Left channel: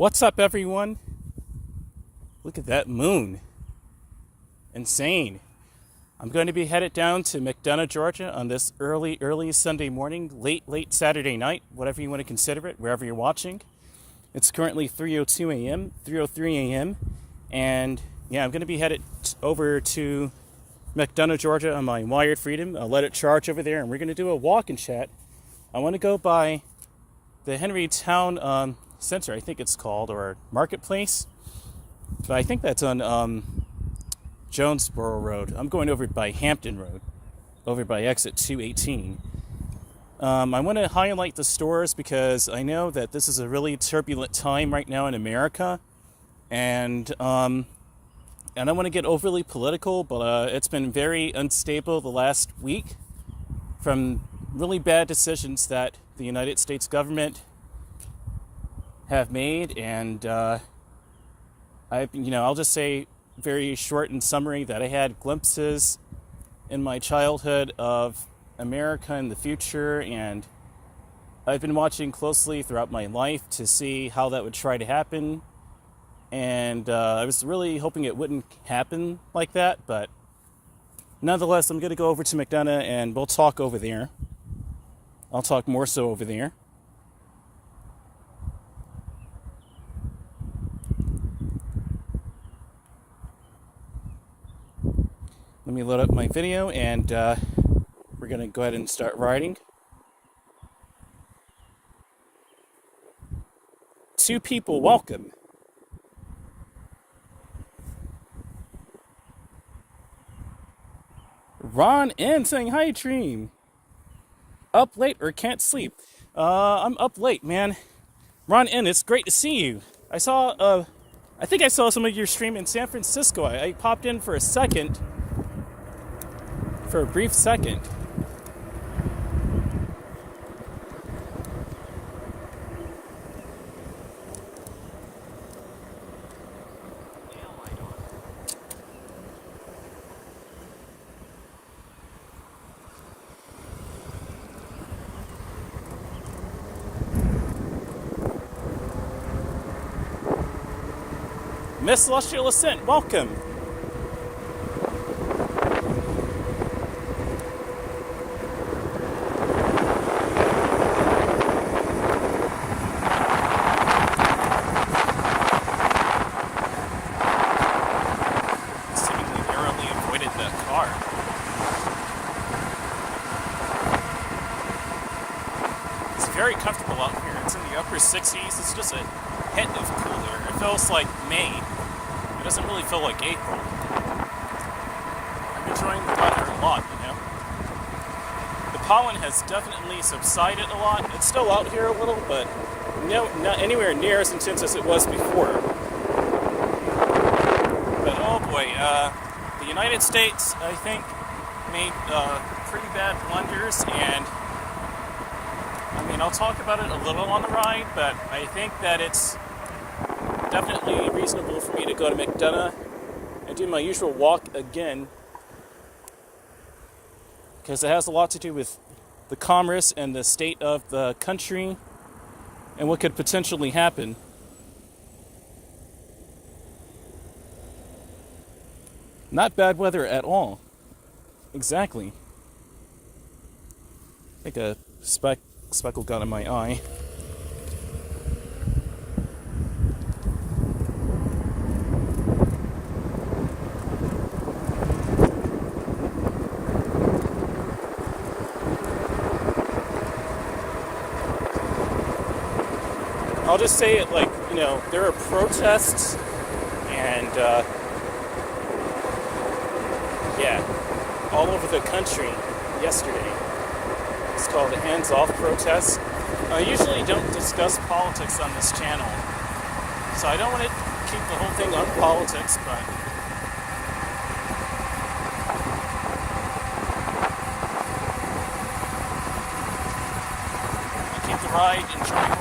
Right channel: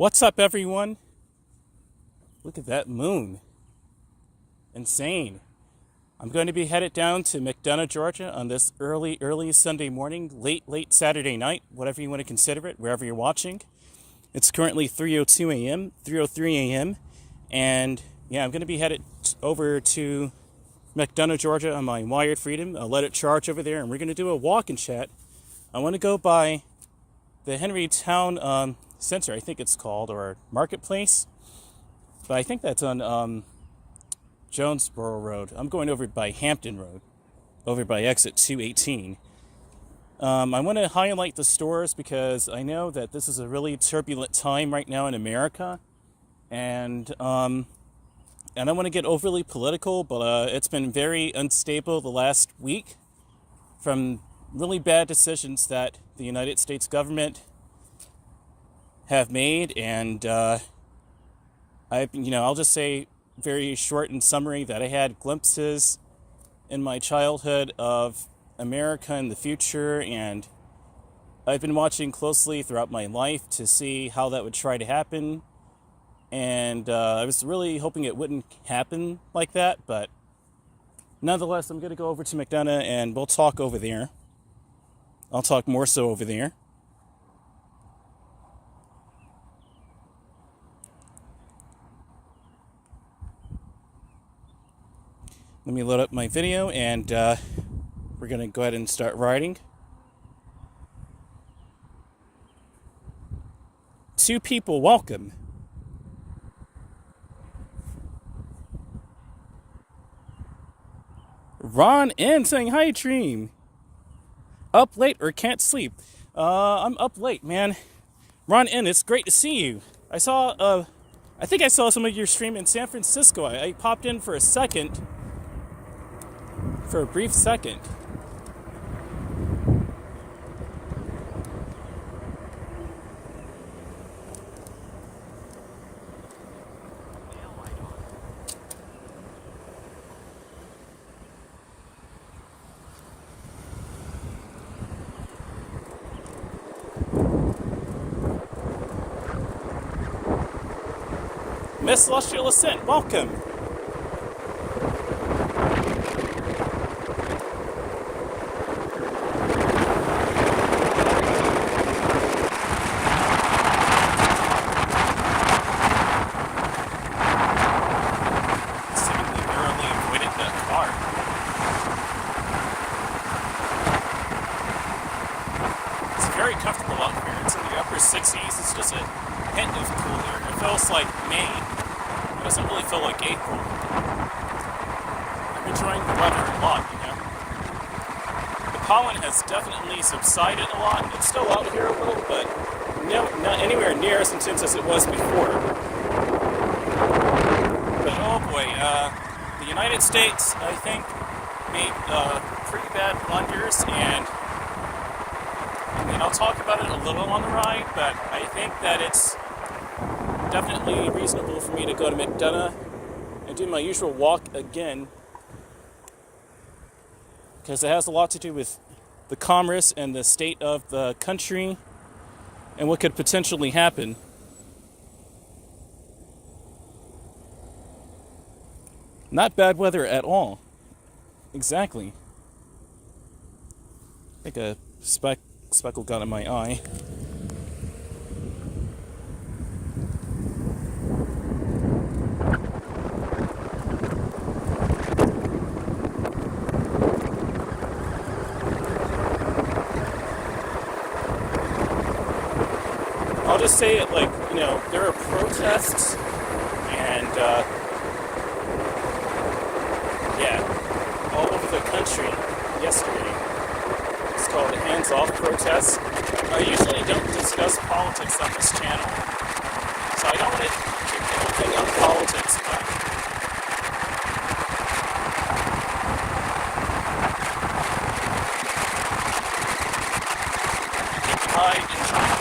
What's up, everyone? Look at that moon. Insane. I'm going to be headed down to McDonough, Georgia on this early Sunday morning, late Saturday night, whatever you want to consider it, wherever you're watching. It's currently 3:03 a.m. And yeah, I'm going to be headed over to McDonough, Georgia on my Wired Freedom. I'll let it charge over there, and we're going to do a walk and chat. I want to go by the Henrytown Center, I think it's called, or Marketplace. But I think that's on Jonesboro Road. I'm going over by Hampton Road, over by exit 218. I want to highlight the stores because I know that this is a really turbulent time right now in America. And I don't want to get overly political, but it's been very unstable the last week from really bad decisions that the United States government have made. And I'll just say very short in summary that I had glimpses in my childhood of America in the future, and I've been watching closely throughout my life to see how that would try to happen. And I was really hoping it wouldn't happen like that, but nonetheless, I'm going to go over to McDonough and we'll talk over there. I'll talk more so over there. Let me load up my video, and we're going to go ahead and start riding. 2 people, welcome. Ron N saying, hi, Dream. Up late or can't sleep? I'm up late, man. Ron N, it's great to see you. I think I saw some of your stream in San Francisco. I popped in for a brief second. Miss Celestial Ascent, welcome. Very comfortable out here. It's in the upper 60s. It's just a hint of cool here. It feels like May. It doesn't really feel like April. I'm enjoying the weather a lot, you know. The pollen has definitely subsided a lot. It's still out here a little, but not anywhere near as intense as it was before. But oh boy, the United States, I think, made pretty bad blunders, and I'll talk about it a little on the ride, but I think that it's definitely reasonable for me to go to McDonough and do my usual walk again, because it has a lot to do with the commerce and the state of the country and what could potentially happen. Not bad weather at all. Exactly. I think a speckle got in my eye. I'll just say it like, there are protests and all over the country yesterday. It's called a hands-off protest. I usually don't discuss politics on this channel, so I don't want to keep the whole thing on politics, but keep the ride enjoyable.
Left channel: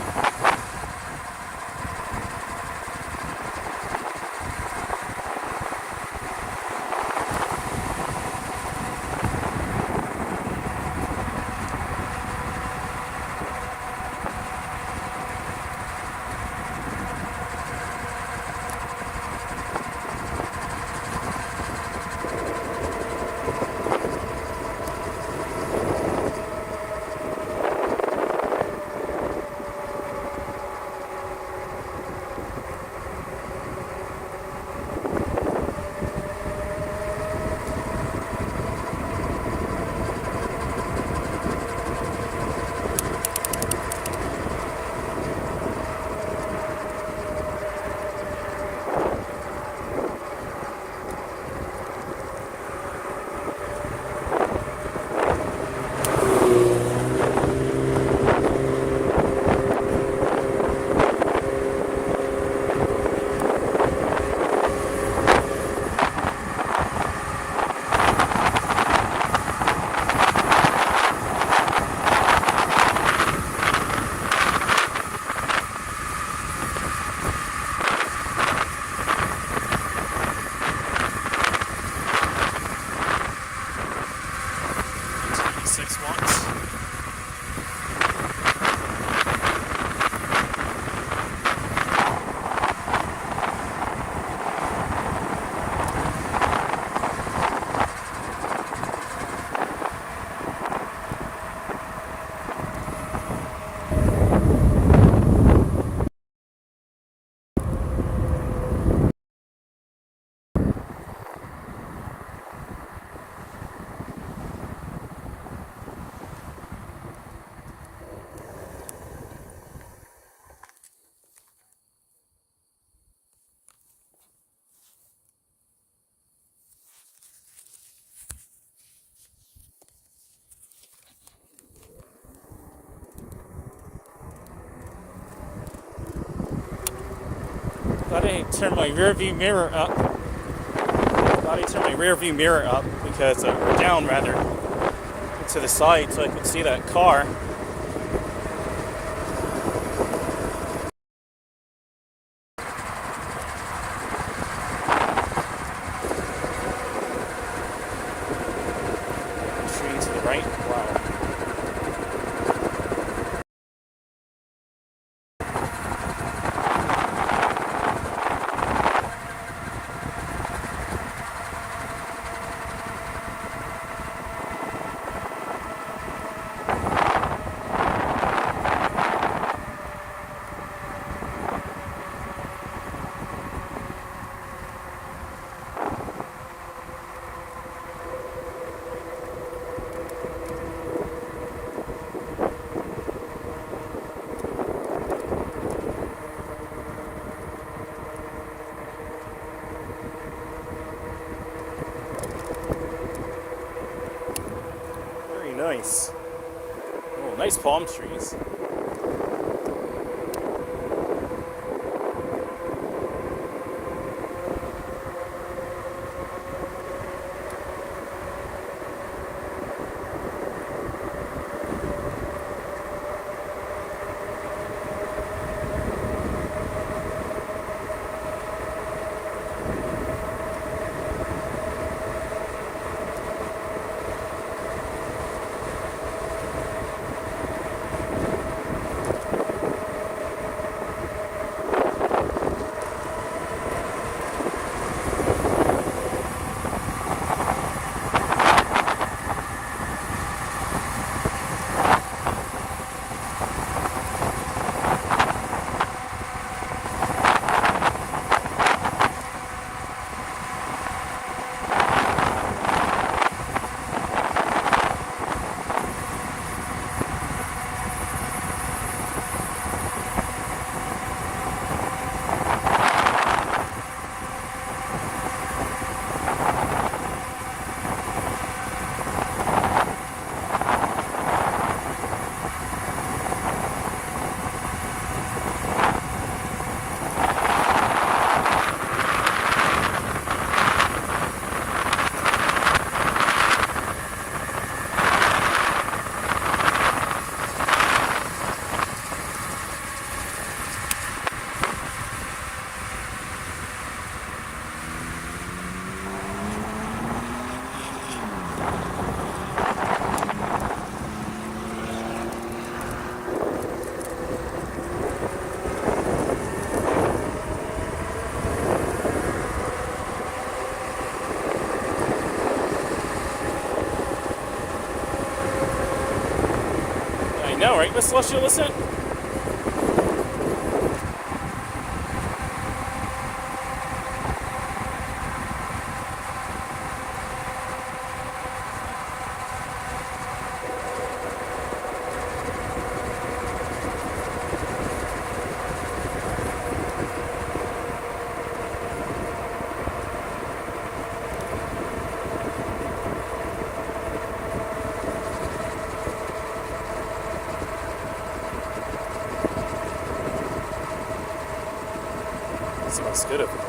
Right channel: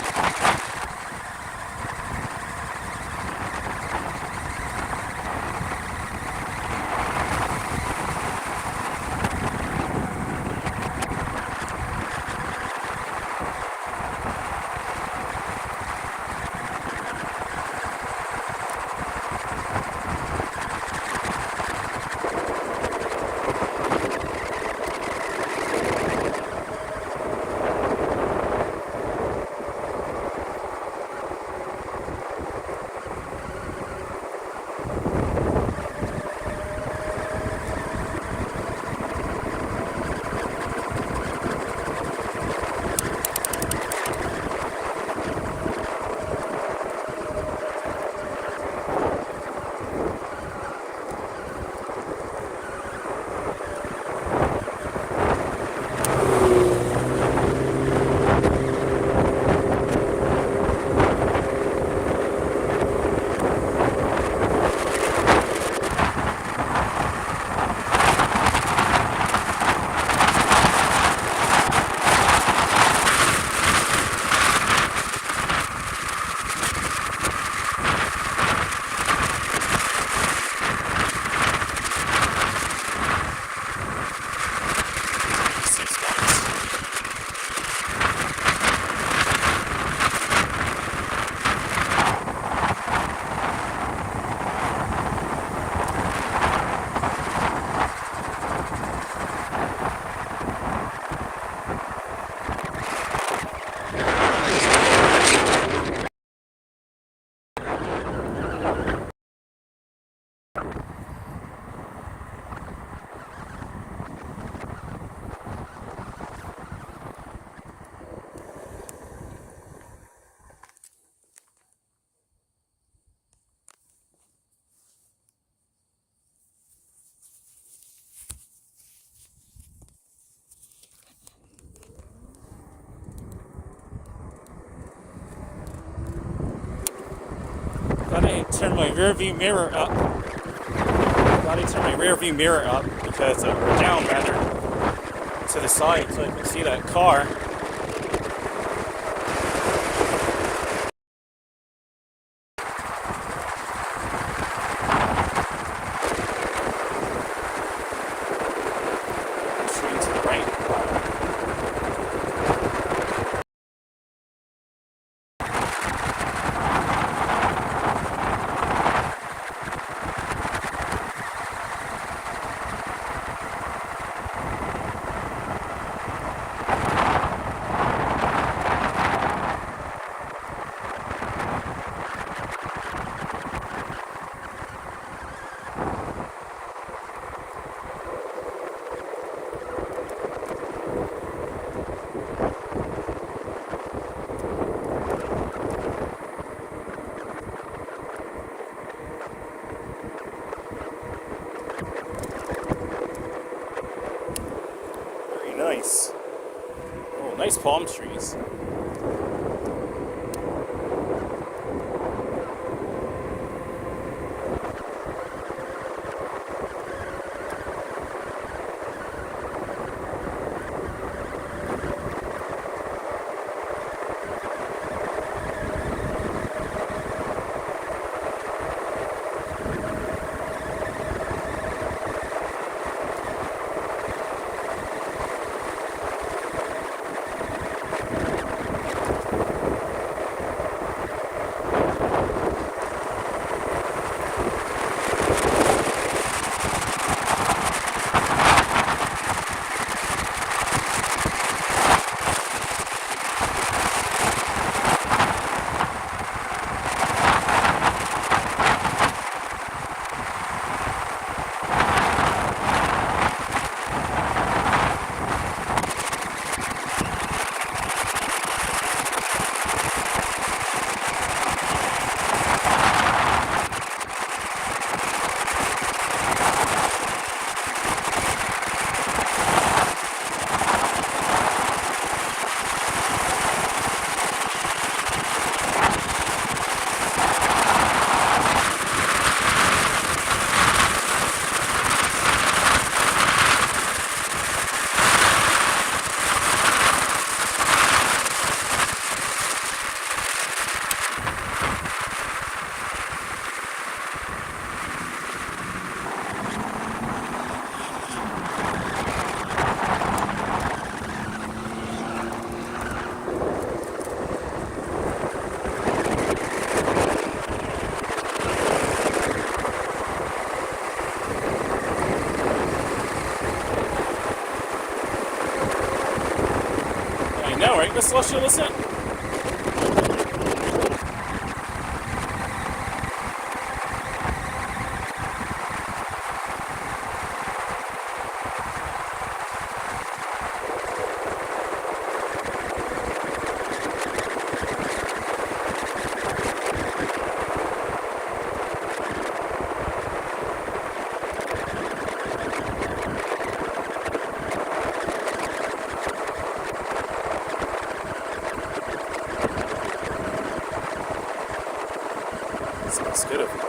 Thought I turned my rear view mirror up. Because, or down rather, to the side so I could see that car. Tree to the right. Wow. Very nice. Oh, nice palm trees. I know, right, Miss Luscious? It smells good over there.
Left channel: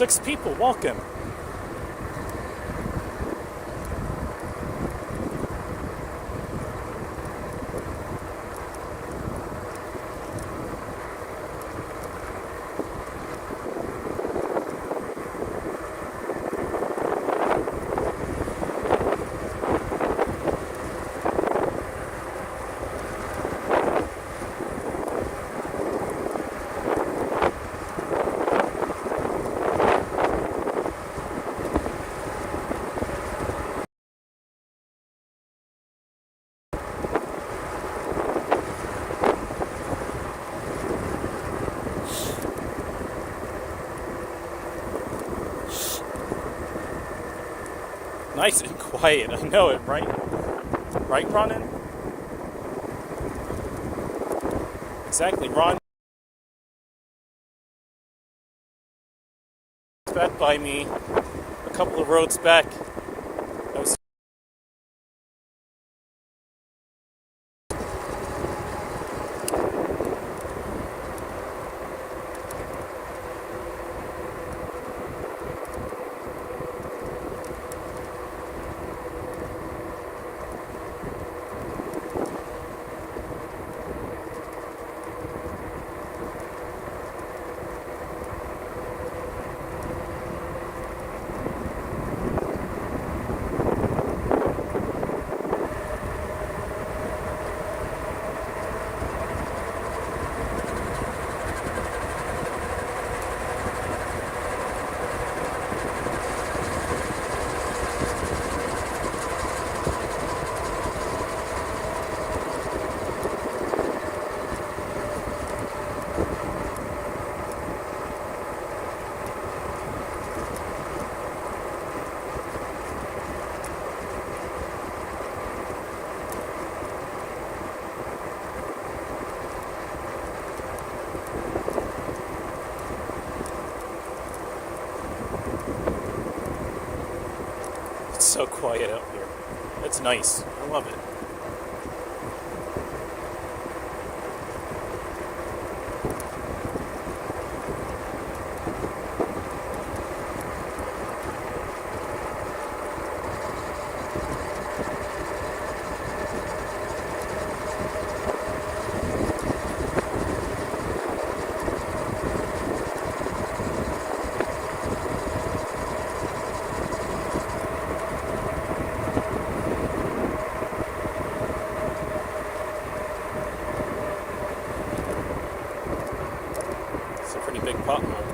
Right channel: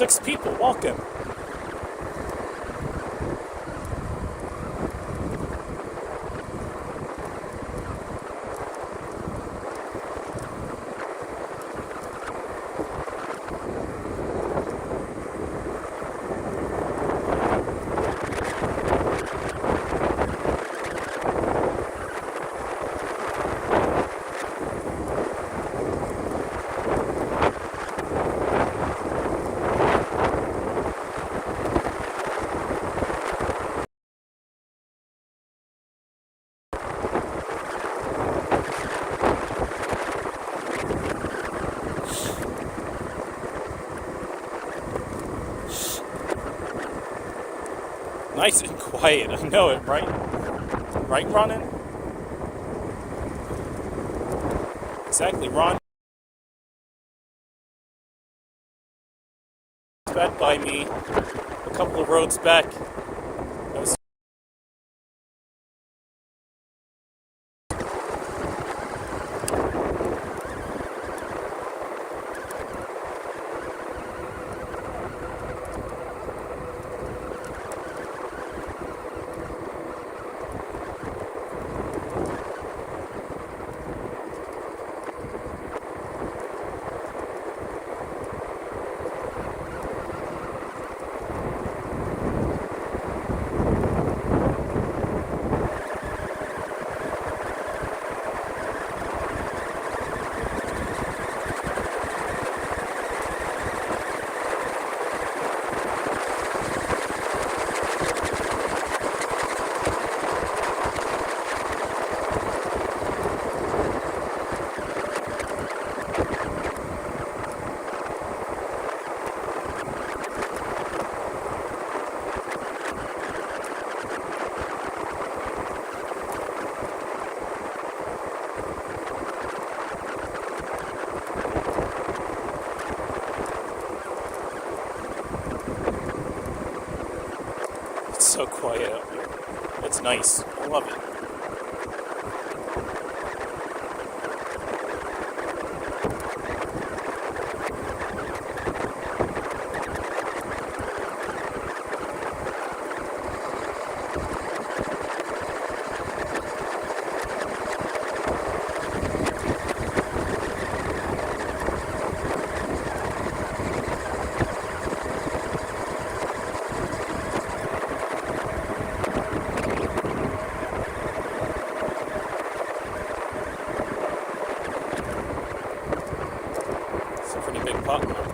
6 people. Welcome. Nice and quiet. I know it, right? Right, Ronan? Exactly, Ron. Back by me a couple of roads back. I was so quiet out here. It's nice. I love it. Big pothole.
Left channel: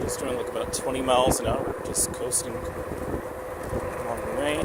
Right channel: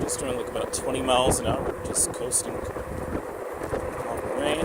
Just going like about 20 miles an hour, just coasting along the rain.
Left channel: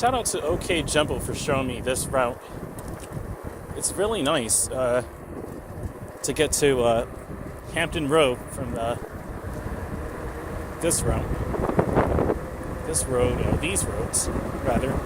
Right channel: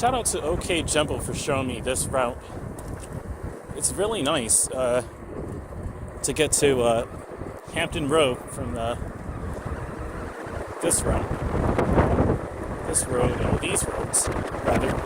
shout out to OK Jumbo for showing me this route. It's really nice to get to Hampton Road from this route. This road, these roads, rather.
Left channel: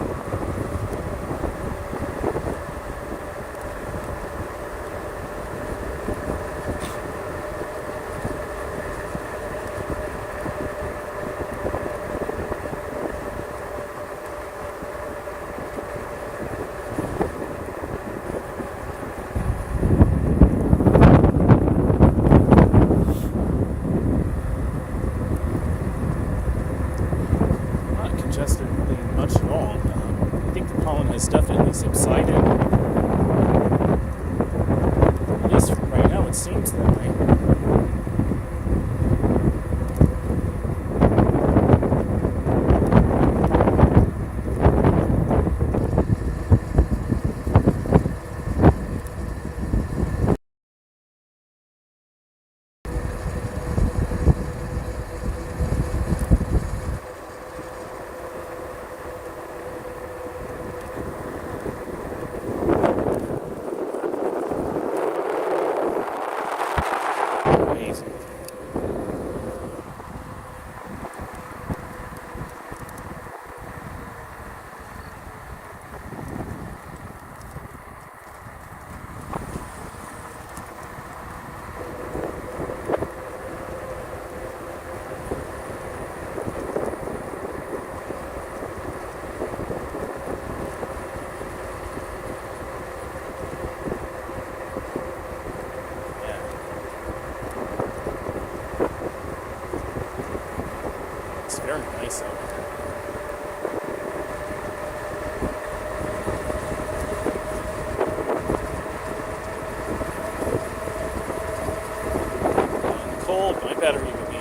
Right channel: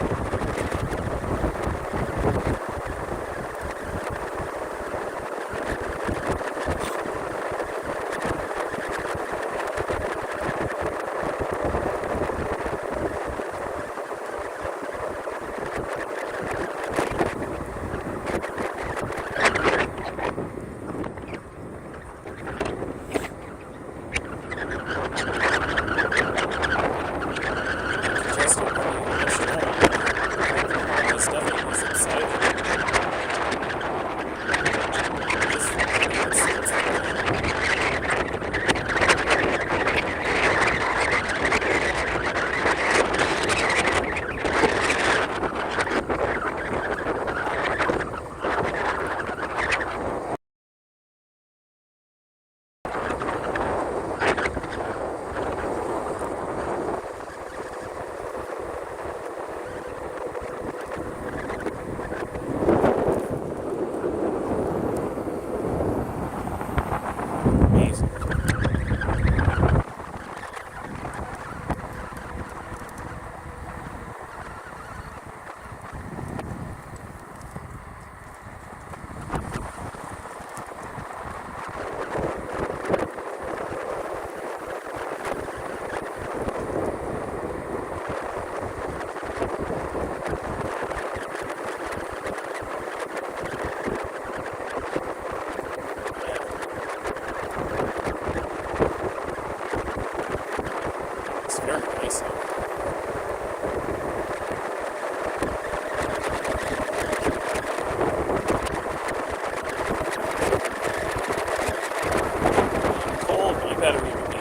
Battery would be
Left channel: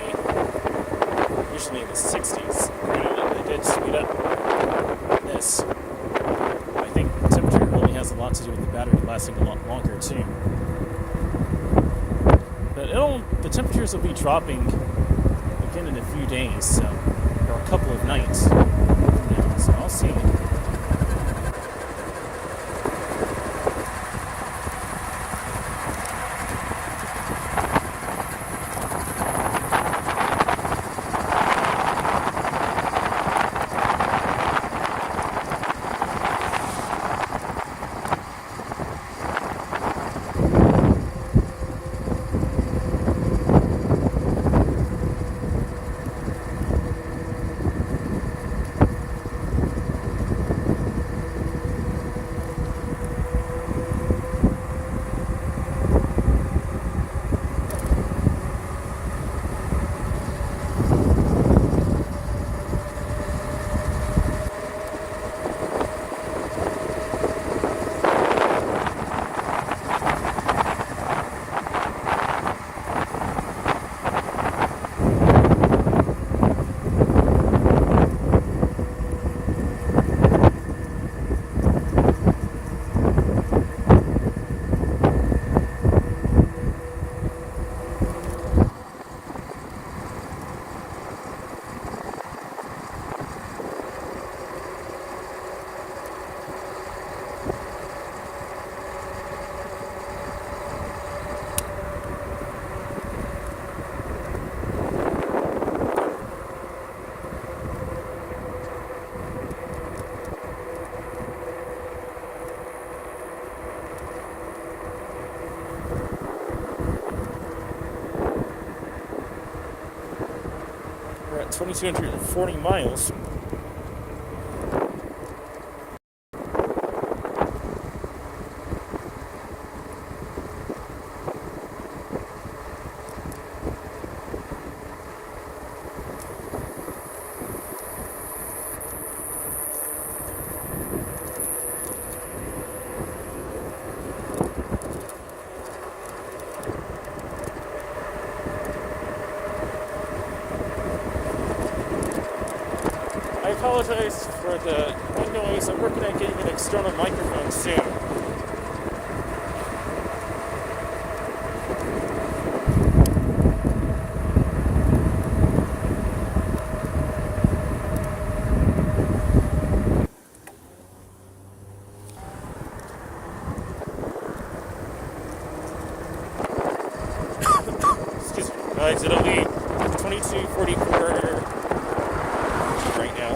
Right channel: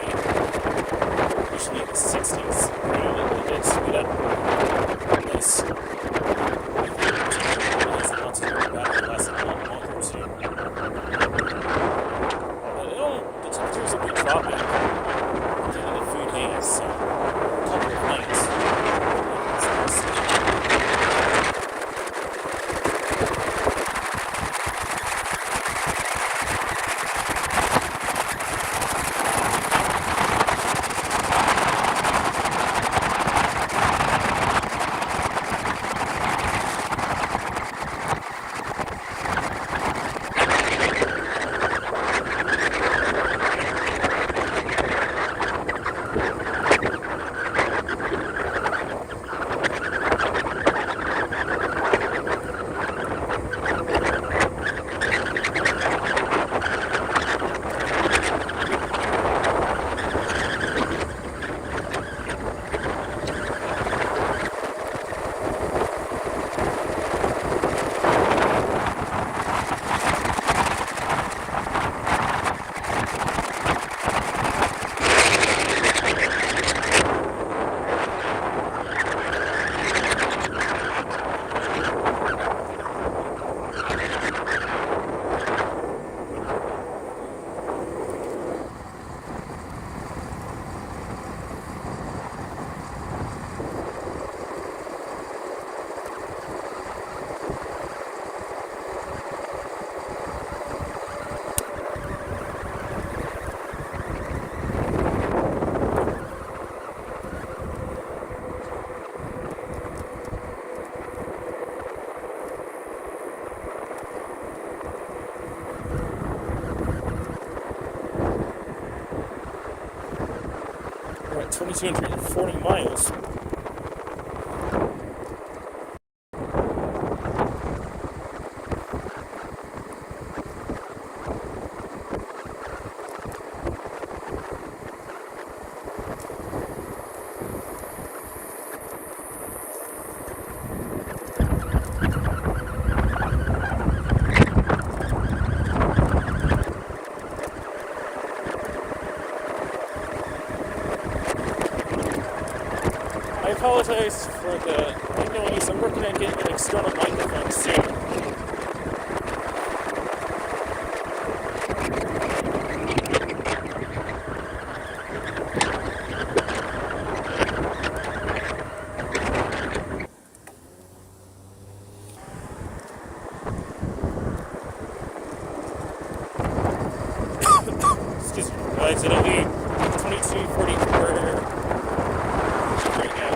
usually in the 60s. It did speed up this. I think it has a lot to do with the battery lasting a lot longer too. But the temperatures will be dropping within a few days, so, or a couple of nights. So I'll see. We're at 2,240 miles. I apologize for the noise. I'm working on getting an external microphone soon. It's at a lead 22:44 right now.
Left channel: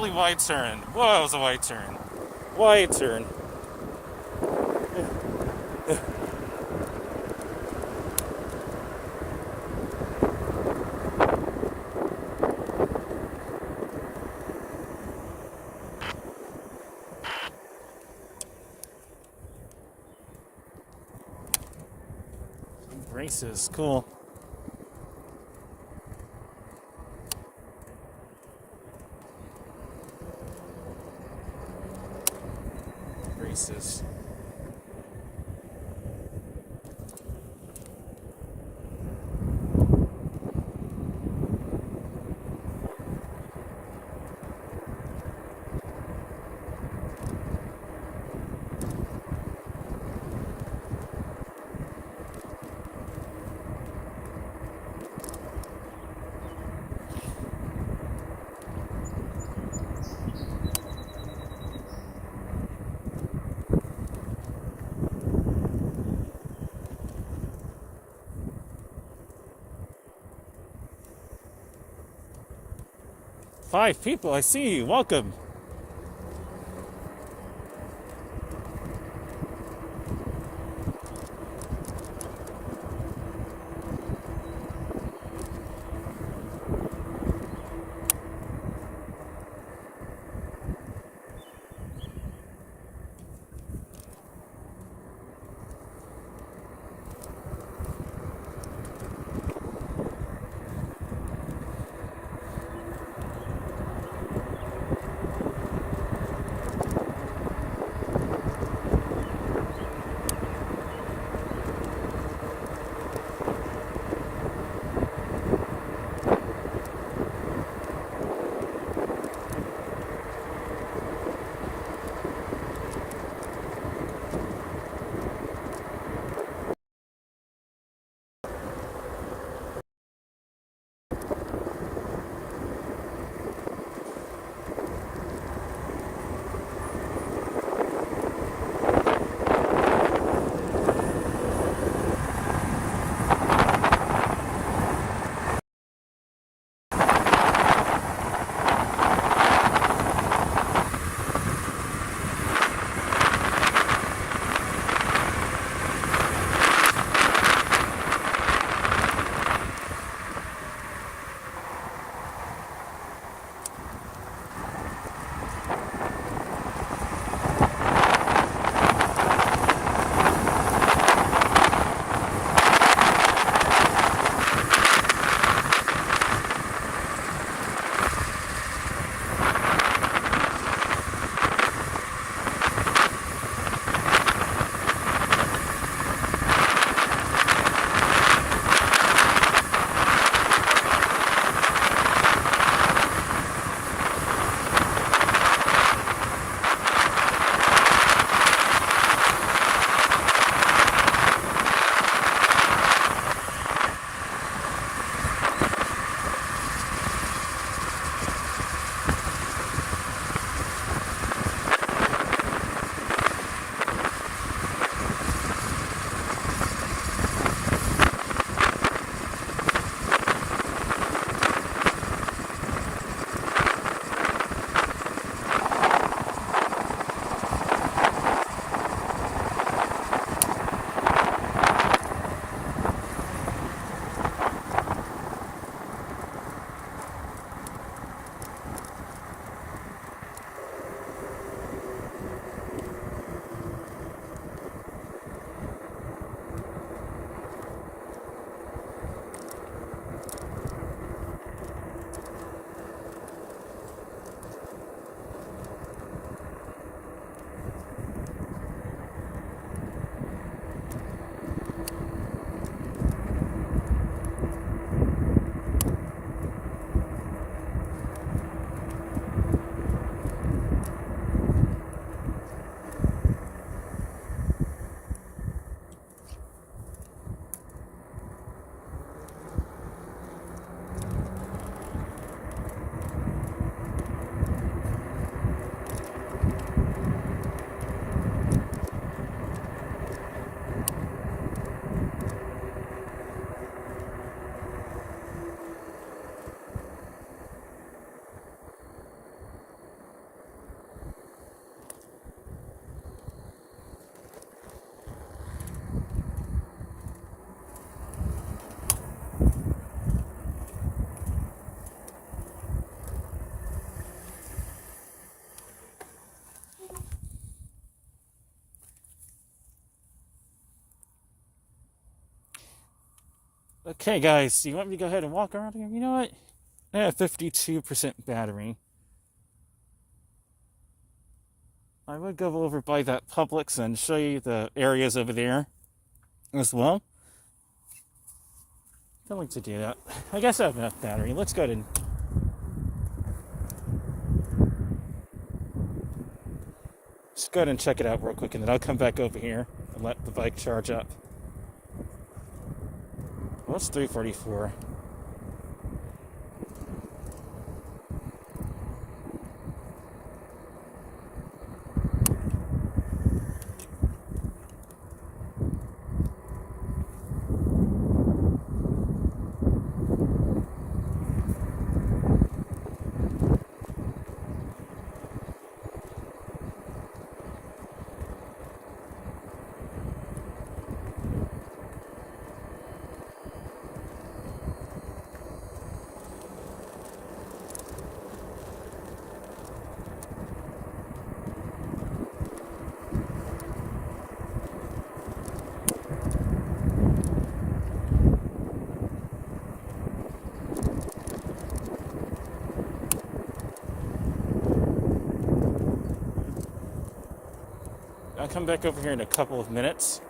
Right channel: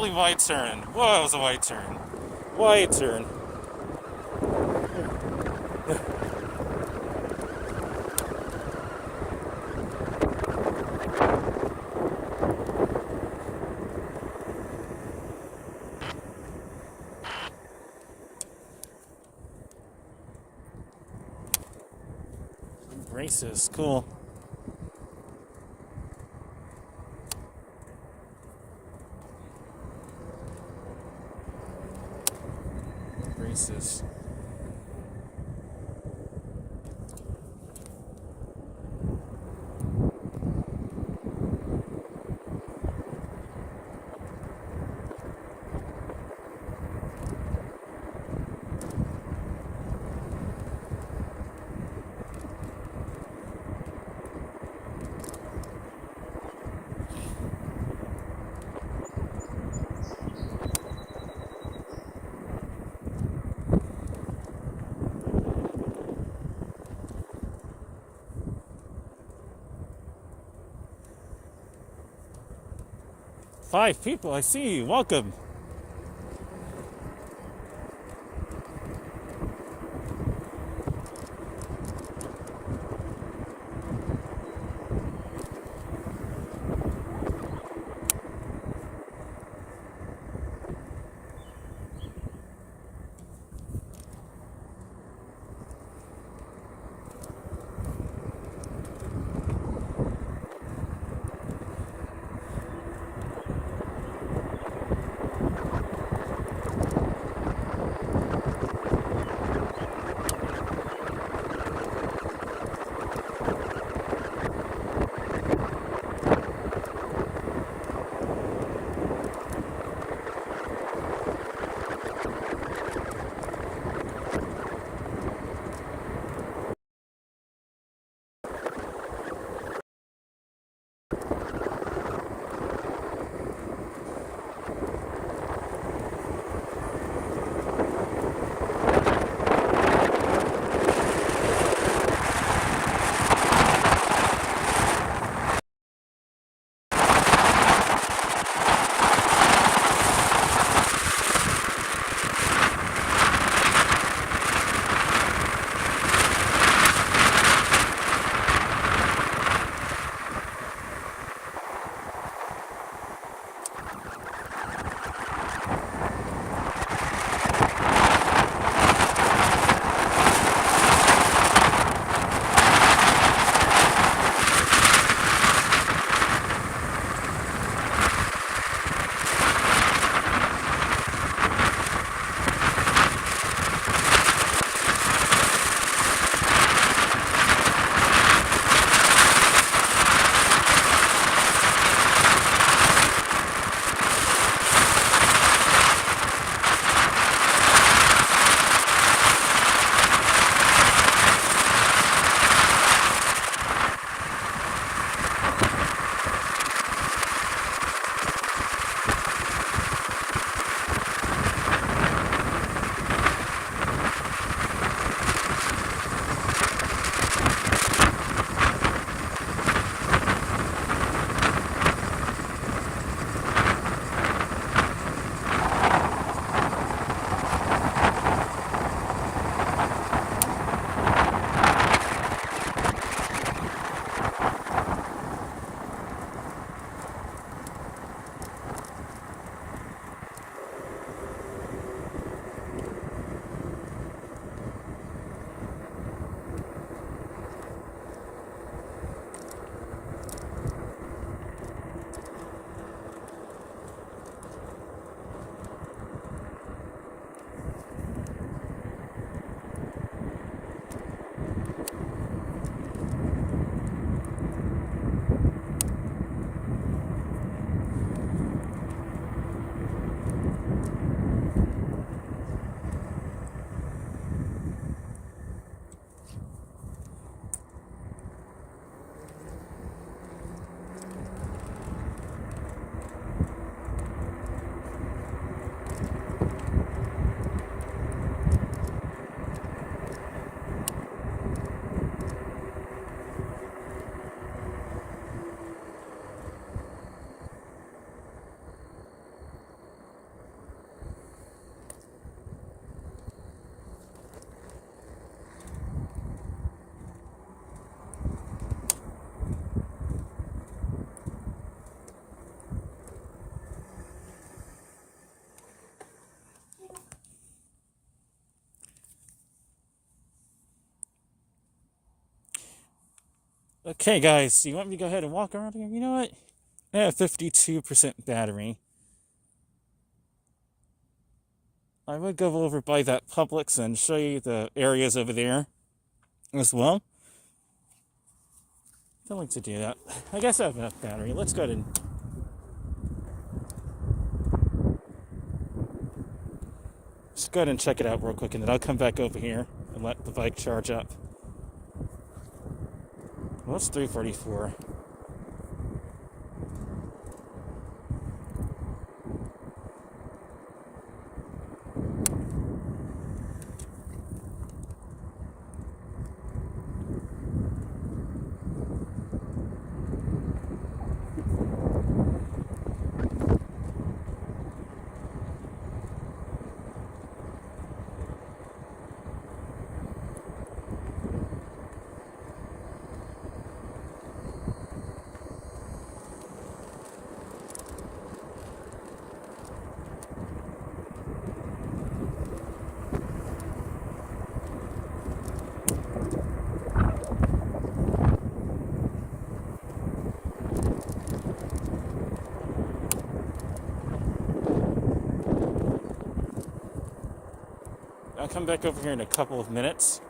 really wide turn. Whoa, that was a wide turn. Wide turn. Braces, cool. Braces. Five people, I see you. Welcome. Okay, guys, do you want me to go ahead and walk around here? You know what? I have 52% battery. I would go over by that Publix and show you the areas over there as well. Don't like to do that. I guess I have enough battery. Let's go ahead and... Let's go ahead and check it out real quick, and then I'll come back over here and let the bike charge up. Well, it's 3:44. I'll come back over here in a couple of minutes.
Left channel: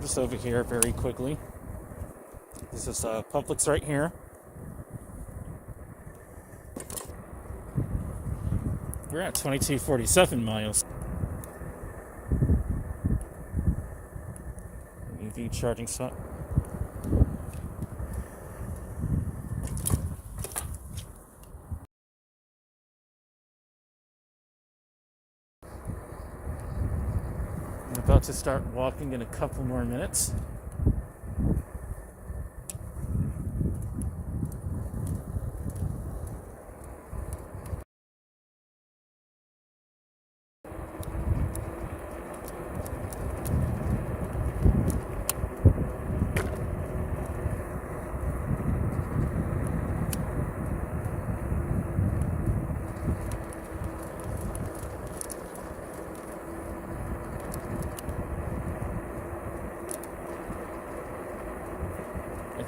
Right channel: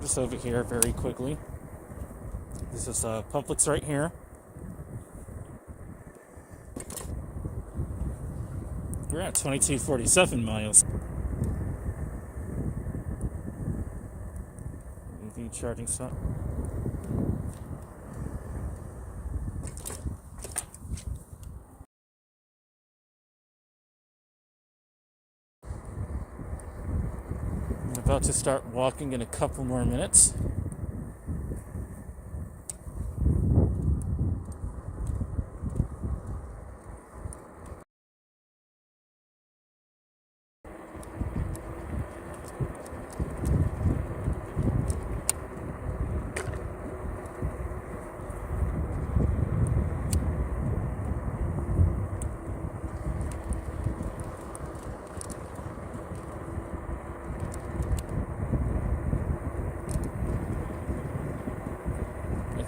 Just over here very quickly. This is Publix right here. We're at 2247 miles. EV charging spot. I'm about to start walking in a couple more minutes.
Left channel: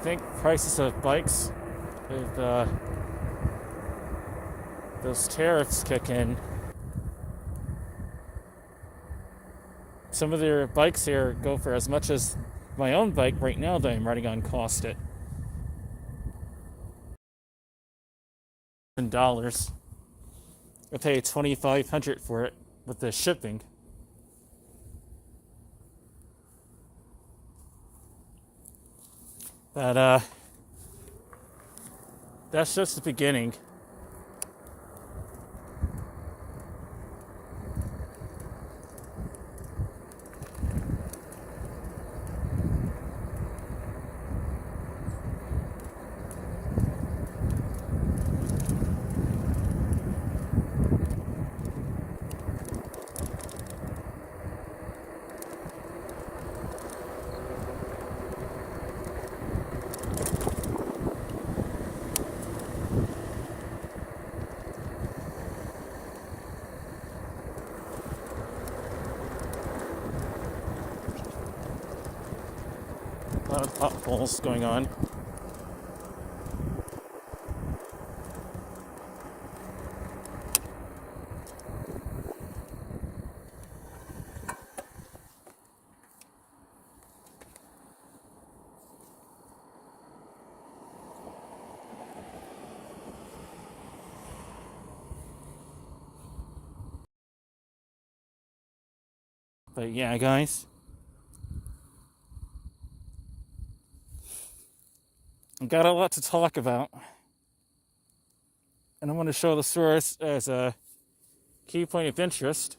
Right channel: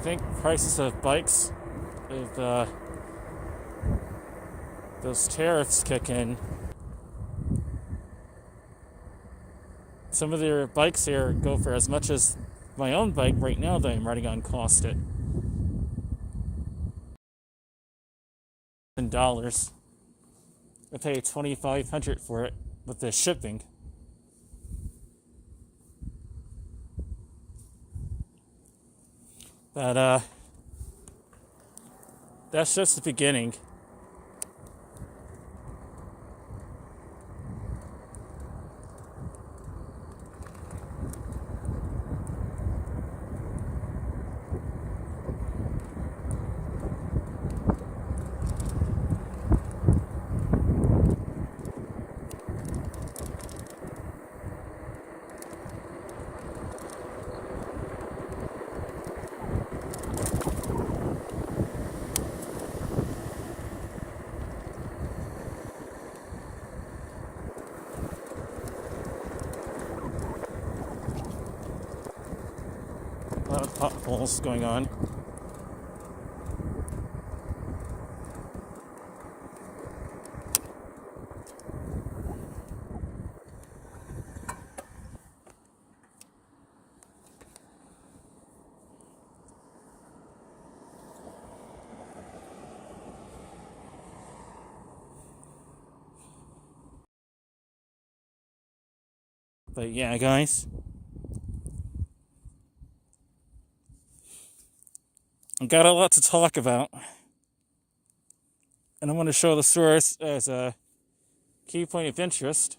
think prices of bikes with those tariffs kick in. Some of their bikes here go for as much as my own bike right now that I'm riding on cost it. $10. I pay $2,500 for it with the shipping. But that's just the beginning. A lot of potholes going on. But yeah, guys, I got a lot to talk about, and I want to show the source as a key point of interest.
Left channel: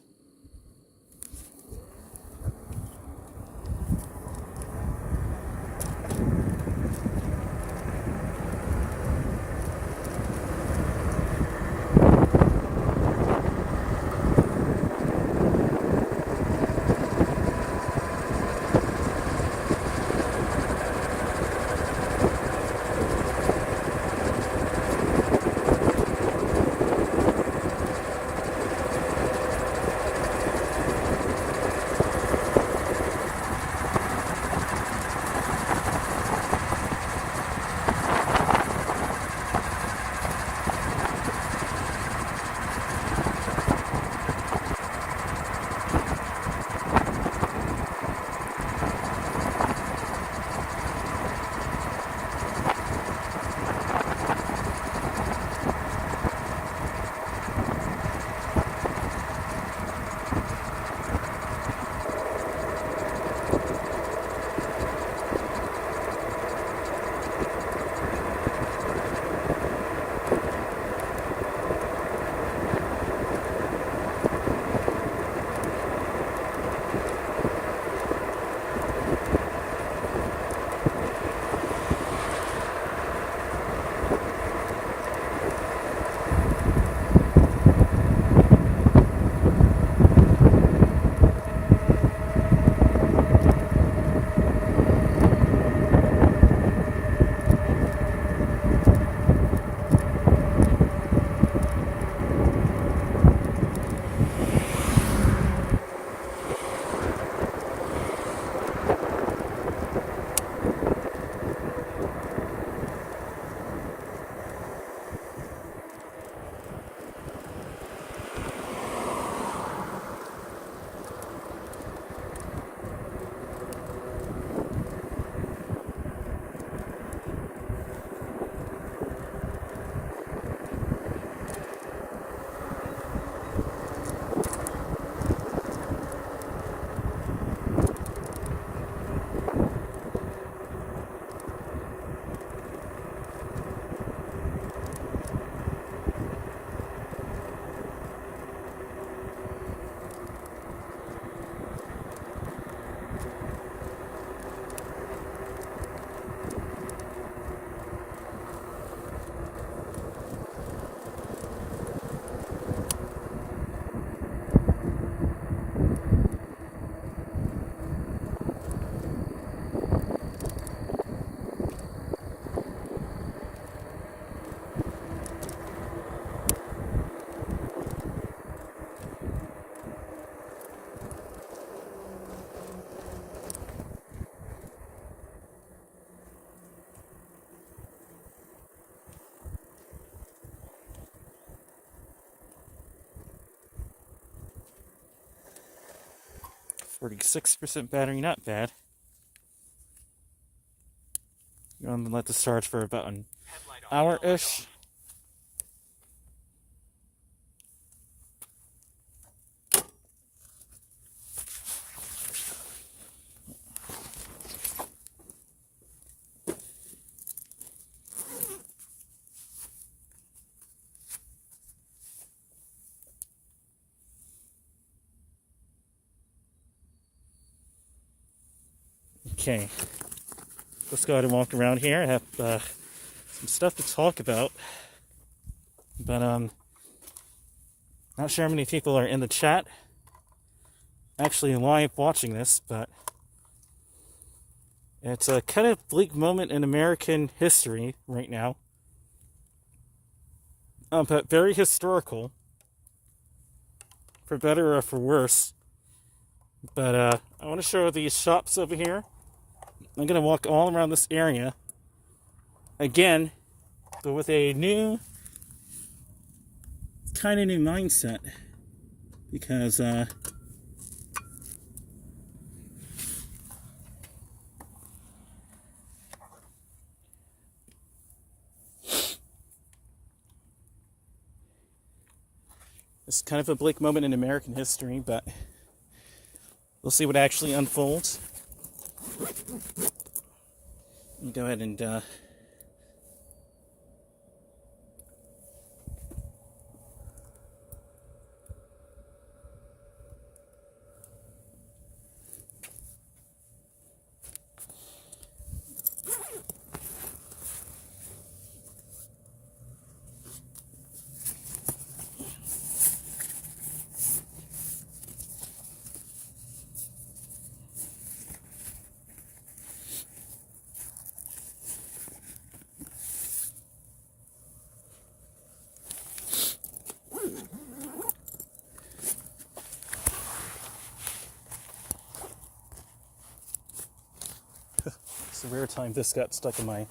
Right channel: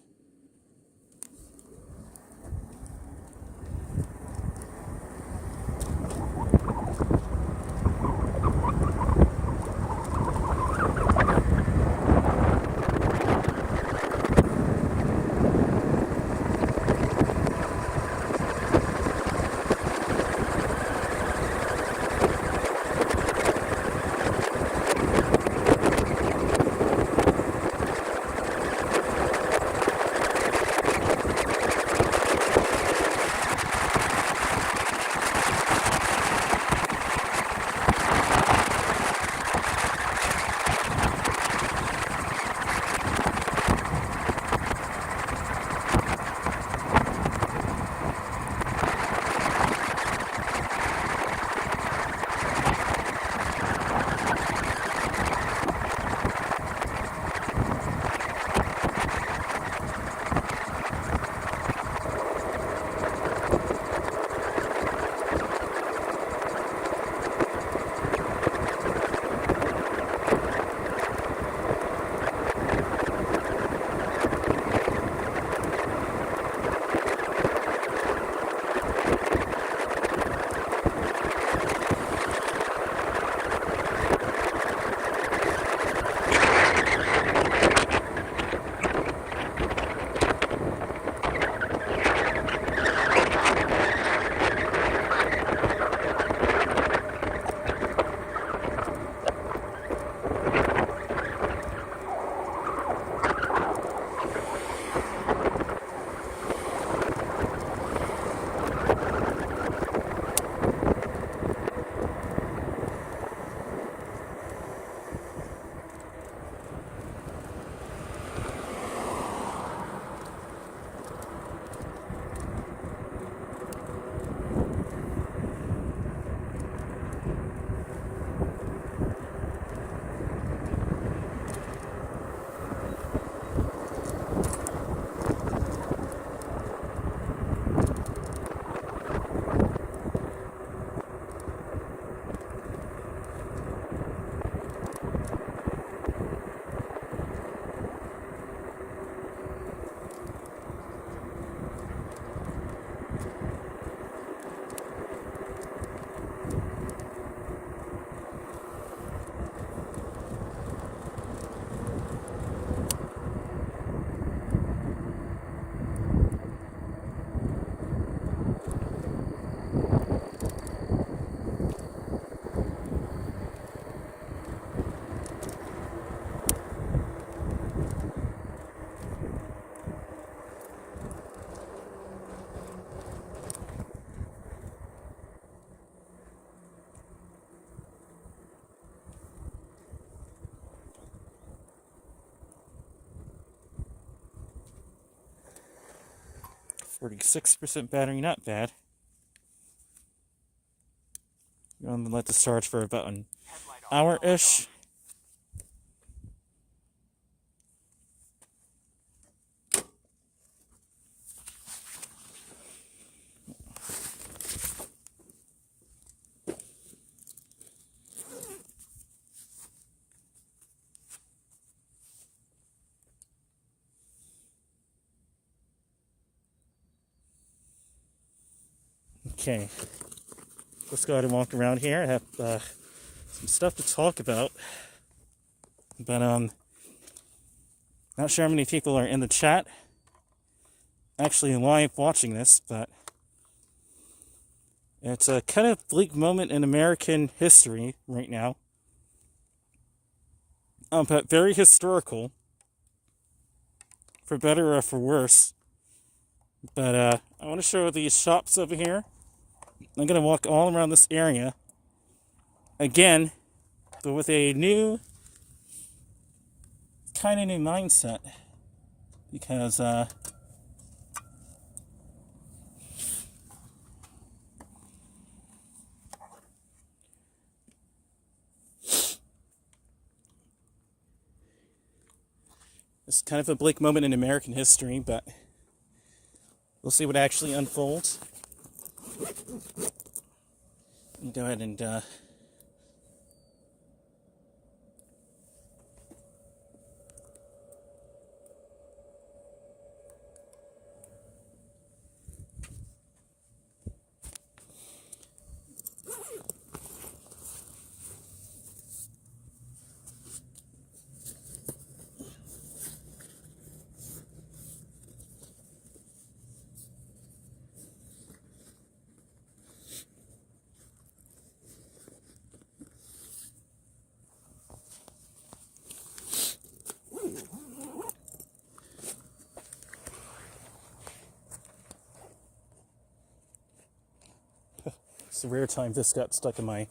46% battery, not bad. I'm gonna let this charge for about an hour-ish. Okay, let's go ahead and walk around here. I have some stuff to talk about, but not sure how many people are in the chat actually live watching this, but it's a kind of bleak moment in American history right now, but very historical, for better or for worse. But I want to show these shops over here. I'm going to walk all around this area again, but with a kind of new mindset, because it's kind of a bleak moment in American history, but we'll see what actually unfolds. Go ahead and it's the rare time this got stuck in my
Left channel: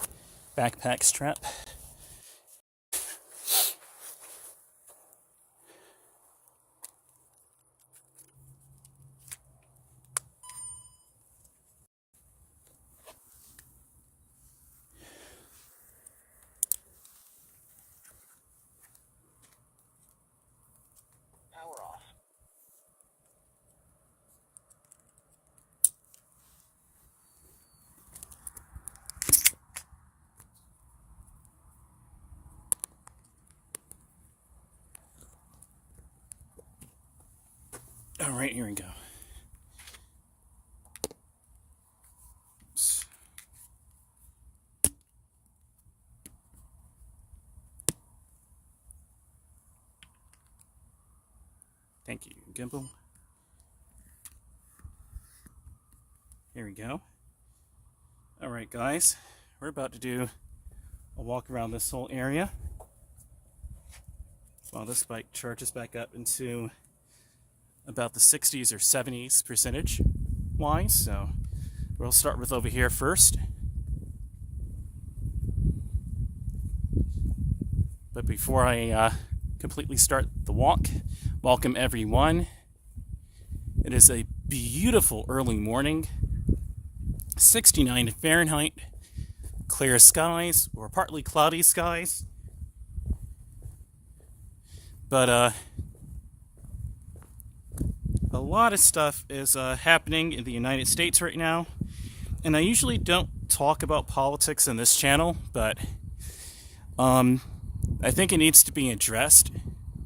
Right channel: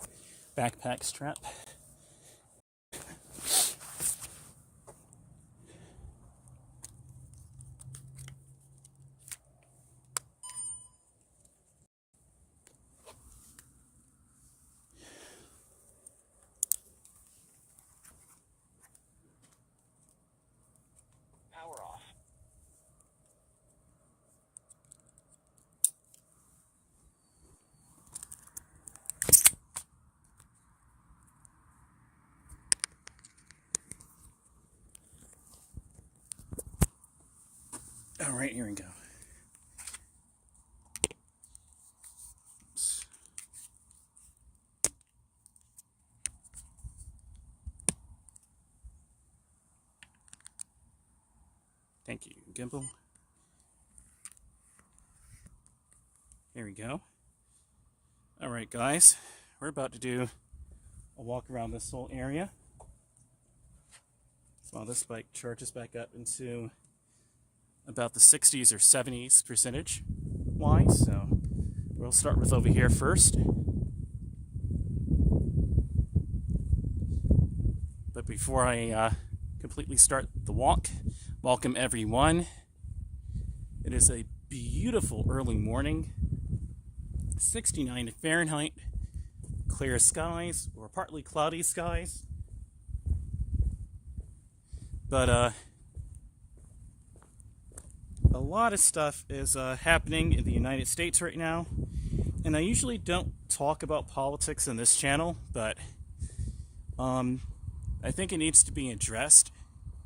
backpack strap. Power off. All right, here we go. Thank you, Gimbal. Here we go. All right, guys, we're about to do a walk around this whole area while this bike charges back up into about the 60s or 70s percentage wise. So we'll start with over here first. But before I completely start the walk, welcome everyone. It is a beautiful early morning, 69 Fahrenheit, clear skies or partly cloudy skies. But a lot of stuff is happening in the United States right now, and I usually don't talk about politics on this channel, but I think it needs to be addressed.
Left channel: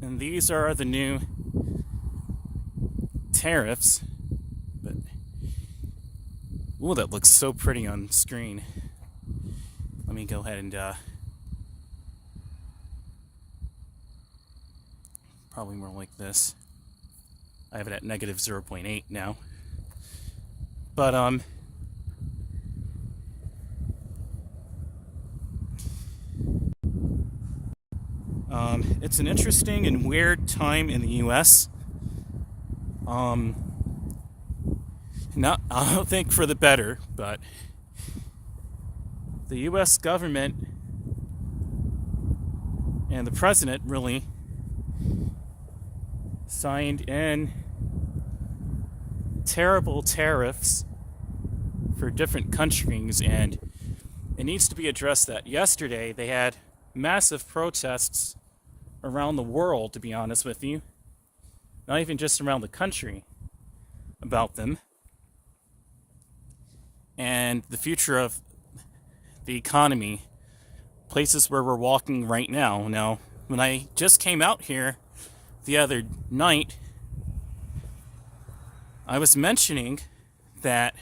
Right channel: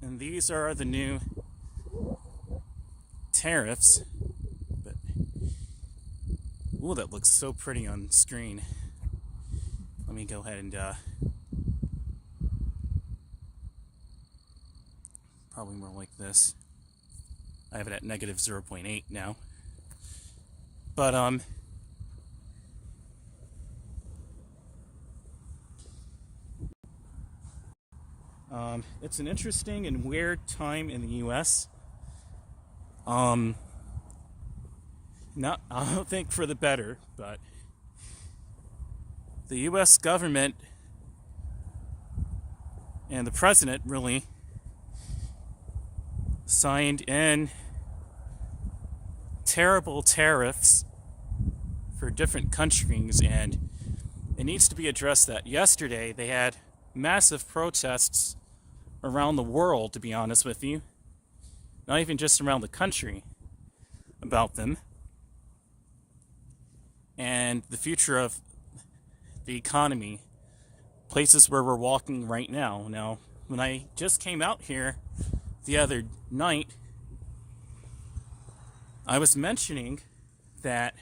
And these are the new tariffs. But ooh, that looks so pretty on screen. Let me go ahead and probably more like this. I have it at negative 0.8 now. But it's an interesting and weird time in the U.S. Not, I don't think for the better, but the U.S. government and the president really signed in terrible tariffs for different countries, and it needs to be addressed. That yesterday they had massive protests around the world, to be honest with you, not even just around the country, about them and the future of the economy, places where we're walking right now. Now, when I just came out here the other night, I was mentioning that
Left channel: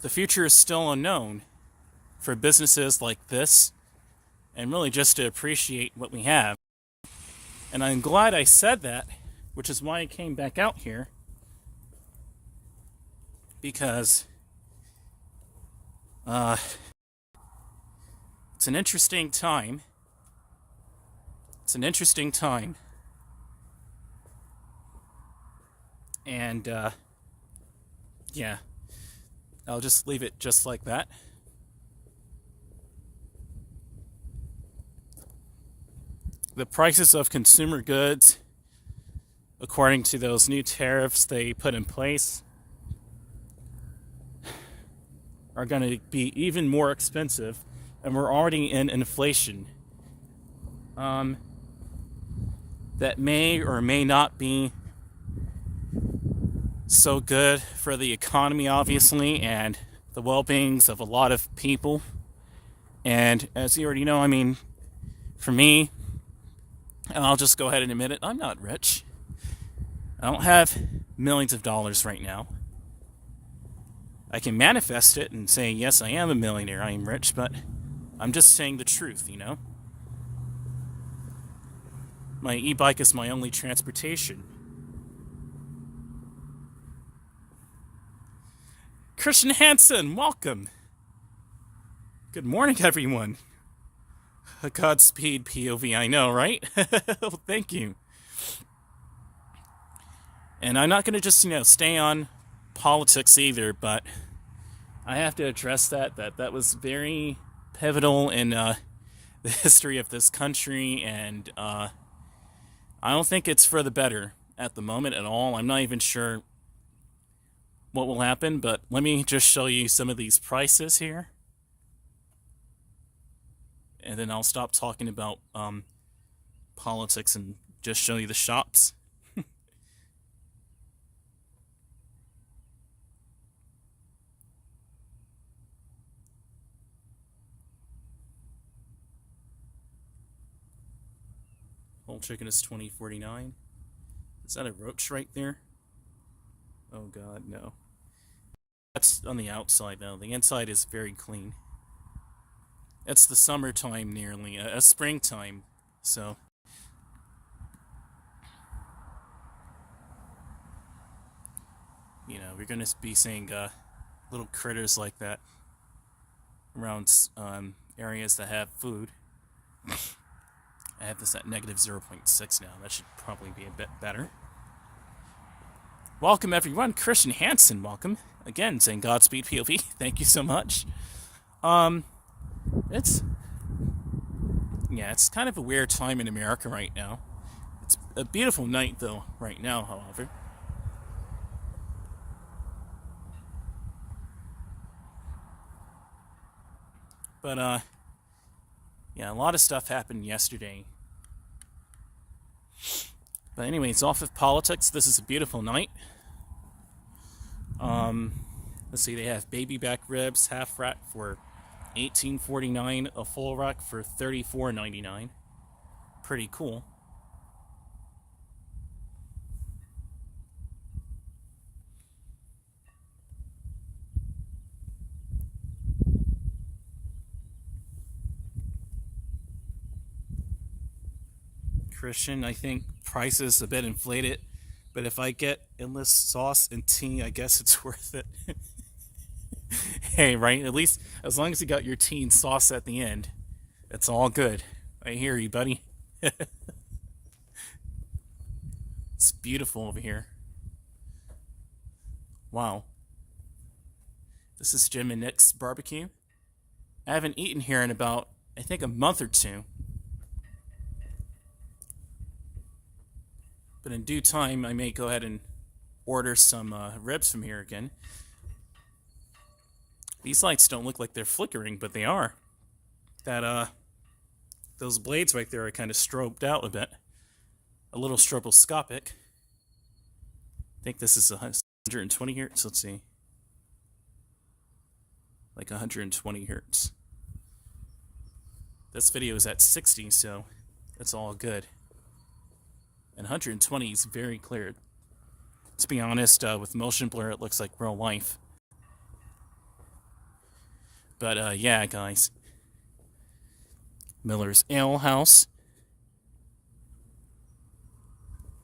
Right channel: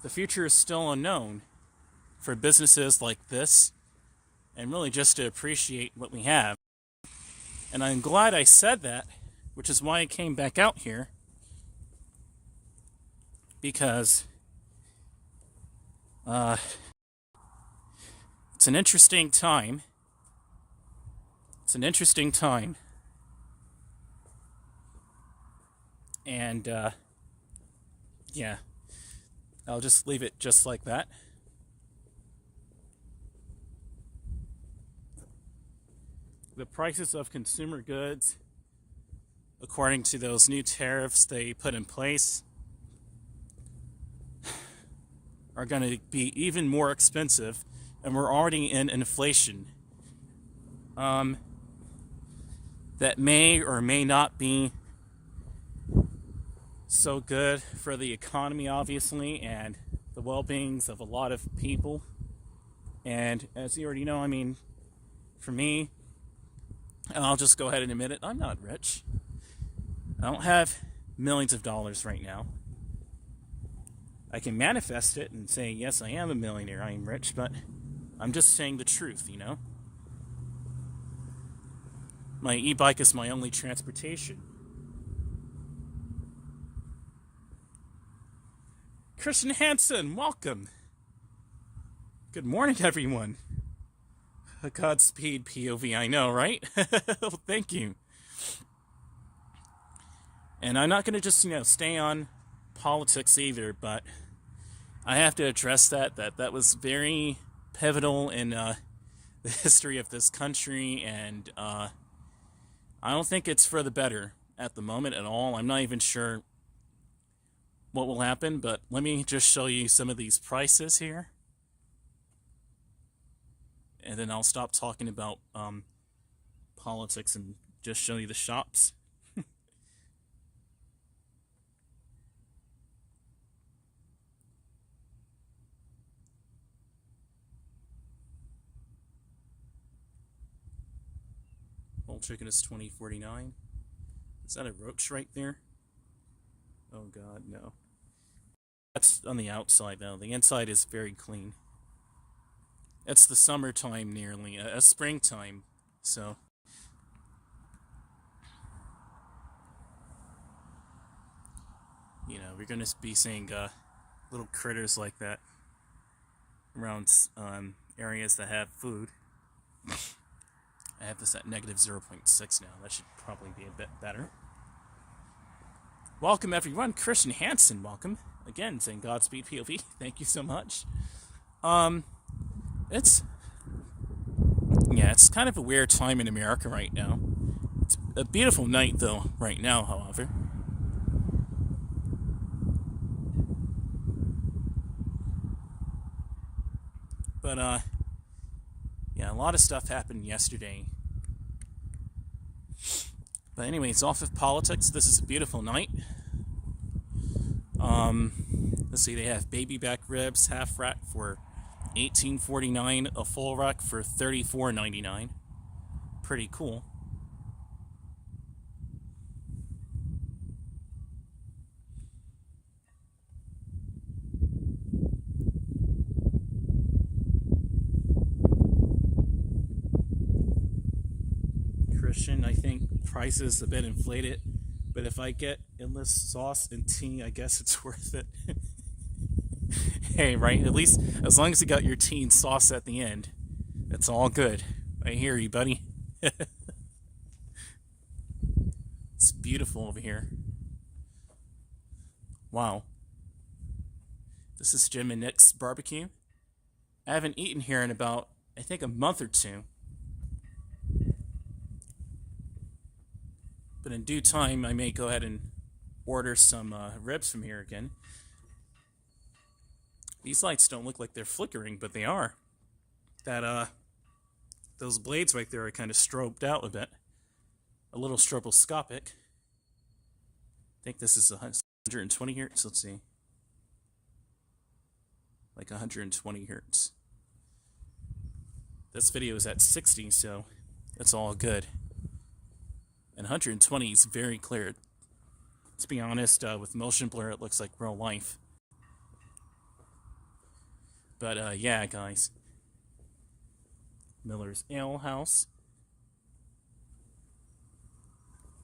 the future is still unknown for businesses like this, and really just to appreciate what we have. And I'm glad I said that, which is why I came back out here, because it's an interesting time. It's an interesting time. And yeah, I'll just leave it just like that. The prices of consumer goods, according to those new tariffs they put in place, are going to be even more expensive, and we're already in inflation. That may or may not be so good for the economy, obviously, and the well-beings of a lot of people. And as you already know, I mean, for me, and I'll just go ahead and admit it, I'm not rich. I don't have millions of dollars right now. I can manifest it and say, yes, I am a millionaire, I am rich, but I'm just saying the truth, you know? My e-bike is my only transportation. Christian Hansen, welcome. Good morning, everyone. Godspeed, POV, I know, right? Thank you. And I'm not going to just, stay on politics either, but I have to address that was very pivotal in the history of this country, and I don't think it's for the better at the moment at all. I'm not even sure what will happen, but let me just show you some of these prices here, and then I'll stop talking about politics and just show you the shops. Whole chicken is $20.49. Is that a roach right there? Oh God, no. That's on the outside though. The inside is very clean. It's the summertime nearly, a springtime, so. We're gonna be seeing little critters like that around areas that have food. I have this at negative 0.6 now. That should probably be a bit better. Welcome, everyone. Christian Hansen, welcome. Again, saying Godspeed, POV. Thank you so much. It's kind of a weird time in America right now. It's a beautiful night, though, right now, however. But, a lot of stuff happened yesterday. But anyways, off of politics, this is a beautiful night. Let's see, they have baby back ribs, half rack for $18.49, a full rack for $34.99. Pretty cool. Christian, I think prices a bit inflated, but if I get endless sauce and tea, I guess it's worth it. Hey, right? At least as long as you got your tea and sauce at the end, it's all good. I hear you, buddy. It's beautiful over here. Wow. This is Jim and Nick's barbecue. I haven't eaten here in about, I think, a month or two. But But in due time, I may go ahead and order some ribs from here again. These lights don't look like they're flickering, but they are. Those blades right there are kind of strobed out a bit. A little stroboscopic. I think this is 120 hertz. Let's see. Like 120 hertz. This video is at 60, so it's all good. And 120 is very clear. To be honest, with motion blur, it looks like real life. But yeah, guys. Miller's Ale House.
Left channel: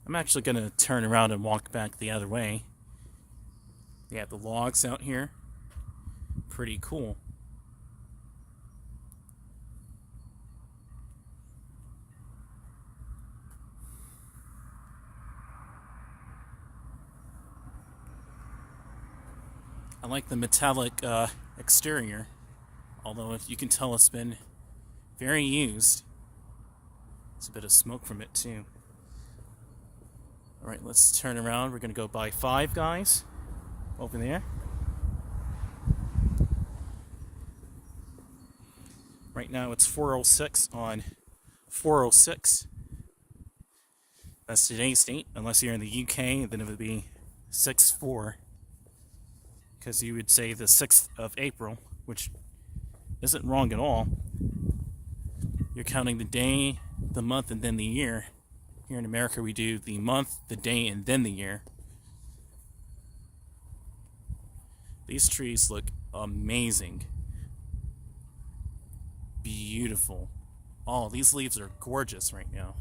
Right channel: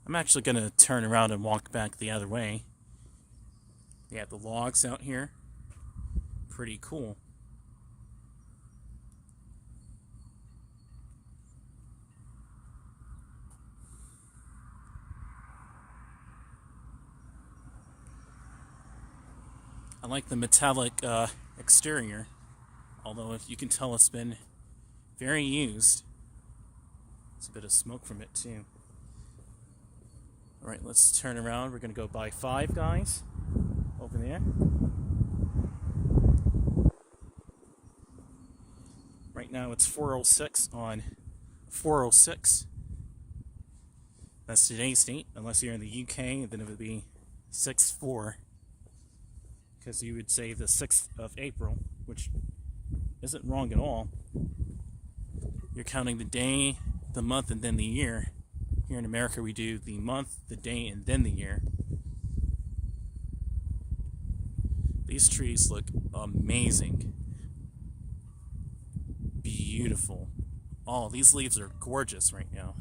I'm actually going to turn around and walk back the other way. They have the logs out here. Pretty cool. I like the metallic exterior, although if you can tell it's been very used. There's a bit of smoke from it too. Alright, let's turn around. We're going to go by Five Guys over there. Right now it's 4:06 on 4:06. That's today's date. Unless you're in the UK, then it would be 6/4. Because you would say the 6th of April, which isn't wrong at all. You're counting the day, the month, and then the year. Here in America, we do the month, the day, and then the year. These trees look amazing. Beautiful. Oh, these leaves are gorgeous right now.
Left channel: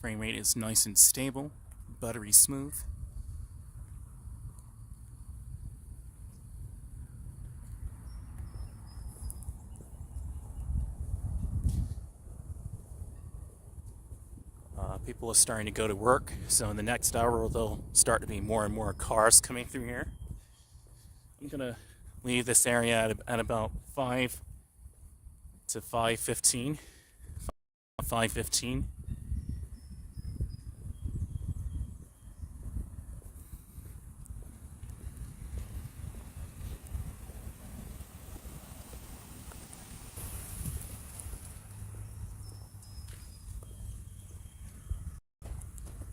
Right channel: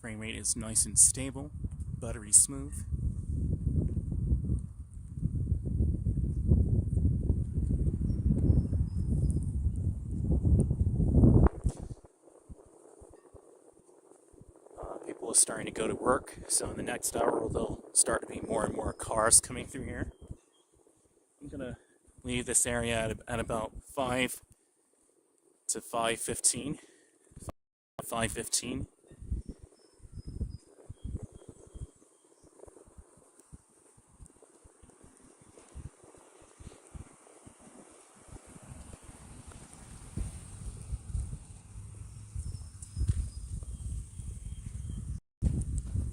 Frame rate is nice and stable, buttery smooth. People are starting to go to work, so in the next hour there'll start to be more and more cars coming through here. I'm gonna leave this area at about 5 to 5:15. 5:15.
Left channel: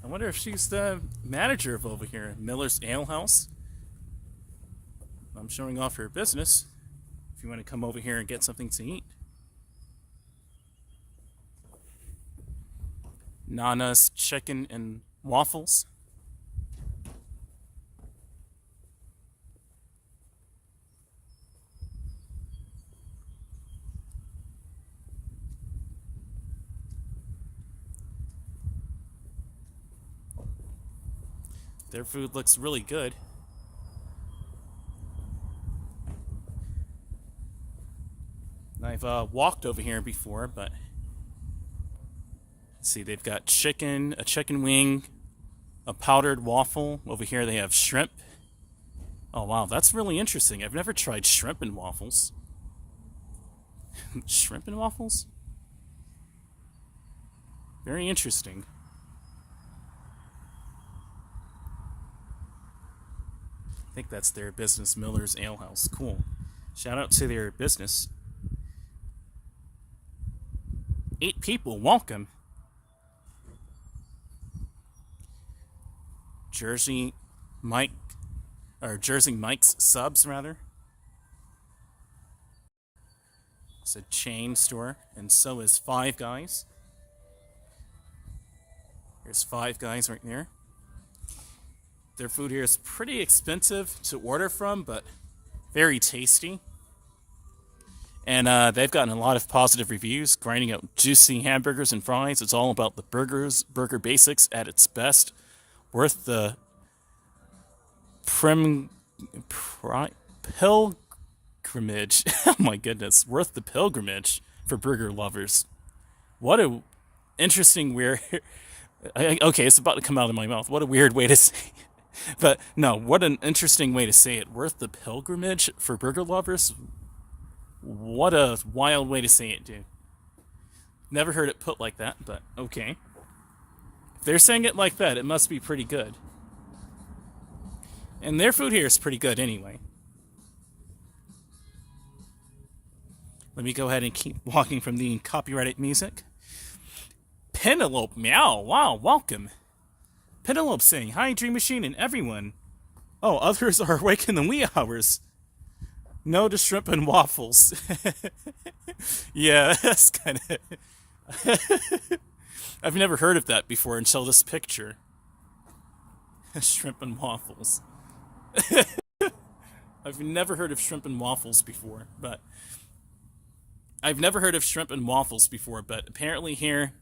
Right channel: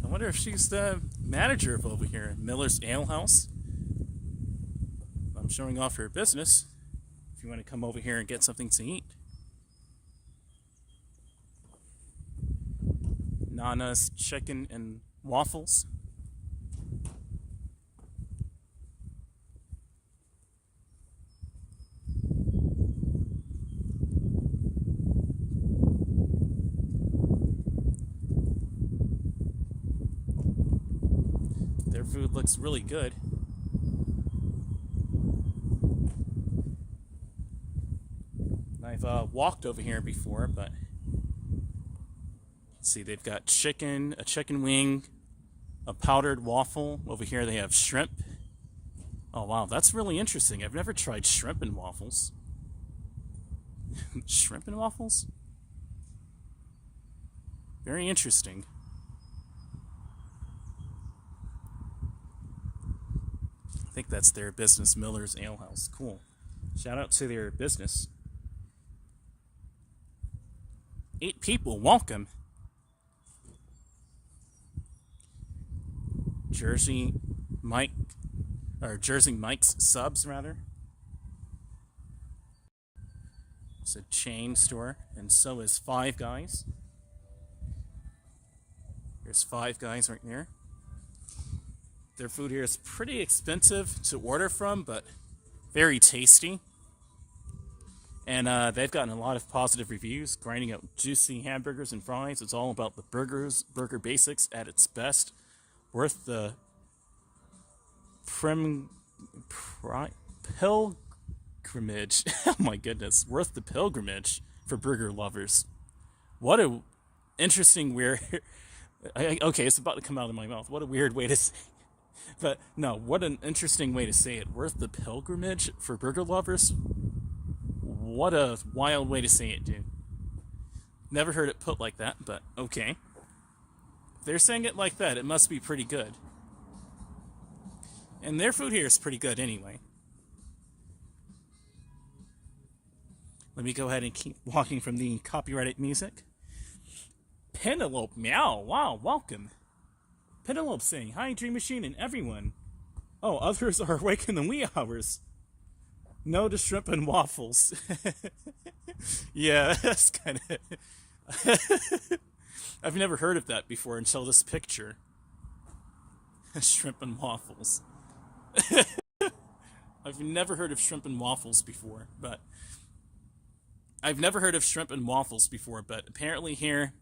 I wonder if she's the manager of over here, Miller's Ale House. I'm showing off her business. If you want to come over here and get something to eat. Nana's Chicken and Waffles. Their food looks really good. I've walked over here before, but see, they've got chicken, a chicken wing, a powdered waffle. Over here they have shrimp. Oh wow, that's really interesting. I've never tried shrimp and waffles. Shrimp and waffles? Very interesting. I think that's their business, Miller's Ale House. Cool. Shout out to their business. 8 people, welcome. Jersey Mike's Subs, rather. It's a chain store, and so is Five Guys. Here's Five Guys right there. Their food here is pretty expensive to order from, but very tasty. And they've gotten a lot of positive reviews, grinding out juicy hamburgers and fries. It's all about the burger basics at its best. Worth the pilgrimage. Oh my goodness, worth the pilgrimage for burger lovers. What a interesting, weird. Okay, it's about to come out of my mouth. What a weird way to say it. But no, what an interesting way to say it. Worth the pilgrimage for burger lovers? What a wild way to say it, dude. Never heard it put like that, but okay. If they're saying it like that, it must be pretty good. And their food here is pretty good anyway. Let me go ahead and keep walking from the copyrighted music. Penelope, meow, wow, welcome. Penelope saying, hi, DreamMachine and everyone. Oh, others are awake in the wee hours. No to shrimp and waffles. Yeah, that's kind of... I've never heard of that before until this picture. Shrimp and waffles. I've never heard of shrimp and waffles before, but... apparently here,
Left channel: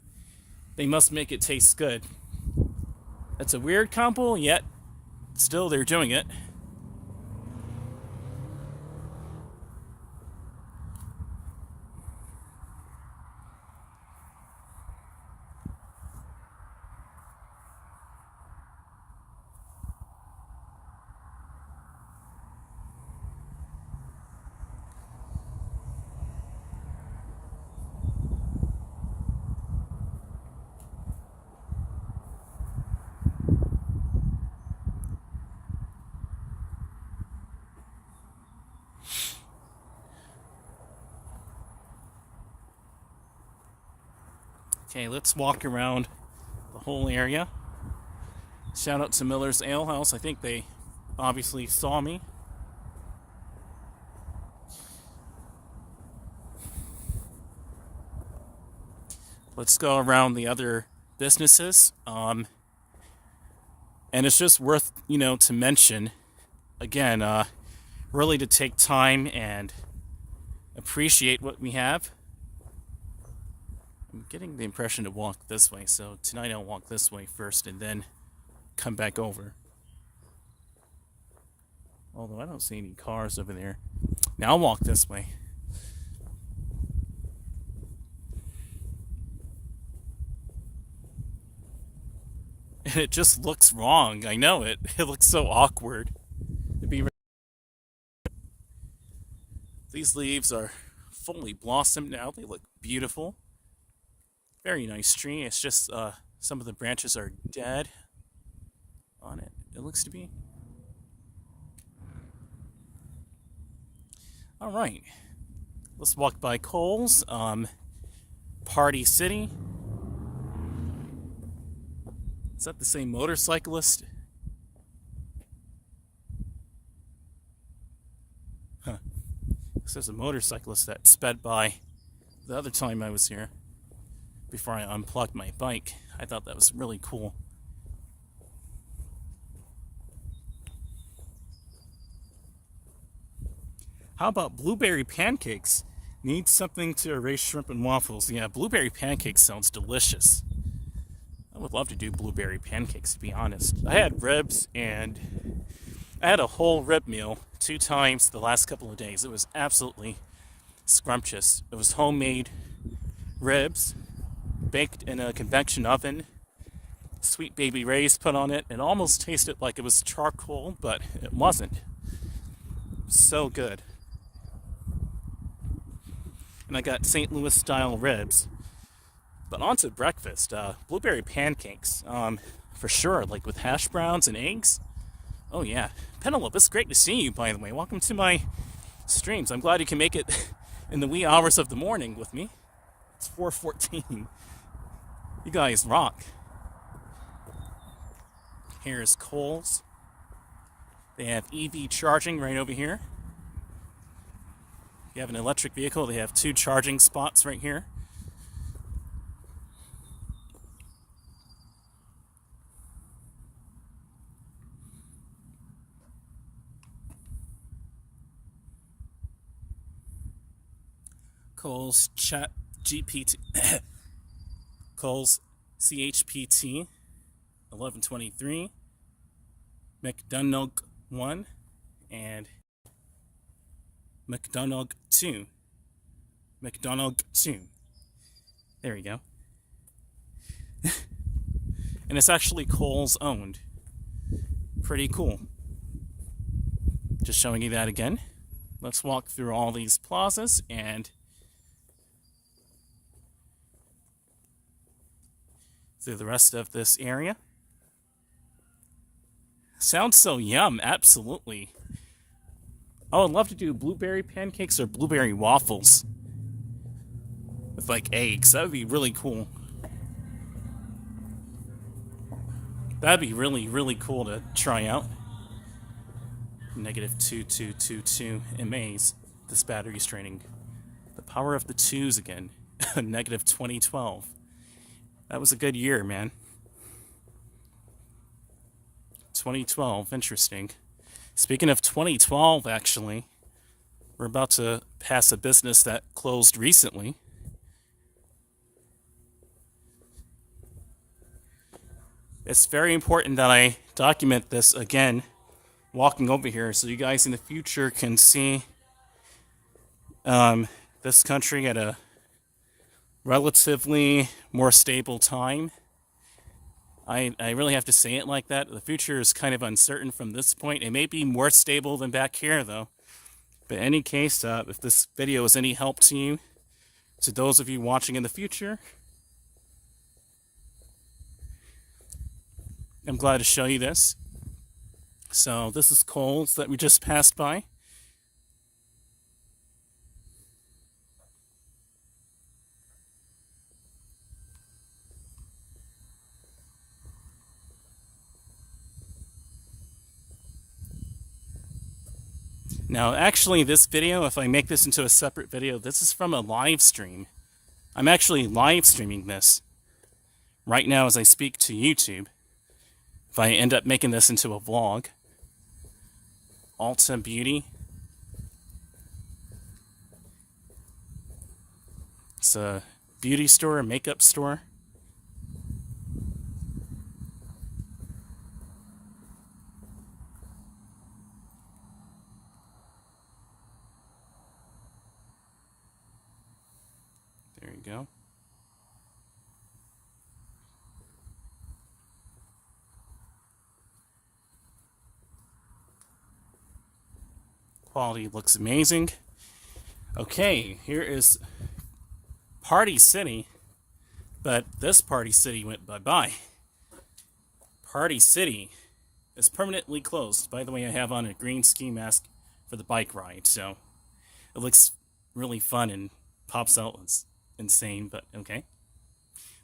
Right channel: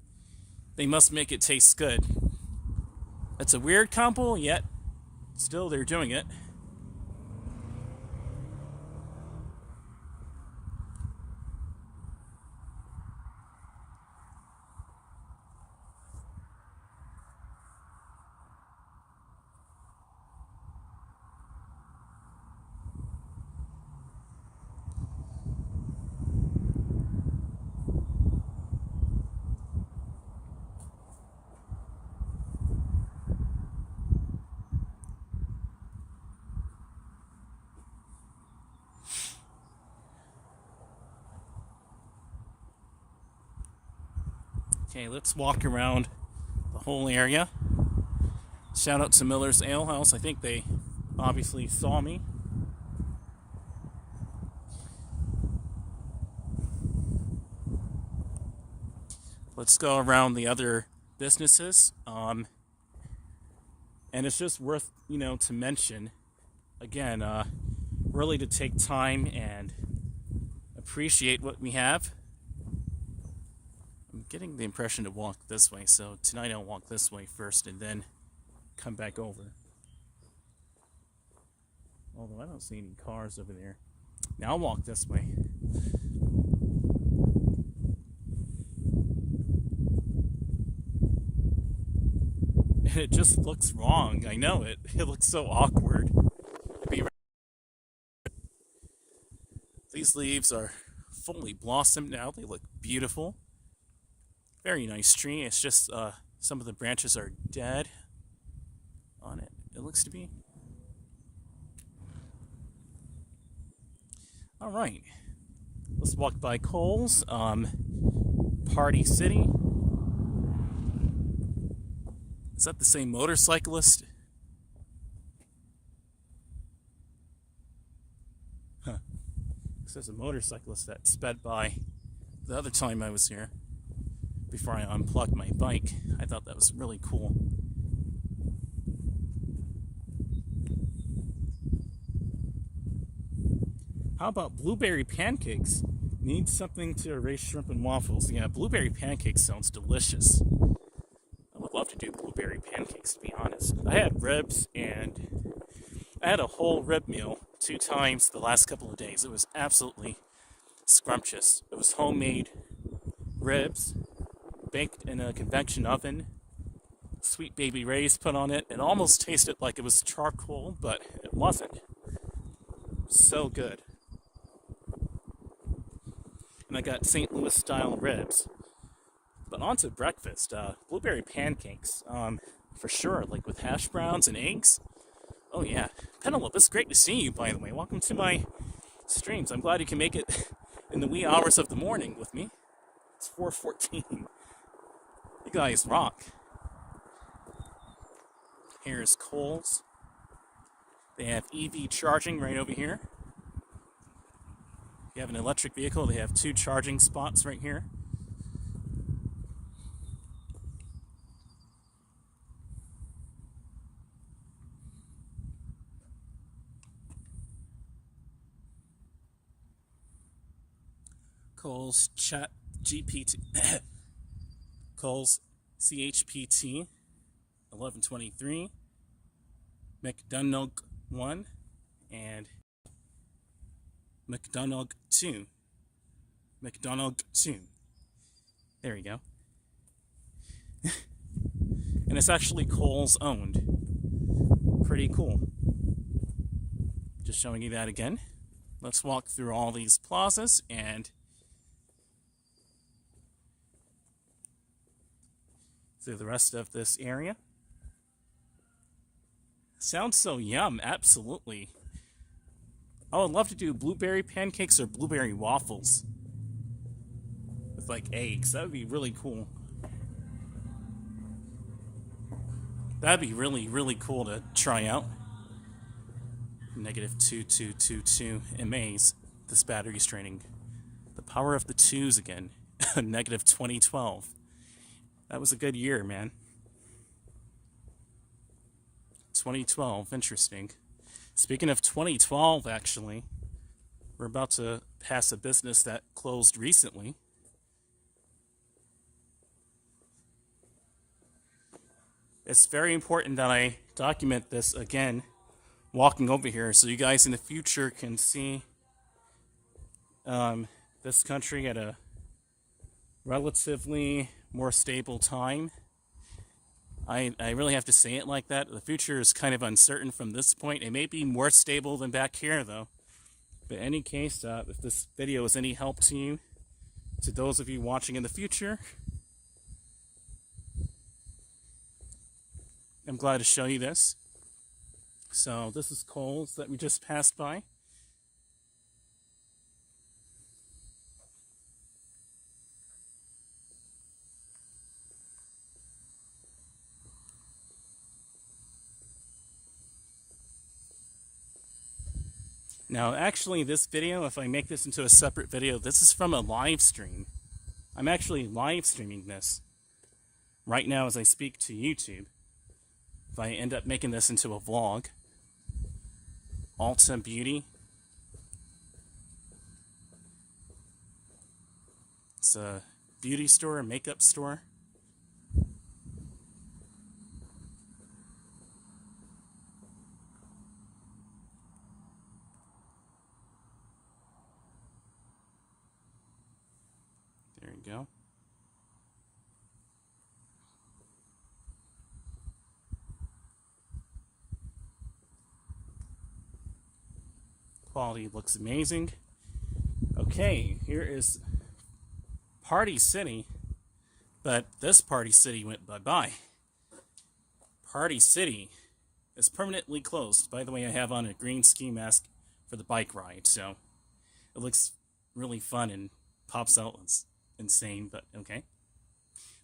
they must make it taste good. That's a weird combo, yet still they're doing it. Okay, let's walk around the whole area. Shout out to Miller's Ale House. I think they obviously saw me. Let's go around the other businesses. And it's just worth, to mention, again, really to take time and appreciate what we have. I'm getting the impression to walk this way, so tonight I'll walk this way first and then come back over. Although I don't see any cars over there. Now I'll walk this way. And it just looks wrong. I know it. It looks so awkward. These leaves are fully blossomed now. They look beautiful. Very nice tree. It's just some of the branches are dead on it. It looks to be. All right. Let's walk by Kohl's. Party City. Is that the same motorcyclist? Huh. This is a motorcyclist that sped by the other time I was here. Before I unplugged my bike. I thought that was really cool. How about blueberry pancakes? Need something to erase shrimp and waffles. Yeah, blueberry pancakes sounds delicious. I would love to do blueberry pancakes, to be honest. I had ribs and I had a whole rib meal 2 times the last couple of days. It was absolutely scrumptious. It was homemade ribs, baked in a convection oven, Sweet Baby Ray's put on it. It almost tasted like it was charcoal, but it wasn't. So good. And I got St. Louis style ribs. But on to breakfast, blueberry pancakes, for sure, like with hash browns and eggs. Oh yeah. Penelope, it's great to see you, by the way. Welcome to my streams. I'm glad you can make it in the wee hours of the morning with me. It's 4:14. You guys rock. Here's Kohl's. They have EV charging right over here. If you have an electric vehicle, they have 2 charging spots right here. Kohl's Chat GPT. Kohl's CHPT 1123, McDonough 1, and McDonough 2. McDonough 2. There you go. And it's actually Kohl's owned. Pretty cool. Just showing you that again. Let's walk through all these plazas and through the rest of this area. Sounds so yum, absolutely. I would love to do blueberry pancakes or blueberry waffles with like eggs. That would be really cool. That'd be really, really cool to try out. -2222 MAs. This battery's draining. The power of the twos again. Negative 2012. That was a good year, man. 2012, interesting. Speaking of 2012, actually, we're about to pass a business that closed recently. It's very important that I document this again, walking over here, so you guys in the future can see this country at a relatively more stable time. I really have to say it like that. The future is kind of uncertain from this point. It may be more stable than back here, though. But in any case, if this video is any help to you, to those of you watching in the future, I'm glad to show you this. So this is Kohl's that we just passed by. Now, actually, this video, if I make this into a separate video, this is from a live stream. I'm actually live streaming this right now as I speak to YouTube. If I end up making this into a vlog. Ulta Beauty. It's a beauty store, a makeup store. There you go. Quality looks amazing. Okay, here is Party City, but this Party City went bye-bye. Party City is permanently closed. By the way, I have on a green ski mask for the bike ride, so it looks really fun and pops out. It's insane, but okay.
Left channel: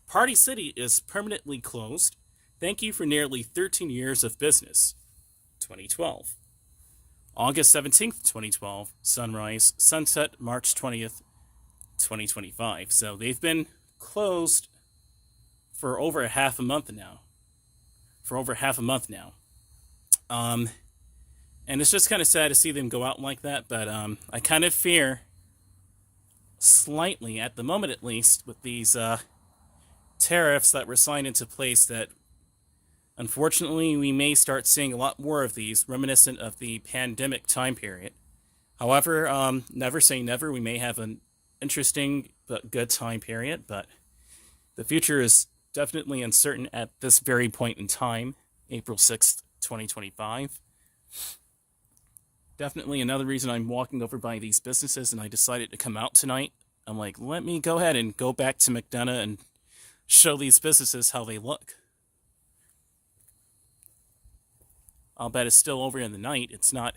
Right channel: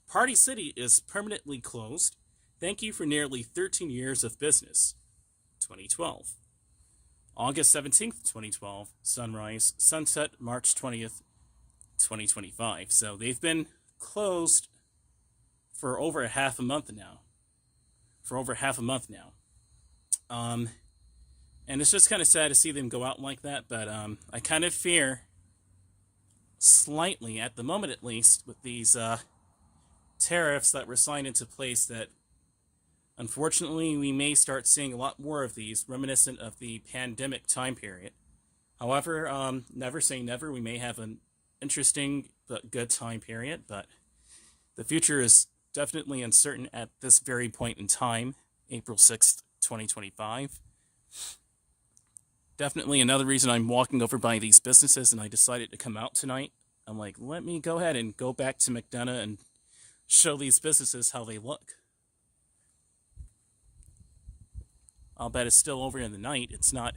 Party City is permanently closed. Thank you for nearly 13 years of business. 2012. August 17th, 2012, sunrise, sunset, March 20th, 2025. So they've been closed for over half a month now. And it's just kind of sad to see them go out like that, but I kind of fear, slightly, at the moment at least, with these tariffs that were signed into place, that unfortunately, we may start seeing a lot more of these, reminiscent of the pandemic time period. However, never say never. We may have an interesting but good time period, but the future is definitely uncertain at this very point in time, April 6th, 2025. Definitely another reason I'm walking over by these businesses, and I decided to come out tonight. I'm like, let me go ahead and go back to McDonough and show these businesses how they look. I'll bet it's still over in the night. It's not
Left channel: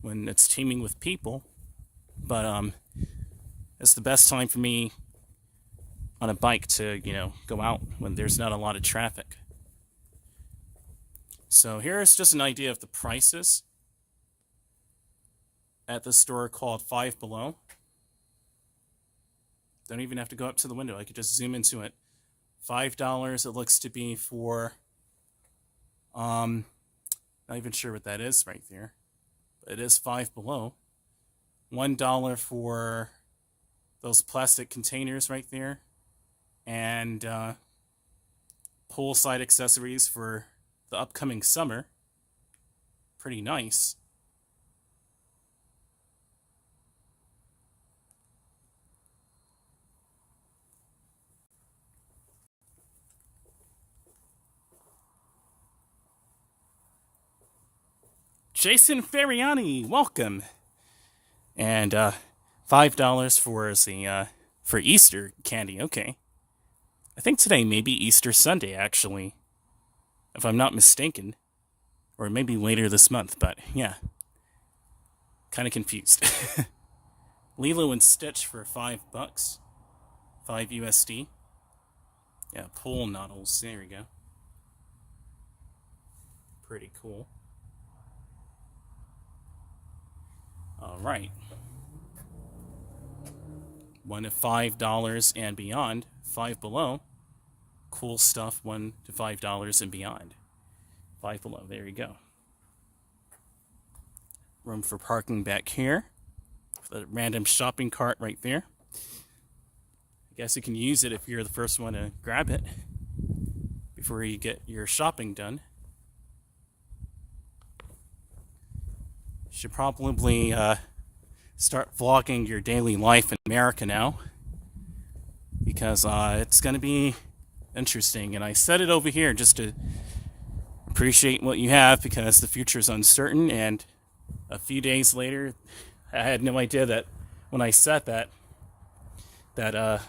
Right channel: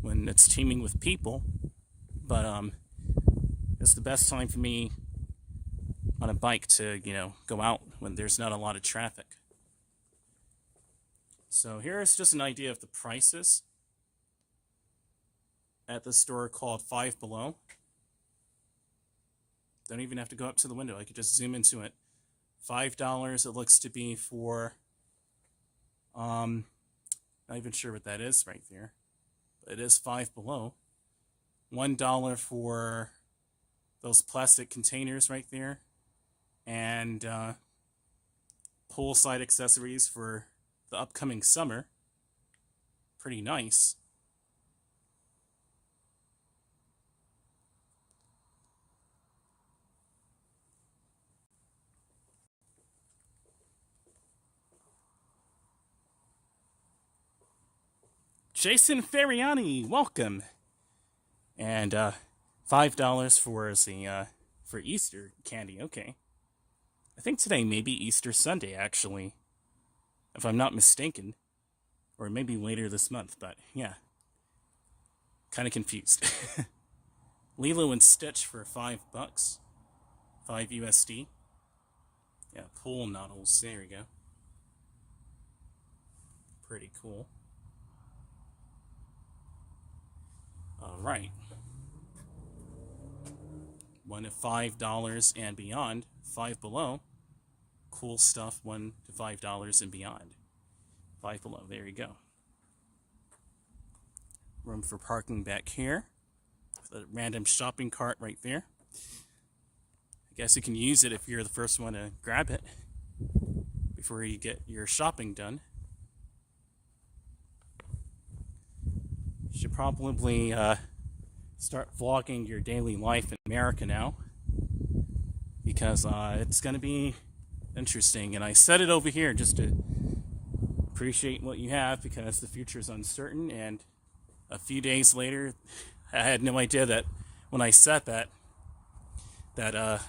when it's teeming with people, but it's the best time for me on a bike to, go out when there's not a lot of traffic. So here's just an idea of the prices at this store called Five Below. Don't even have to go up to the window. I could just zoom into it. $5 it looks to be for, not even sure what that is right there. But it is Five Below. $1 for those plastic containers right there. And poolside accessories for the upcoming summer. Pretty nice. Jason Ferriani, welcome. And $5 for Easter candy. Okay. I think today may be Easter Sunday, actually, if I'm not mistaken. Or maybe later this month, but yeah. Kind of confused. Lilo and Stitch for $5. 5 USD. Yeah, pool noodles. There we go. Pretty cool. Alright. $1 to $5 and beyond. 5 below. Cool stuff, $1 to $5 and beyond. 5 below. There you go. Room for parking back here. The random shopping cart right there. I guess you can use it if you're the first one to grab it before you get your shopping done. You should probably start vlogging your daily life in America now, because it's going to be interesting. And I said it over here just to appreciate what you have, because the future is uncertain. And a few days later, I had no idea that when I said that a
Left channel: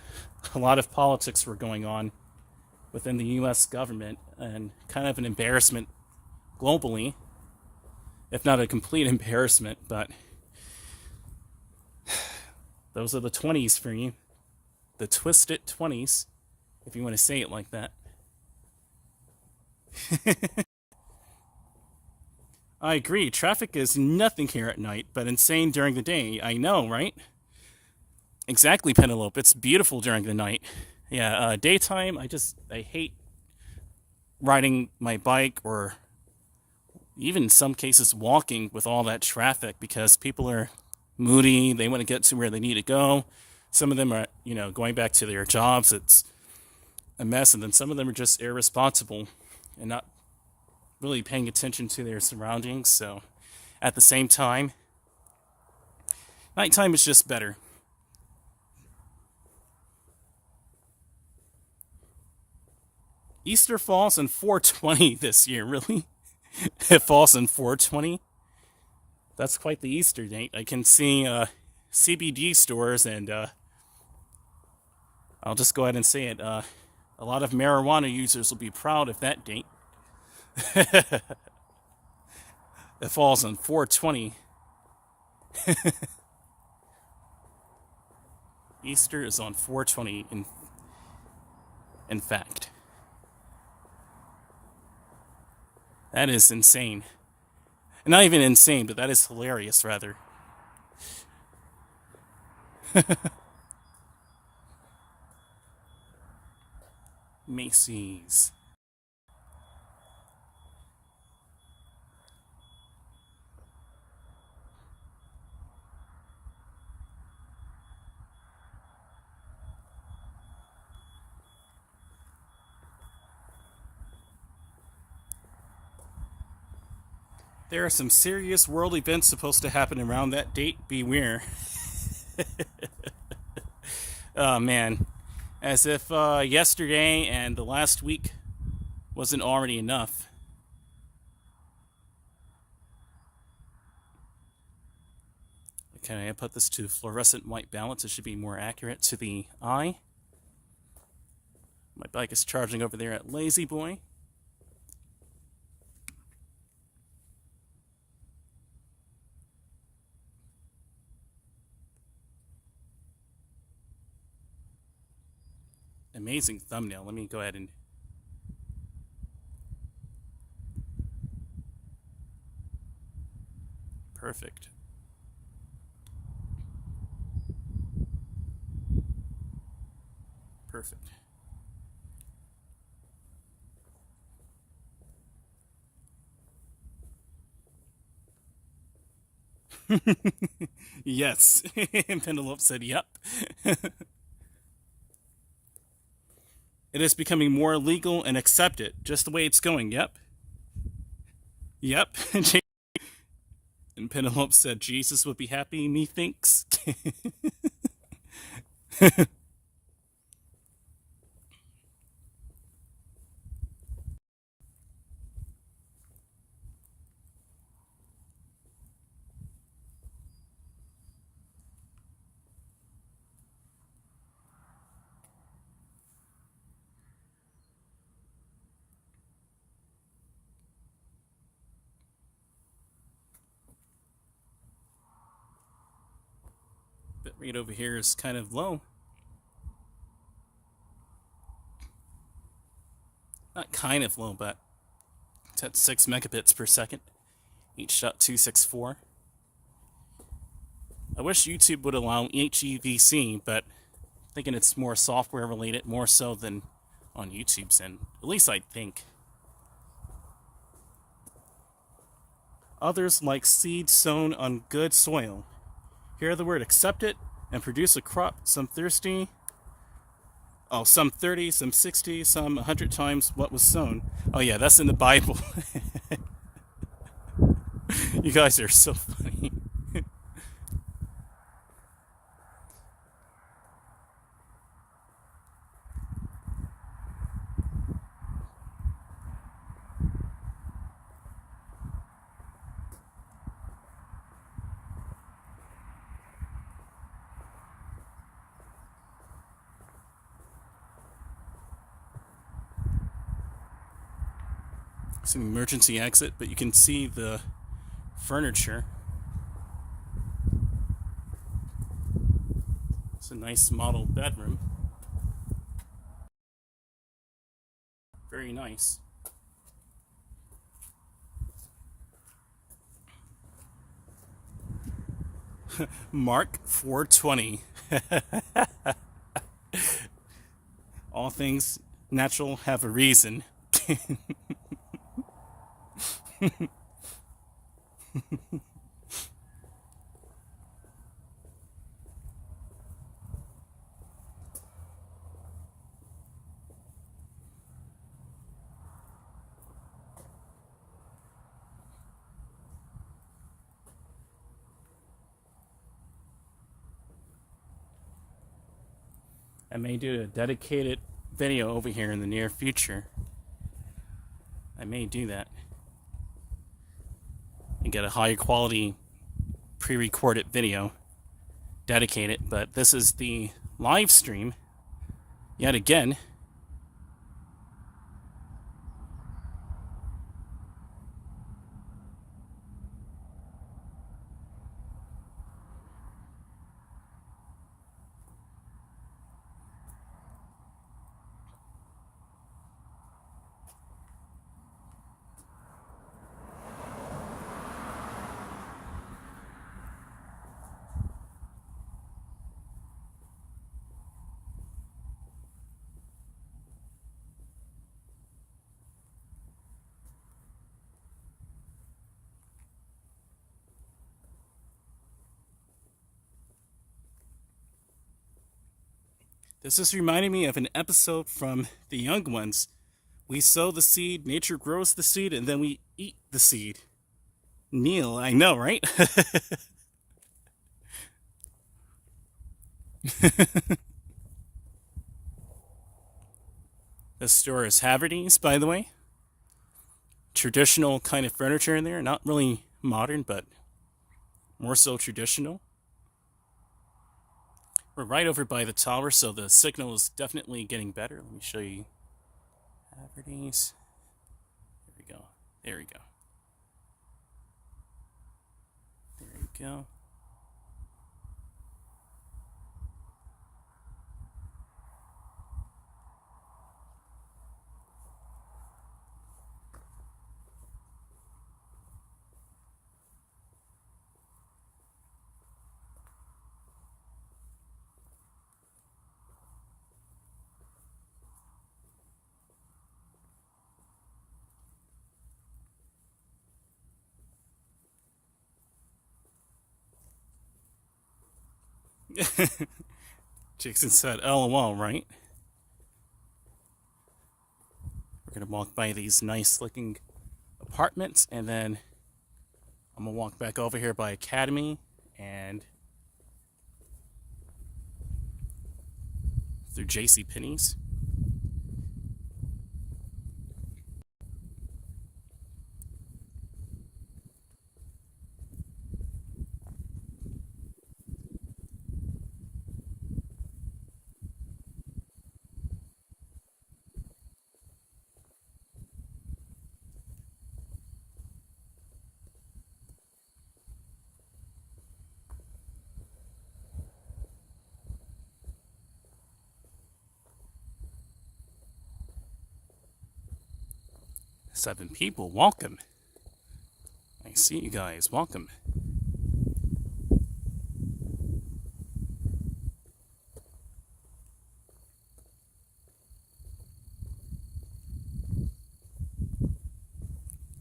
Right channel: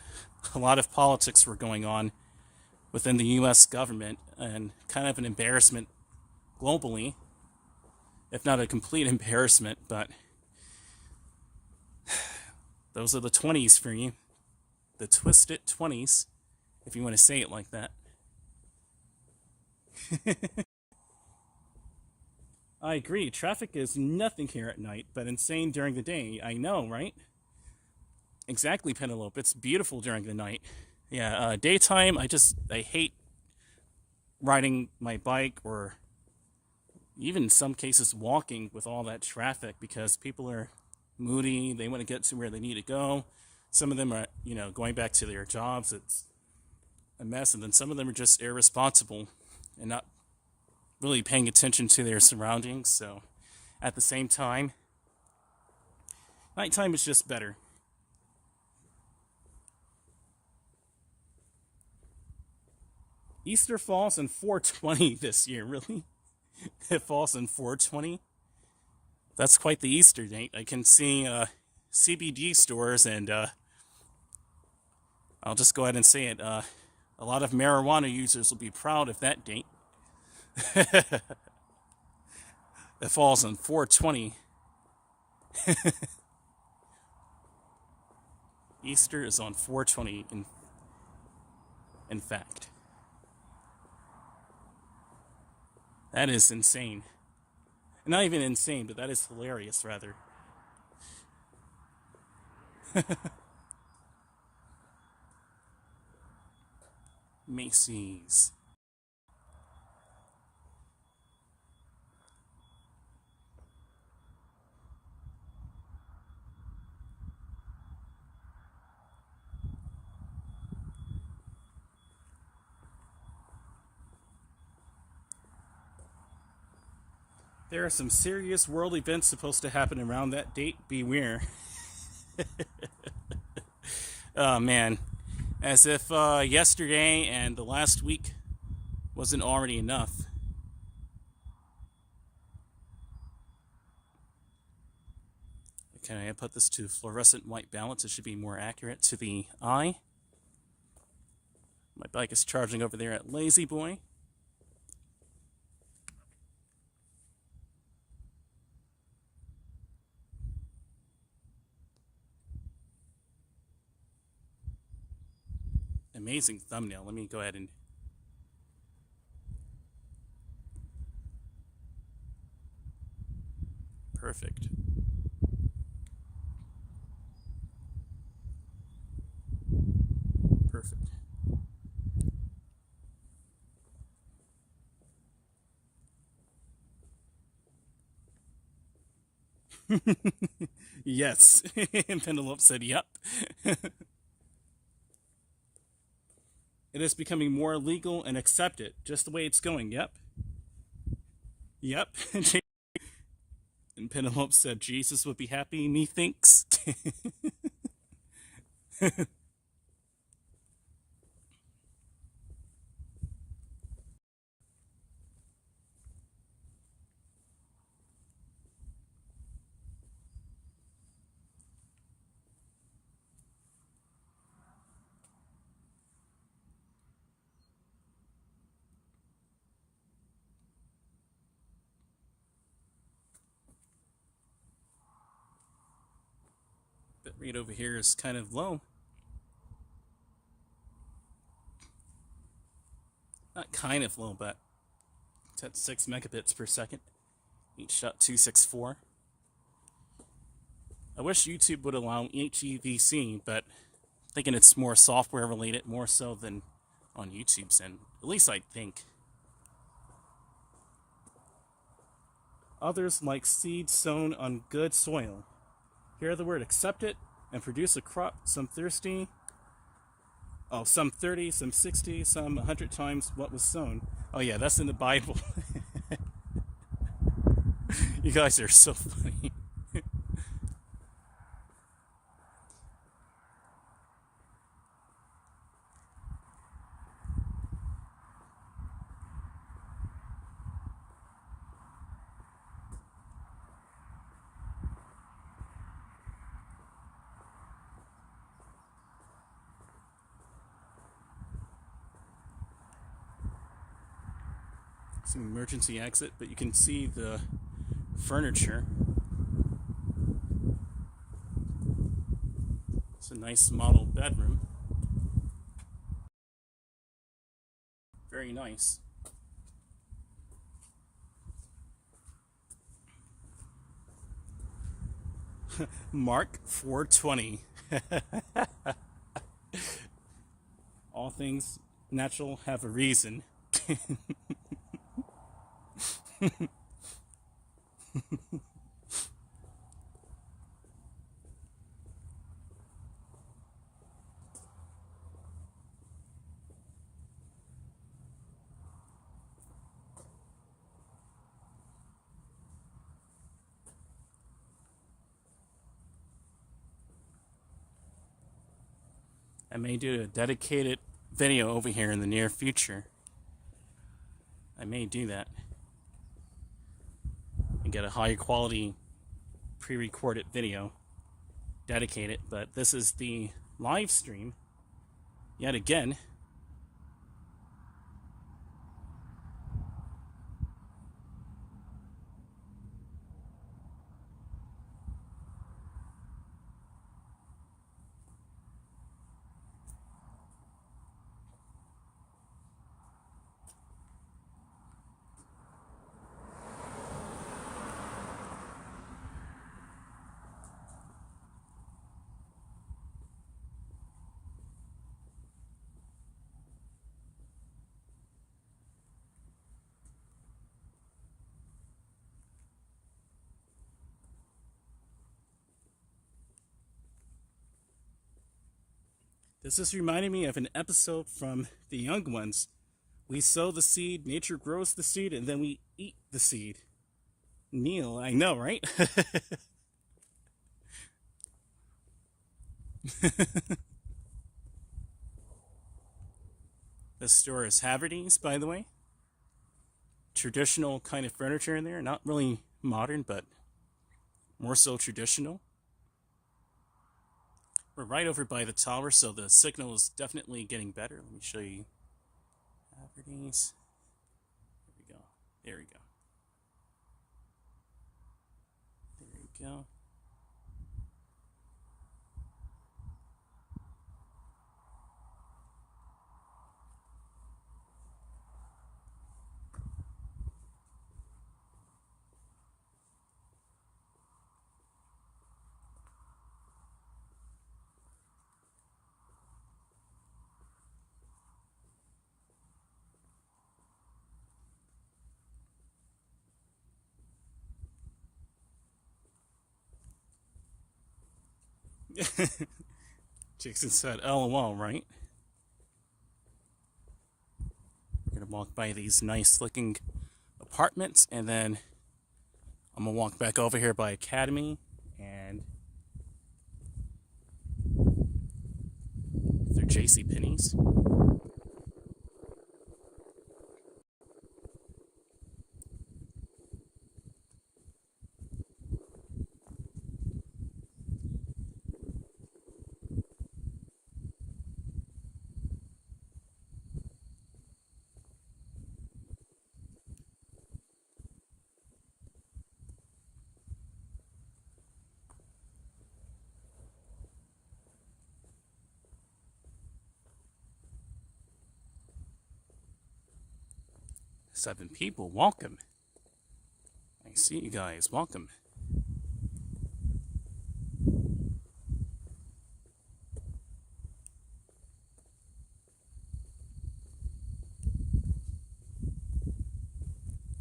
lot of politics were going on within the U.S. government, and kind of an embarrassment globally, if not a complete embarrassment. But those are the 20s for you. The twisted 20s, if you want to say it like that. I agree. Traffic is nothing here at night, but insane during the day. I know, right? Exactly, Penelope. It's beautiful during the night. Yeah, daytime, I hate riding my bike, or even in some cases walking with all that traffic, because people are moody. They want to get to where they need to go. Some of them are, going back to their jobs. It's a mess. And then some of them are just irresponsible and not really paying attention to their surroundings. So at the same time, nighttime is just better. Easter falls in 420 this year, really? It falls in 420? That's quite the Easter date. I can see CBD stores, and I'll just go ahead and say it. A lot of marijuana users will be proud of that date. It falls on 420. Easter is on 420, in fact. That is insane. Not even insane, but that is hilarious, rather. Macy's. There are some serious world events supposed to happen around that date. Beware. Oh, man. As if yesterday and the last week wasn't already enough. Okay, I put this to fluorescent white balance. It should be more accurate to the eye. My bike is charging over there at Lazy Boy. Amazing thumbnail. Let me go ahead and... Perfect. Perfect. Yes. Penelope said, yep. It is becoming more legal and accepted, just the way it's going. Yep. Yep. And Penelope said, Jesus would be happy, methinks. Bitrate over here is kind of low. Not kind of low, but it's at 6 megabits per second. H.264. I wish YouTube would allow HEVC, but I'm thinking it's more software related, more so than on YouTube's end. At least I think. Others like seed sown on good soil. Hear the word accept it and produce a crop, some 30, some 60, some 100 times what was sown. Oh yeah, that's in the Bible. You guys are so funny. It's an emergency exit, but you can see the furniture. It's a nice model bedroom. Very nice. Mark 420. All things natural have a reason. I may do a dedicated video over here in the near future. I may do that and get a higher quality pre-recorded video dedicated, but this is the live stream yet again. This is reminding me of an episode from The Young Ones. We sow the seed, nature grows the seed, and then we eat the seed. Neil, I know, right? This store is Haverty's, by the way. Traditional kind of furniture in there. Not really modern, but more so traditional. We're right over by the tower, so the signal is definitely getting better. Let me show you Haverty's. There we go. There we go. There we go. Jason said, LOL, right? We're going to walk by these nice looking apartments, and then I'm going to walk back over here by Academy and through JCPenney's. 7 people. Welcome. I see you guys. Welcome.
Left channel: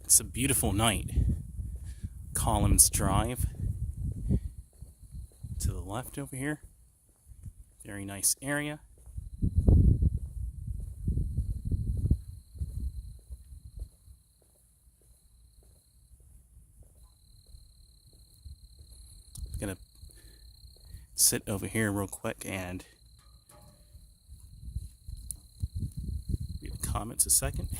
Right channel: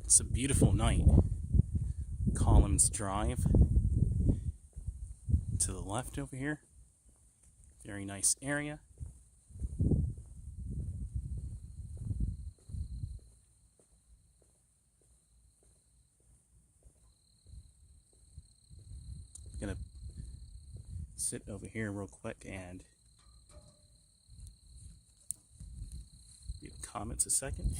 It's a beautiful night. Columns Drive. To the left over here. Very nice area. I'm gonna sit over here real quick and read the comments a second.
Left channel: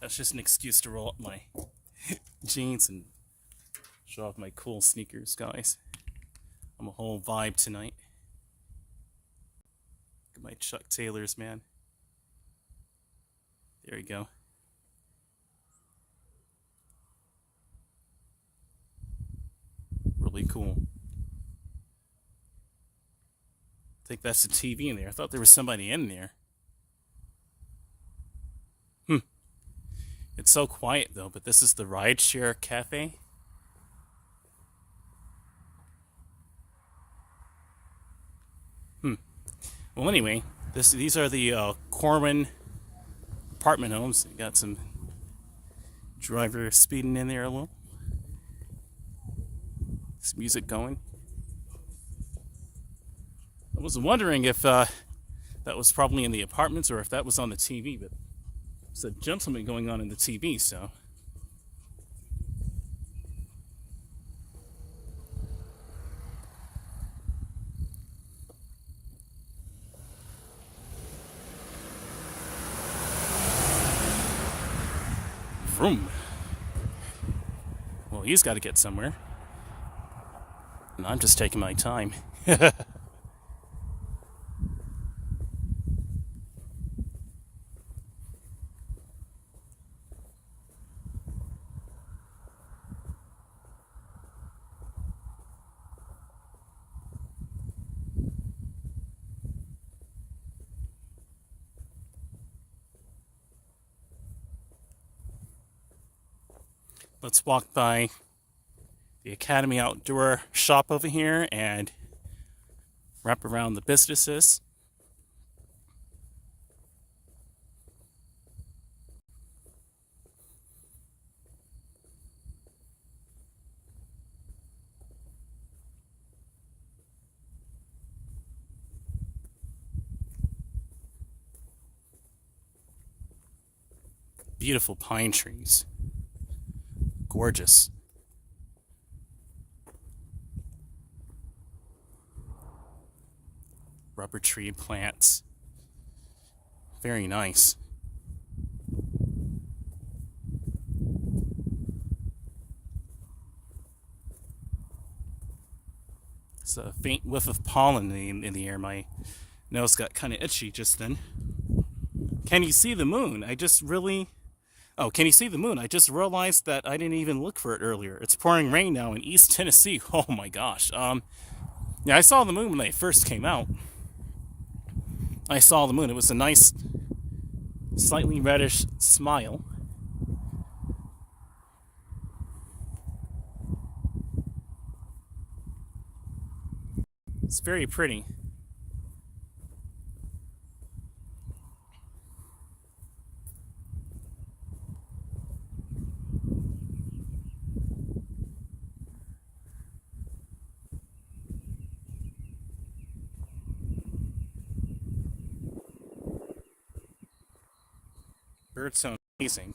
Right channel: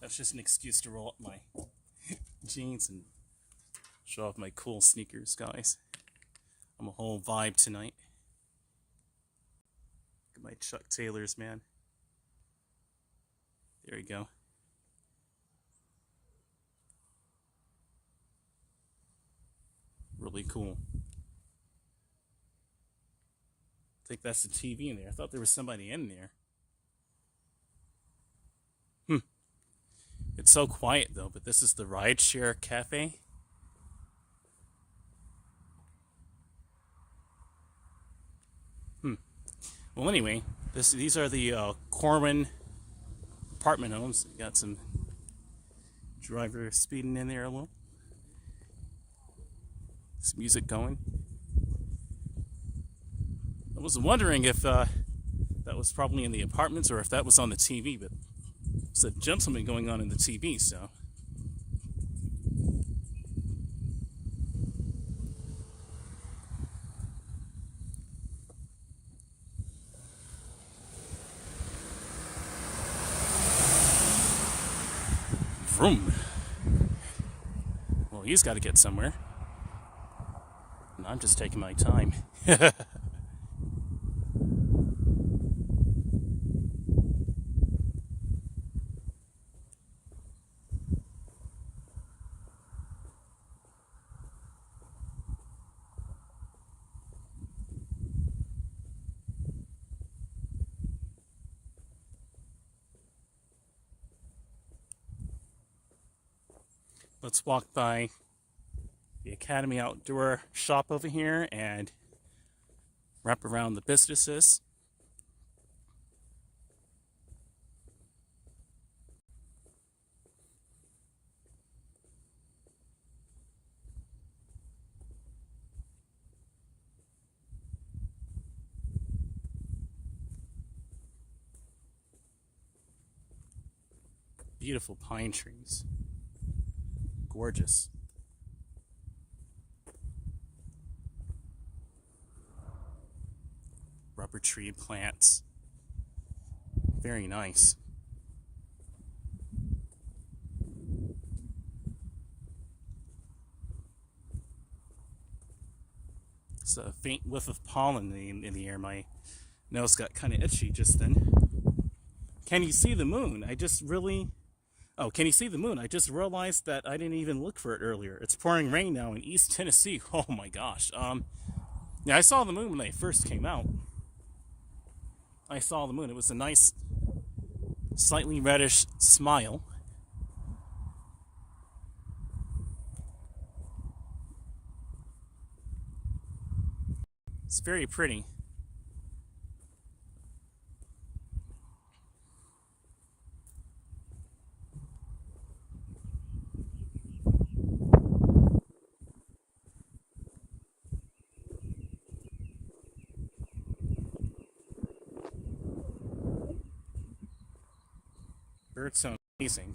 That's just an excuse to roll up my jeans and show off my cool sneakers, guys. I'm a whole vibe tonight. Look at my Chuck Taylors, man. There you go. Really cool. I think that's the TV in there. I thought there was somebody in there. It's so quiet though, but this is the Rideshare Cafe. Well, anyway, these are the Corwin apartment homes. You got some driver speeding in there a little. Some music going. I was wondering if that was probably in the apartments or if that was on the TV, but there's a gentleman going on in the TV, so. Vroom. Well, he's got to get somewhere. And I'm just taking my time. Let's walk by the Academy Outdoor shop over here and wrap around the businesses. Beautiful pine trees. Gorgeous. Rubber tree plants. Very nice. It's a faint whiff of pollen in the air. My nose got kind of itchy just then. Can you see the moon? Oh, can you see the moon? I just realized that I didn't even look for it earlier. It's pouring rain now in East Tennessee. Oh my gosh. Yeah, I saw the moon when they first came out. I saw the moon. It was a nice, slightly reddish smile. It's very pretty. Birds sound amazing.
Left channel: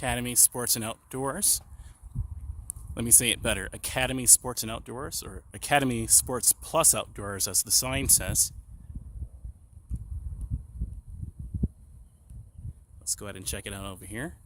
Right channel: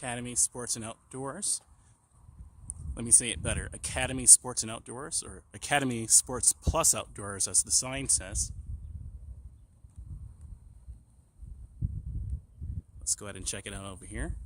Academy Sports and Outdoors. Let me say it better. Academy Sports and Outdoors, or Academy Sports Plus Outdoors, as the sign says. Let's go ahead and check it out over here.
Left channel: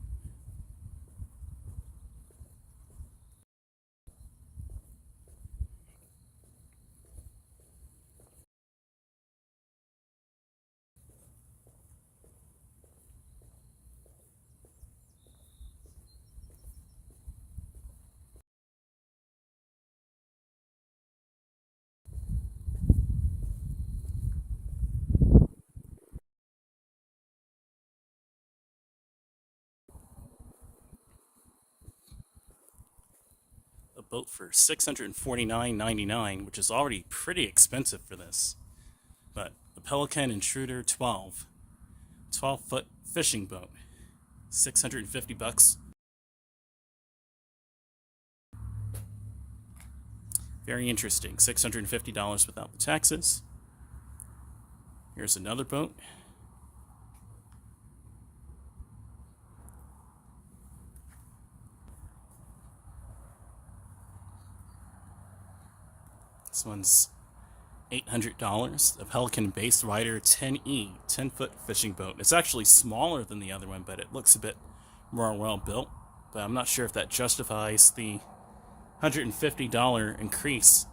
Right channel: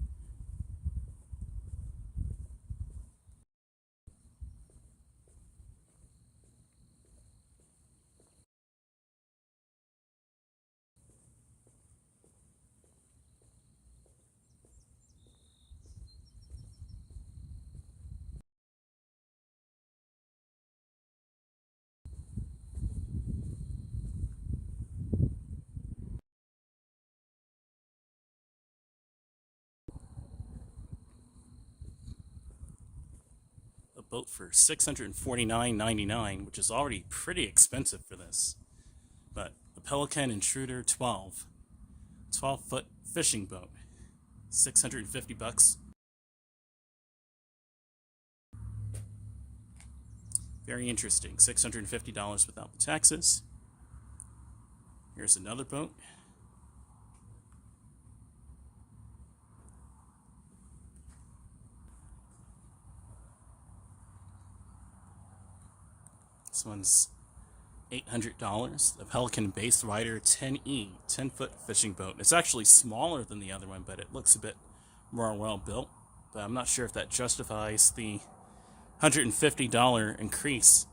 A boat for $649.99, which is already pretty expensive for this. But the Pelican Intruder 12-foot fishing boat, $650. Very interesting. $650 without the taxes. Here's another boat. This one's $800. The Pelican Bass Rider 10E, 10-foot fishing boat. It's actually smaller than the other one, but it looks a bit more well built. But I'm not sure if that justifies the $150 increase.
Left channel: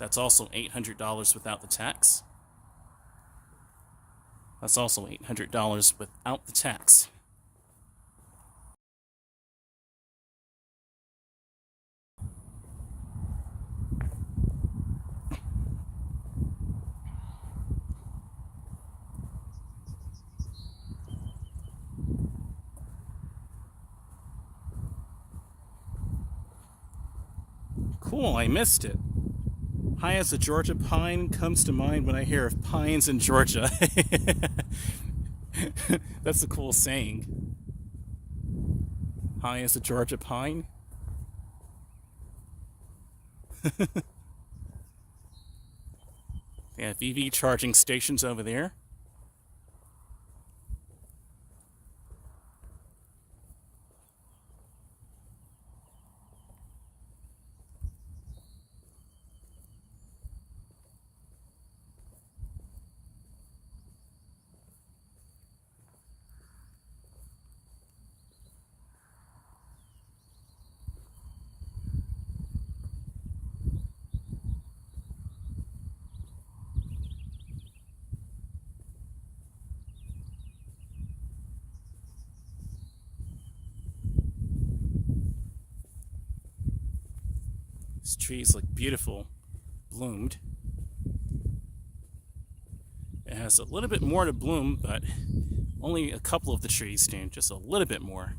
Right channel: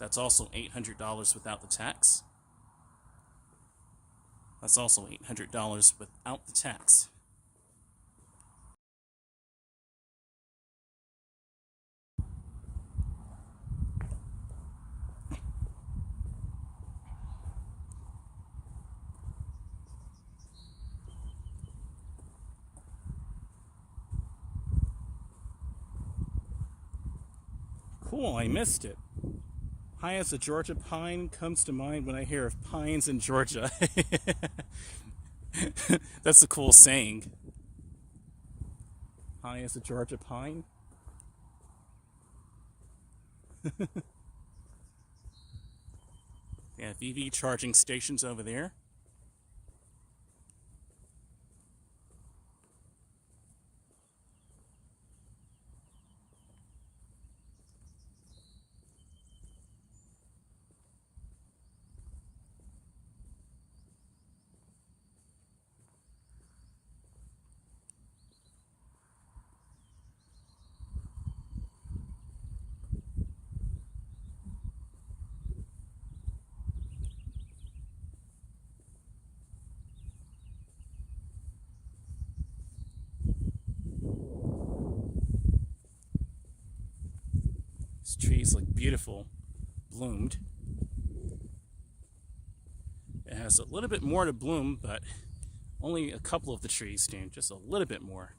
That's also $800 without the tax. That's also $800 without the tax. Cool, I missed it. High as a Georgia pine comes to mind when I hear of pines in Georgia. That's a cool saying. High as a Georgia pine. They have EV charging stations over there. These trees look beautiful, bloomed. It has a little bit more to bloom, but only a couple of the trees stand just a little bit more.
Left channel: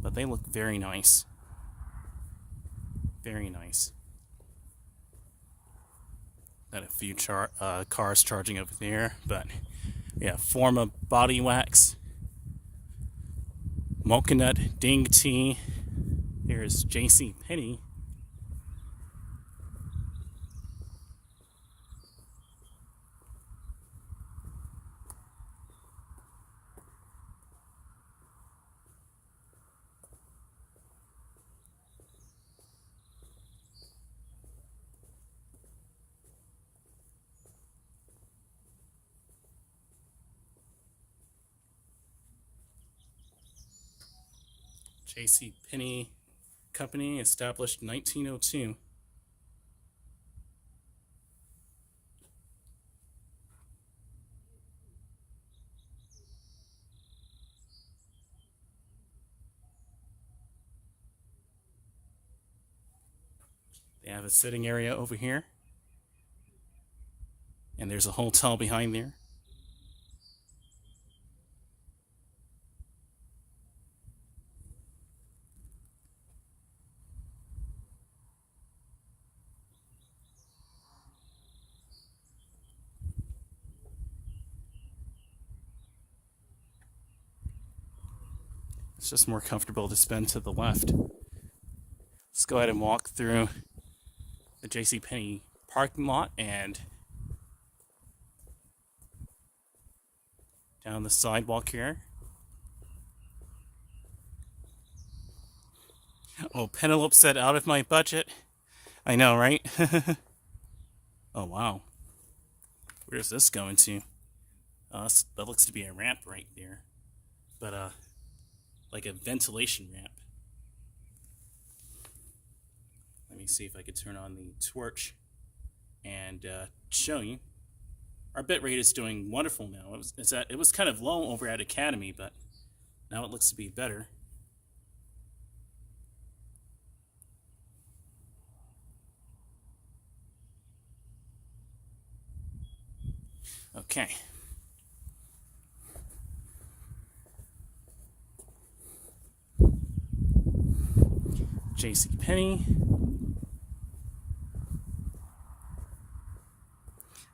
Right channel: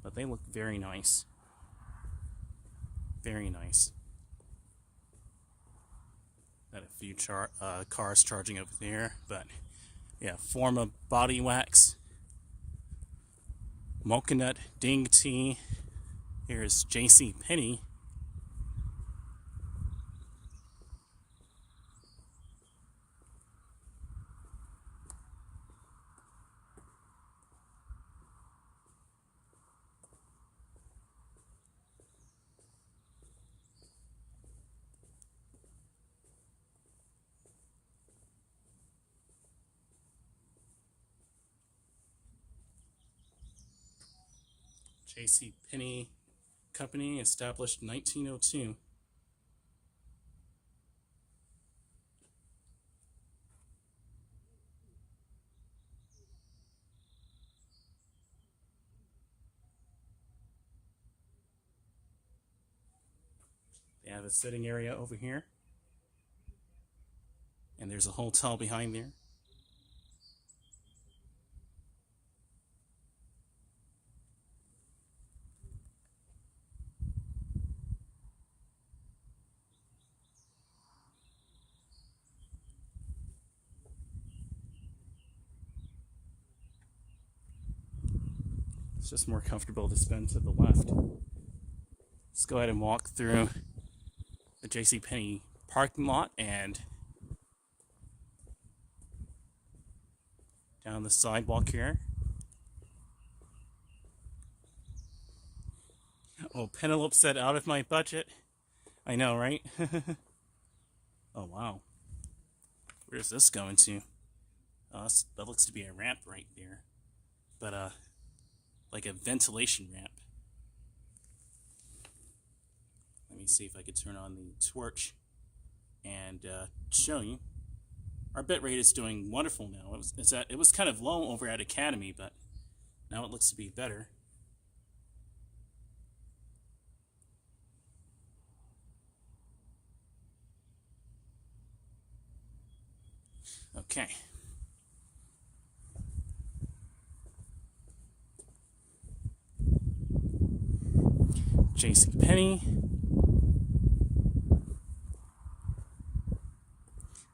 But they look very nice. Very nice. Got a few cars charging over there, but yeah, Forma body wax, Mocha Nut Ding Tea. Here's JC Penney. J.C. Penney Company, established 1902. They have a sitting area over here, and there's a hotel behind there. It's just more comfortable to spend to the left. Let's go ahead and walk through the JCPenney parking lot and down the sidewalk here. Oh, Penelope said out of my budget. I know, right? Oh, wow. Where's this going to? That looks to be a ramp right there. But, like a ventilation ramp. Let me see if I could turn on the torch and show you. Our bitrate is doing wonderful now. It was kind of low over at Academy, but now it looks to be better. Okay. JCPenney.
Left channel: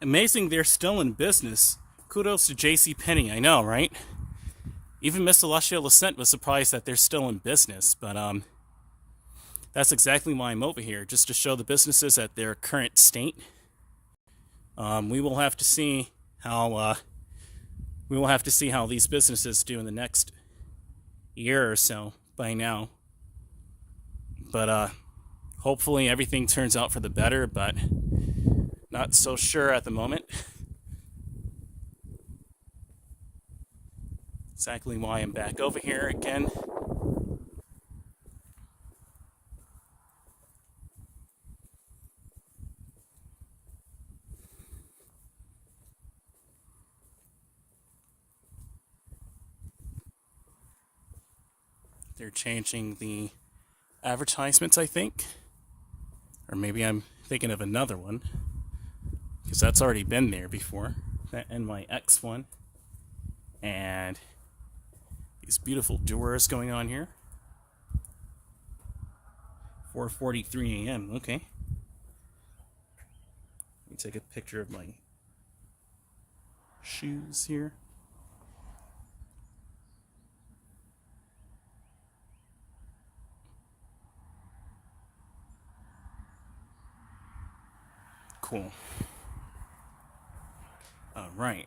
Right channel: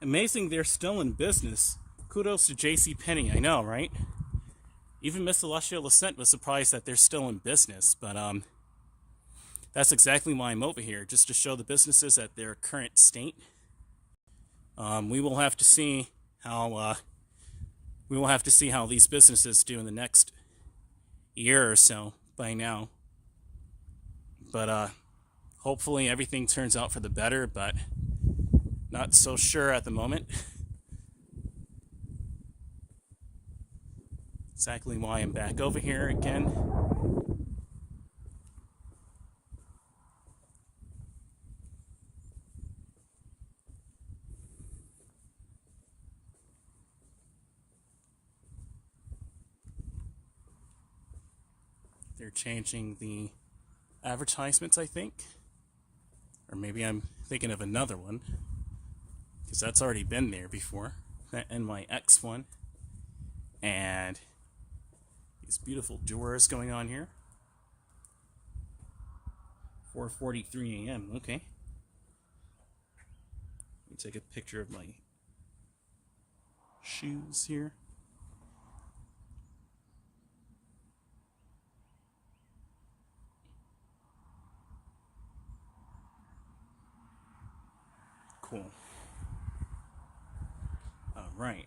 Amazing they're still in business. Kudos to JCPenney, I know, right? Even Miss Celestia Lascent was surprised that they're still in business, but that's exactly why I'm over here, just to show the businesses at their current state. We will have to see how these businesses do in the next year or so by now. But hopefully everything turns out for the better, but not so sure at the moment. Exactly why I'm back over here again. They're changing the advertisements, I think. Or maybe I'm thinking of another one, because that's already been there before. That NYX one. And these beautiful doors going on here. 4:43 a.m. Okay. Let me take a picture of my shoes here. Cool. All right.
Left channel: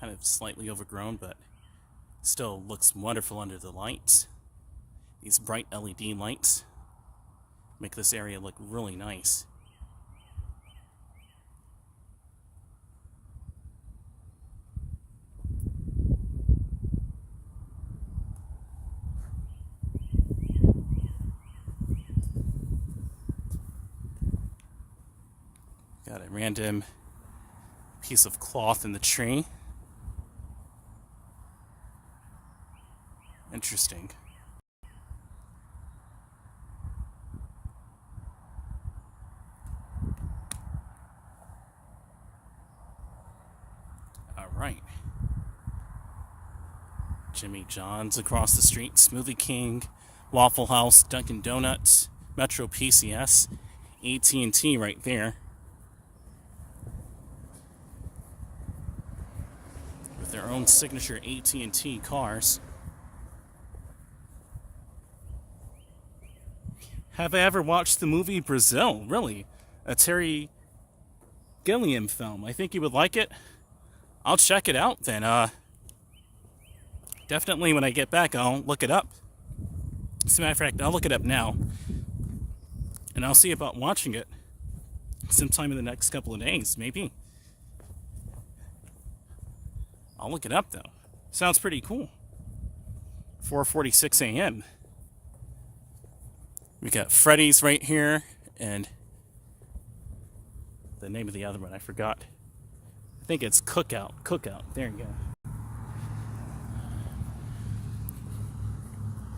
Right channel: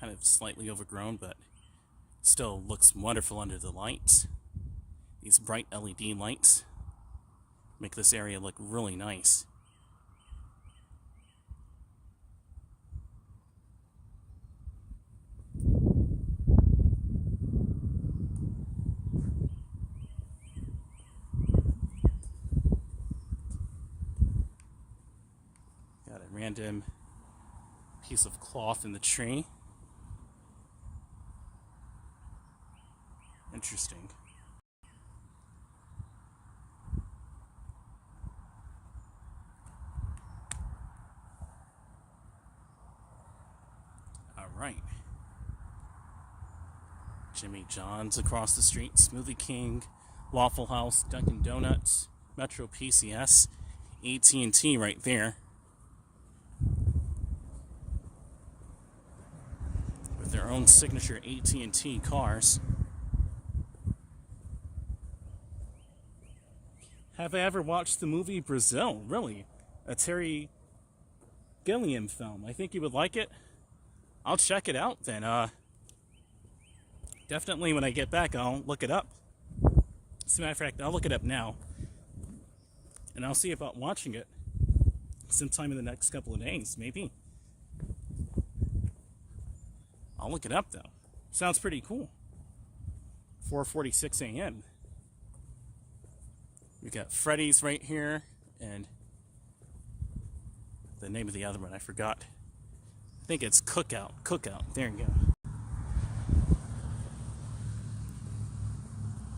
Kind of slightly overgrown, but still looks wonderful under the lights. These bright LED lights make this area look really nice. Got a random piece of cloth in the tree. Interesting. All right. Jimmy John's across the street, Smoothie King, Waffle House, Dunkin' Donuts, Metro PCS, AT&T right there. With their own signature AT&T cars. Have I ever watched the movie Brazil? Really? A Terry Gilliam film. I think you would like it. I'll check it out then. Definitely when I get back, I'll look it up. As a matter of fact, I'll look it up now. And I'll see about watching it sometime in the next couple of days, maybe. I'll look it up though. Sounds pretty cool. 4:46 a.m. We got Freddy's right here and the name of the other one, I forgot. I think it's Cookout. Cookout. There you go.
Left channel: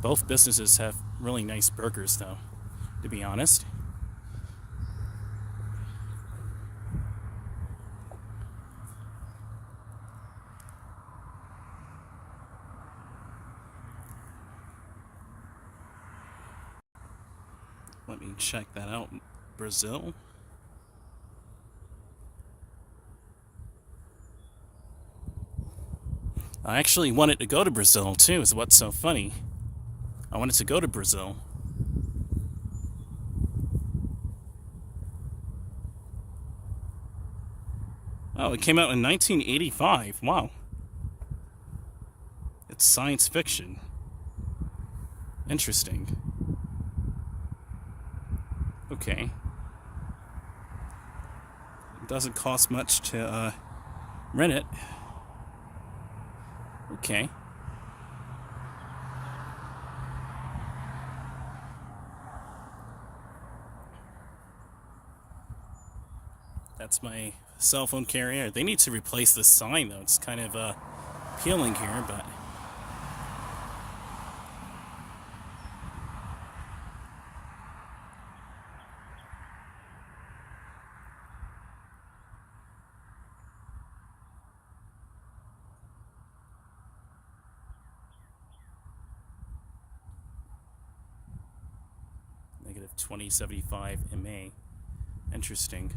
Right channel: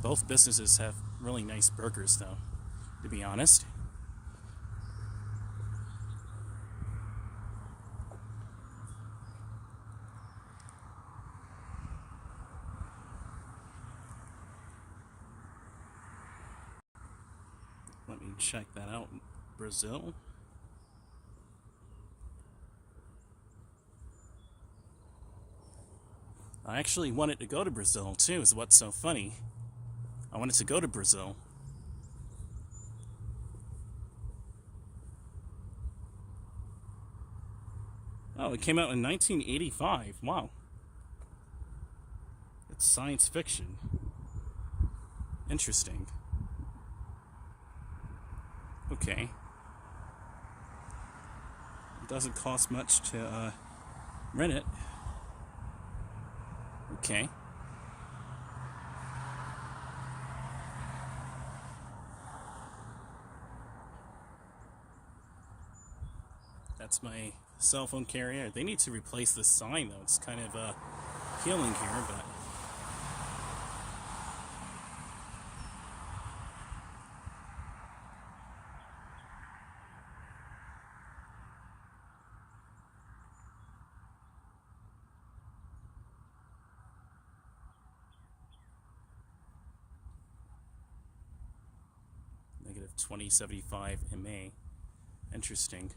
Both businesses have really nice burgers, though, to be honest. Let me check that out. Brazil. I actually wanted to go to Brazil, too, is what's so funny. I wanted to go to Brazil. Oh, it came out in 1985. Wow. It's science fiction. Interesting. Okay. It doesn't cost much to rent it. Okay. That's my cell phone carrier. They need to replace this sign, though. It's kind of peeling here, but... Negative 2075 MA. Interesting.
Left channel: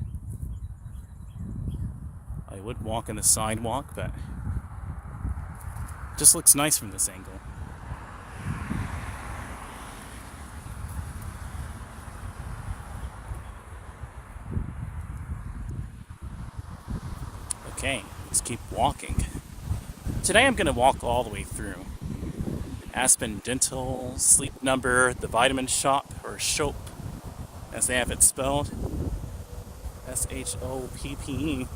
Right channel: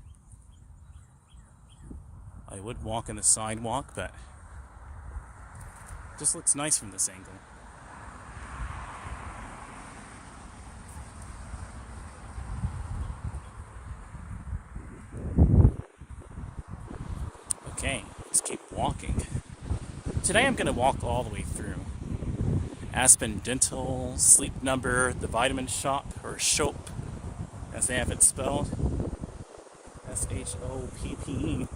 I would walk on the sidewalk, but it just looks nice from this angle. Okay, let's keep walking. Today I'm going to walk all the way through Aspen Dental, Sleep Number, the Vitamin Shop, or Shop, as they have it spelled. SHOPPE.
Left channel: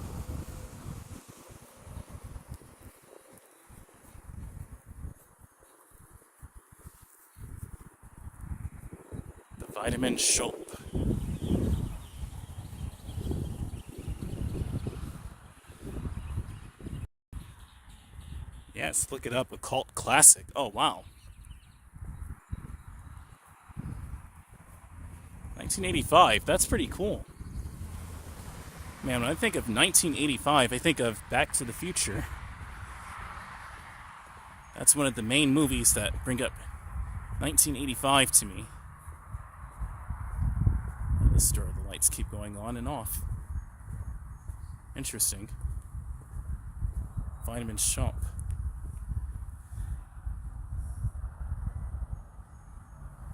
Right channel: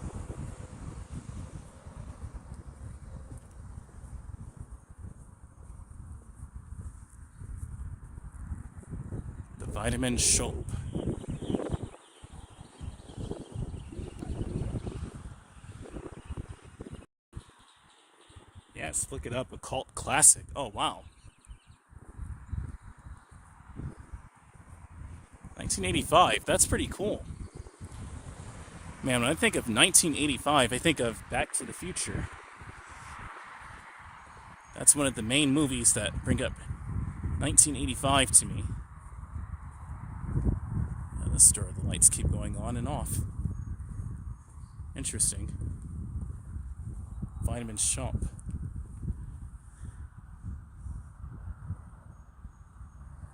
The Vitamin Shop. Yes, look it up. A cult classic. Oh, wow. 1985. That's pretty cool. Man, when I think of 1985, I think of Back to the Future. That's one of the main movies that bring up 1985 to me. And this store, the lights keep going on and off. Interesting. Vitamin Shop.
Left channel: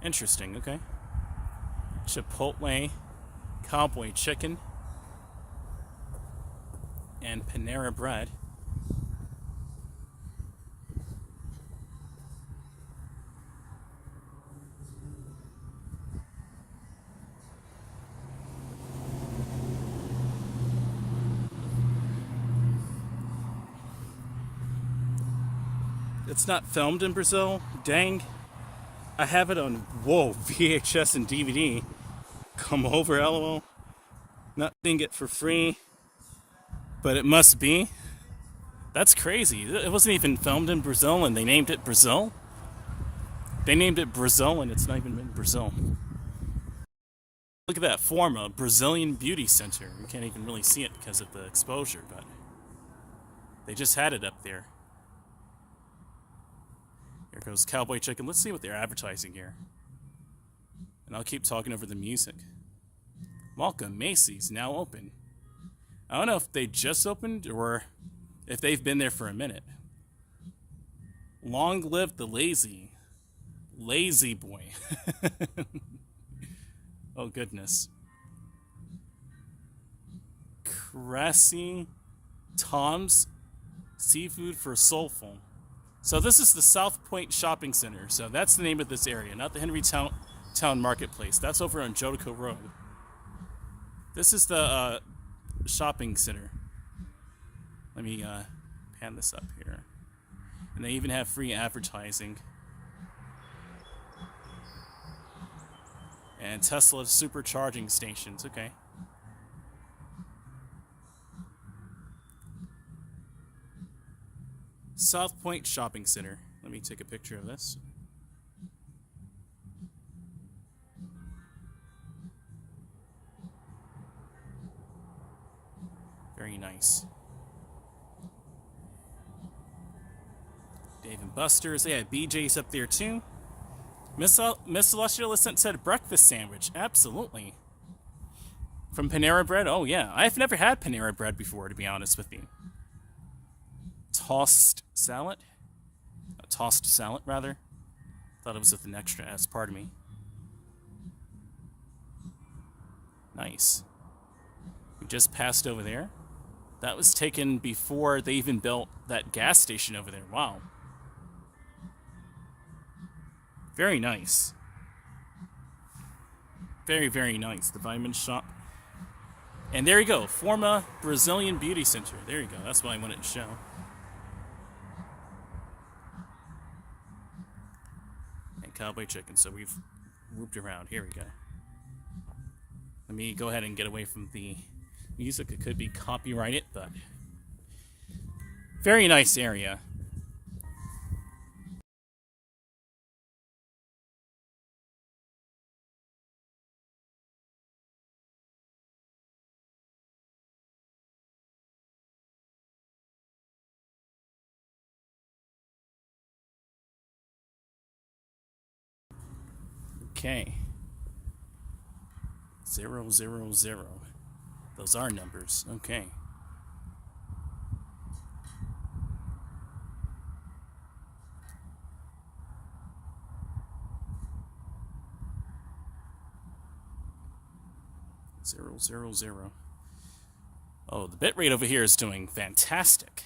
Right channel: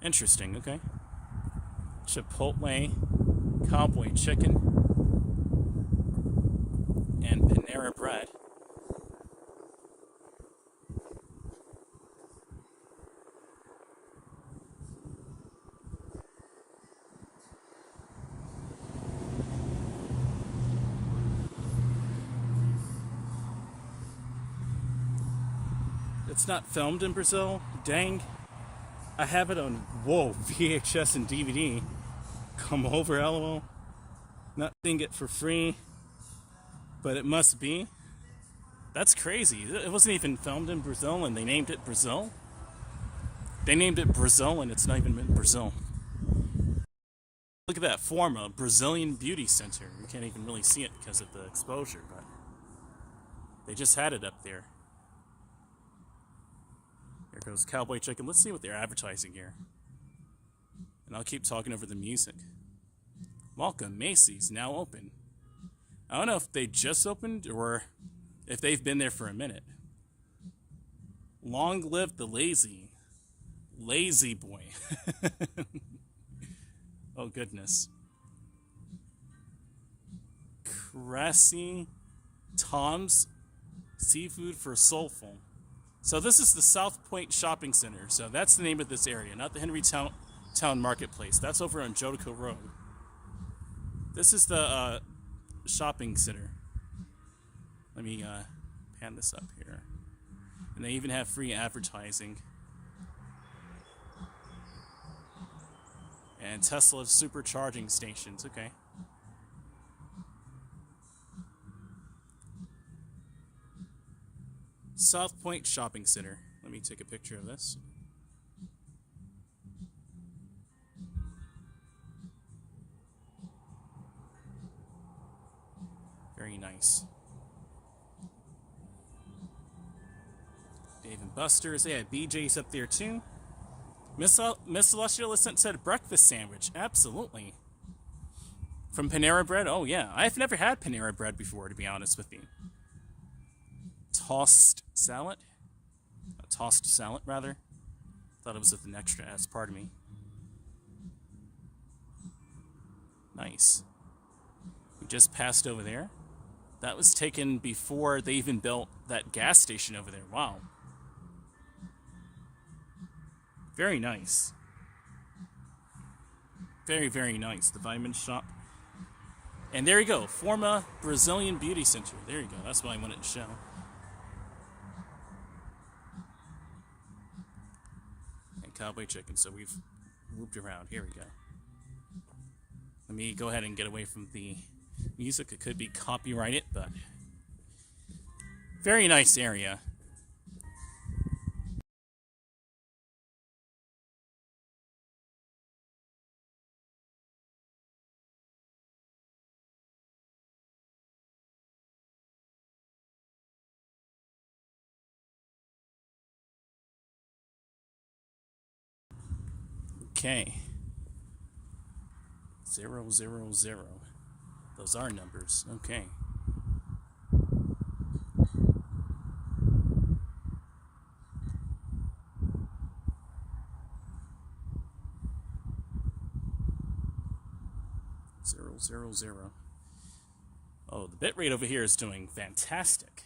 Interesting, okay. Chipotle, Cowboy Chicken, and Panera Bread. It's not filmed in Brazil? Dang. I have it on, VHS and DVD. Come over, LOL. Not seeing it for free, but it must be. That's crazy. It wasn't even filmed in Brazil and they named it Brazil? They named it Brazil and it's not even in Brazil. Look at that, Forma, Brazilian Beauty Center. You can't even really see it because of the exposure, but they just had it up there. Here goes Cowboy Chicken. Let's see what they're advertising here. And I'll keep talking over the music. Welcome, Macy's, now open. I don't know if they just opened or if they've been there for a minute. Long live the lazy. Lazy boy. Oh, goodness. Cressy Tom's Seafood for Soulful. So this is the South Point Shopping Center. So that's the name of this area, not the Henrytown Marketplace. That's over on Jodico Road. This is the shopping center. Let me pan this up here. And they even have free advertising. And Tesla supercharging stations. Okay. South Point Shopping Center. Let me take a picture of this. Very nice. Dave and Buster's. They had BJ's up there too. Miss Celestial said breakfast sandwich. Absolutely. From Panera Bread? Oh yeah. I've never had Panera Bread before, to be honest with you. Tossed salad? A tossed salad, rather. Thought it was with an extra S, pardon me. Nice. We just passed over there. That was taken before they even built that gas station over there. Wow. Very nice. Very, very nice. The Vitamin Shop. And there you go. Forma Brazilian Beauty Center. There you go. That's what I wanted to show. And Cowboy Chicken. So we've moved around. Here we go. Let me go ahead and get away from the music. It could be copyrighted, but very nice area. Okay. 000. Those are numbers. Okay. Zero. Oh, the bitrate over here is doing fantastic.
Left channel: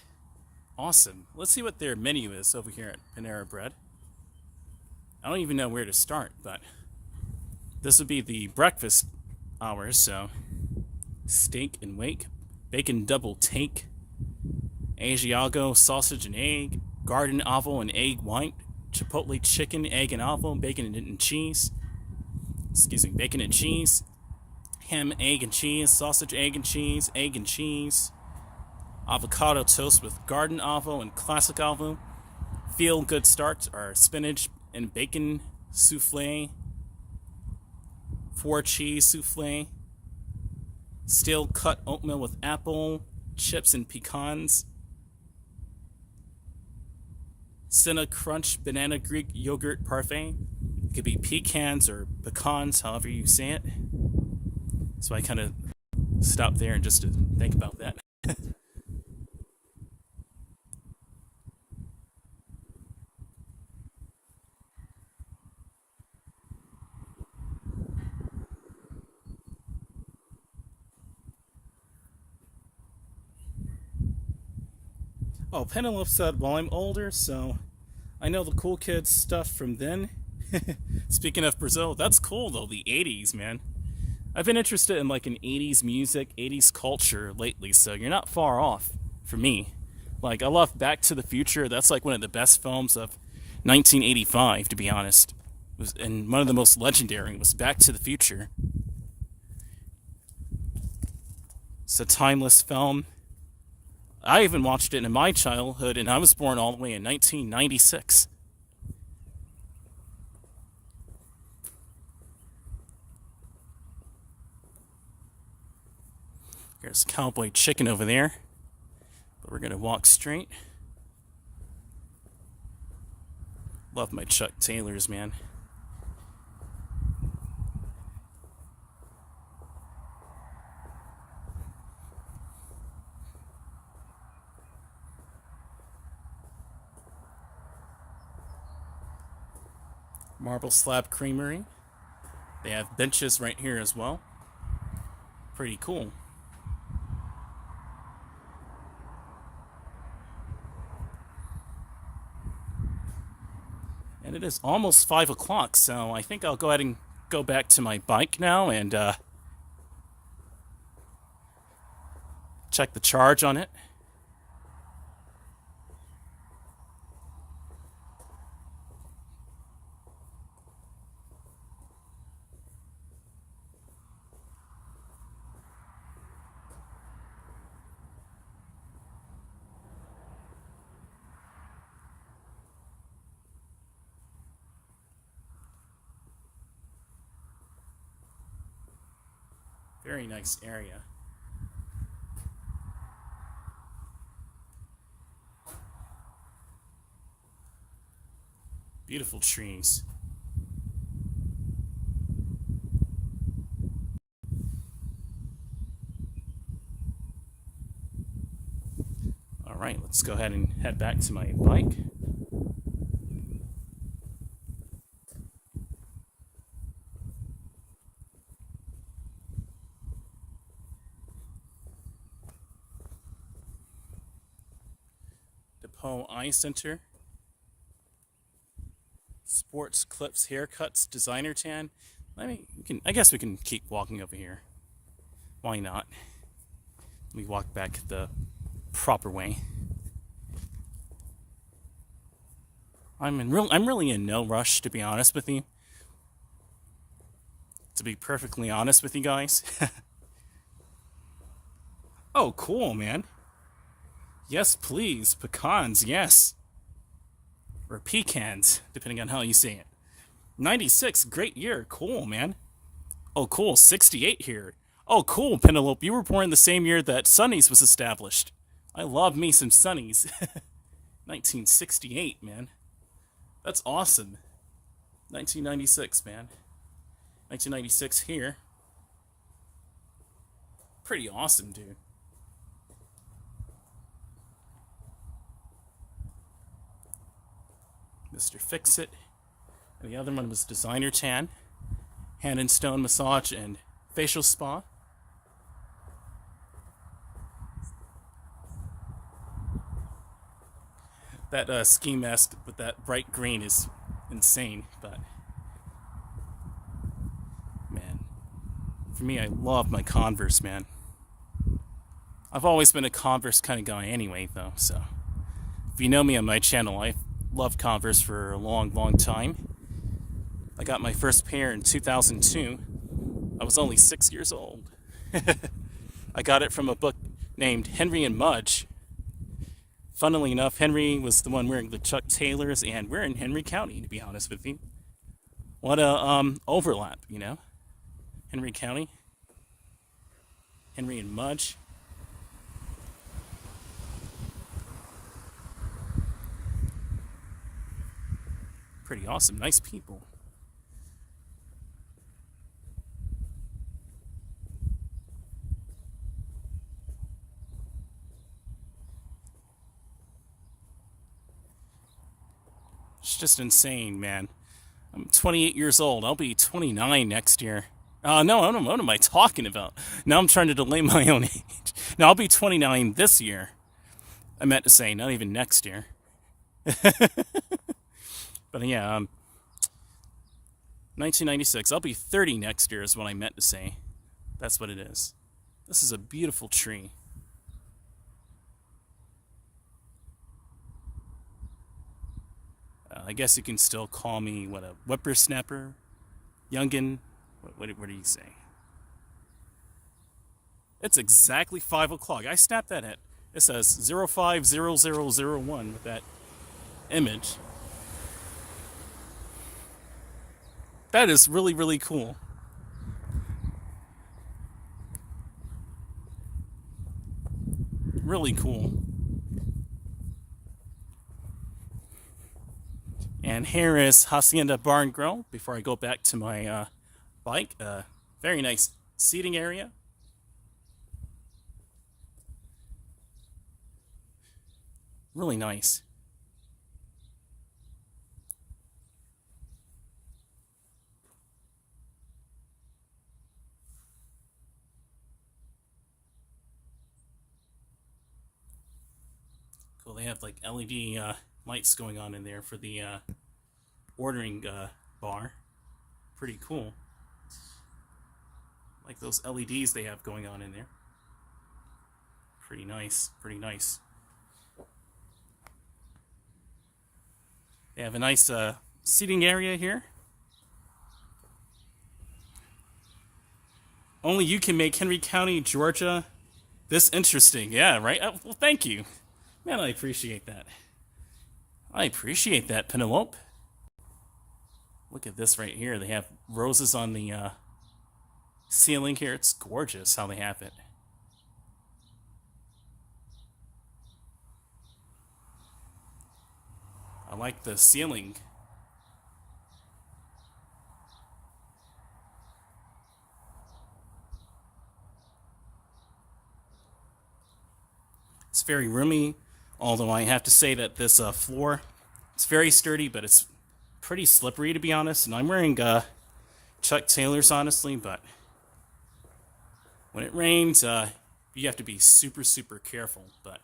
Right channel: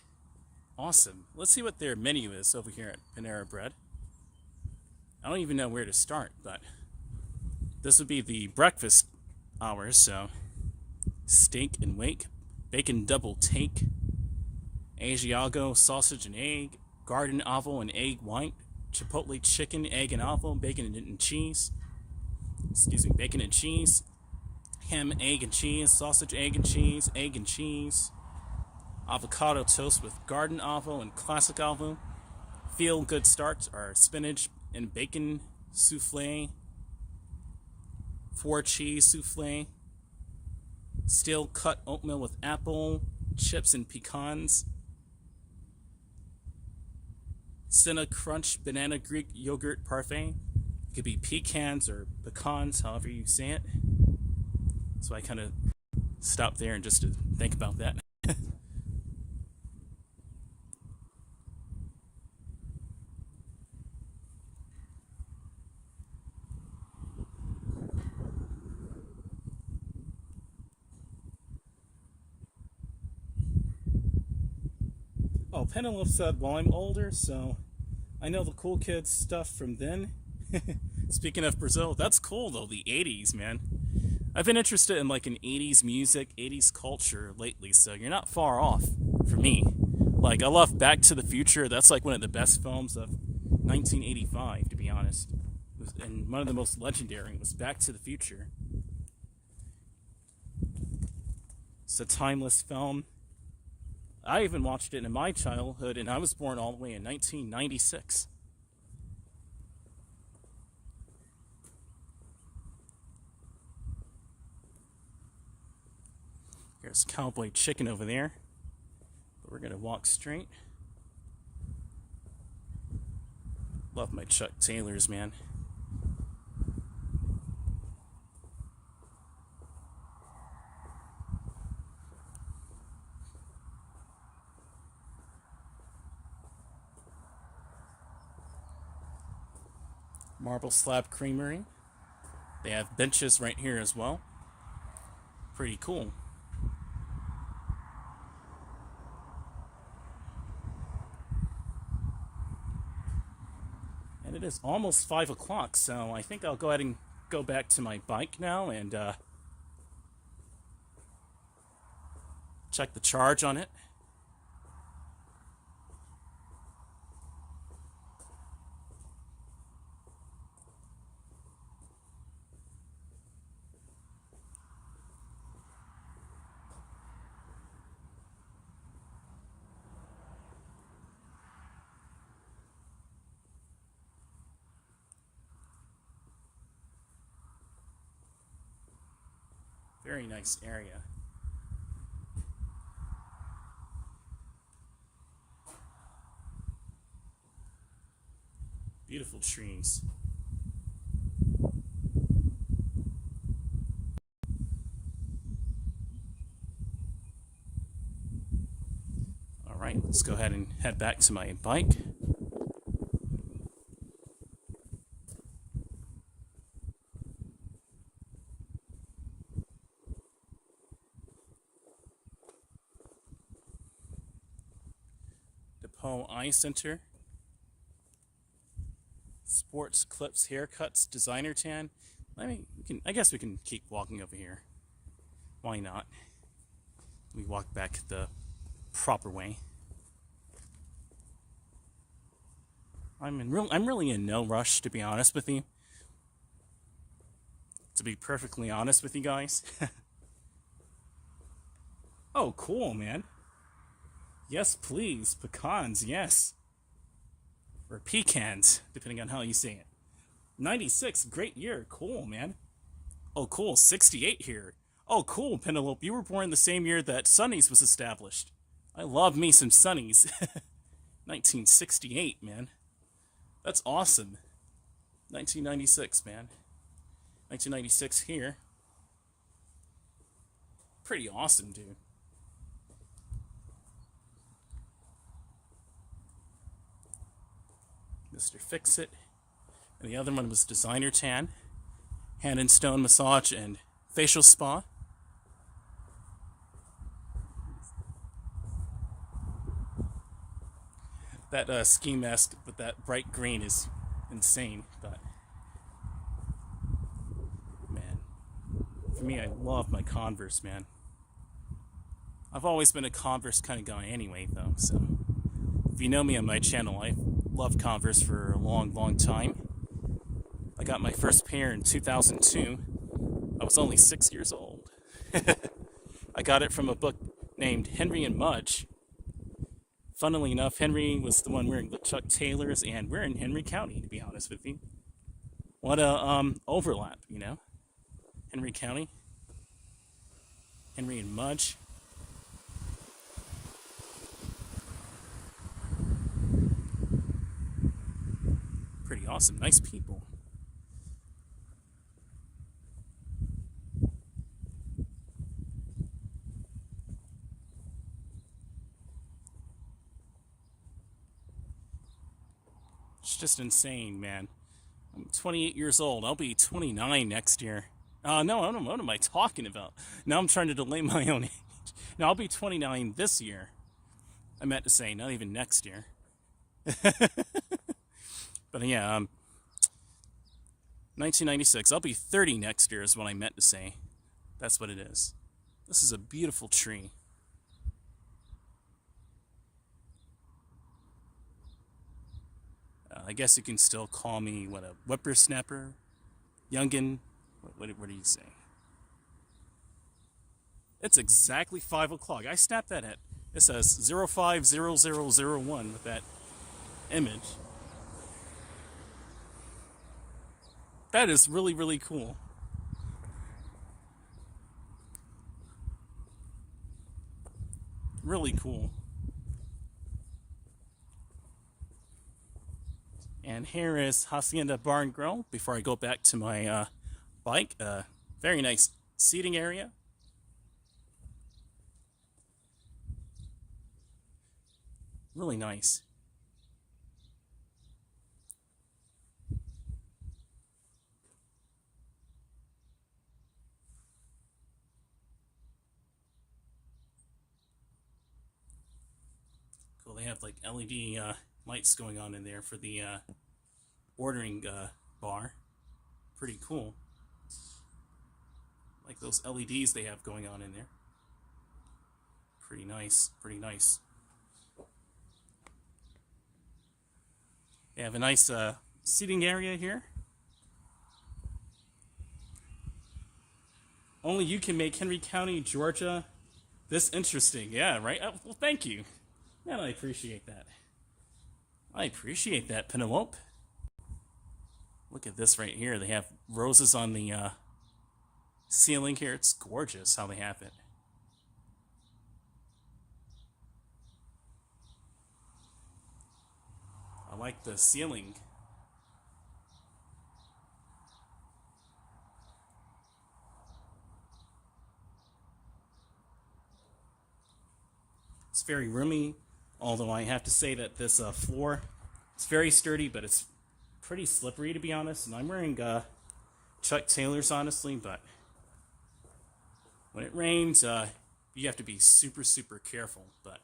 Awesome. Let's see what their menu is over here at Panera Bread. I don't even know where to start, but this would be the breakfast hours, so steak and wake, bacon double take, Asiago sausage and egg, garden oval and egg white, chipotle chicken, egg and oval, bacon and cheese, bacon and cheese, ham, egg and cheese, sausage, egg and cheese, avocado toast with garden oval and classic oval. Feel good starts are spinach and bacon souffle, 4 cheese souffle, steel cut oatmeal with apple, chips and pecans, Cinna Crunch banana Greek yogurt parfait. It could be pecans or pecans, however you say it. So I kind of stopped there and just to think about that. Oh, Penelope said, well, I'm older, so I know the cool kids stuff from then. Speaking of Brazil, that's cool, though, the 80s, man. I've been interested in, like, an 80s music, 80s culture lately, so you're not far off for me. Like, I love Back to the Future. That's, like, one of the best films of 1985, to be honest. And one of the most legendary was Back to the Future. It's a timeless film. I even watched it in my childhood, and I was born all the way in 1996. There's Cowboy Chicken over there. But we're going to walk straight. Love my Chuck Taylors, man. Marble Slab Creamery. They have benches right here as well. Pretty cool. And it is almost 5 o'clock, so I think I'll go ahead and go back to my bike now and check the charge on it. Very nice area. Beautiful trees. All right, let's go ahead and head back to my bike. DePaul Eye Center. Sports Clips Haircuts Designer Tan. I guess we can keep walking over here. Why not? We walk back the proper way. I'm really in no rush, to be honest with you. To be perfectly honest with you guys. Oh, cool, man. Yes, please. Pecans, yes. Or pecans, depending on how you say it. 96, great year. Cool, man. Oh, cool. 68 here. Oh, cool, Penelope. You were born the same year that Sunny's was established. I love me some Sunny's. 1968, man. That's awesome. 1996, man. 1996 here. Pretty awesome, dude. Mr. Fix-It. And the other one was Designer Tan. Hand and Stone Massage and Facial Spa. That ski mask with that bright green is insane, but man, for me, I love my Converse, man. I've always been a Converse kind of guy anyway, though, so if you know me on my channel, I love Converse for a long time. I got my first pair in 2002. I was only 6 years old. I got it from a book named Henry and Mudge. Funnily enough, Henry was the one wearing the Chuck Taylors, and we're in Henry County, to be honest with you. What a overlap, you know? Henry County. Henry and Mudge. Pretty awesome. Nice people. It's just insane, man. I'm 28 years old. I'll be 29 next year. No, what am I talking about? Now I'm trying to delay my own age. No, I'll be 29 this year. I meant to say, not even next year. But yeah, 1996. I'll be 30 next year is what I meant to say. That's what it is. This is a beautiful tree. I guess you can still call me, what, a whippersnapper? Youngin? What do you say? It's exactly 5 o'clock. I snapped that at. It says 050001 with that image. That is really, really cool. Really cool. And here is Hacienda Bar and Grill before I go back to my bike. Very nice seating area. Really nice. Cool, they have like LED lights going on in there for the ordering bar. Pretty cool. Like those LEDs they have going on in there. Pretty nice, pretty nice. They have a nice seating area here. Only you can make Henry County, Georgia this interesting. Yeah, right? Well, thank you. Man, I appreciate that. I appreciate that, Penelope. Look at this right here. They have roses on the ceiling here. It's gorgeous how they have it. I like the ceiling. It's very roomy, although I have to say that this floor, it's very sturdy, but it's pretty slippery to be honest. And I'm wearing Chuck Taylors, honestly, but when it rains, you have to be super, super careful. But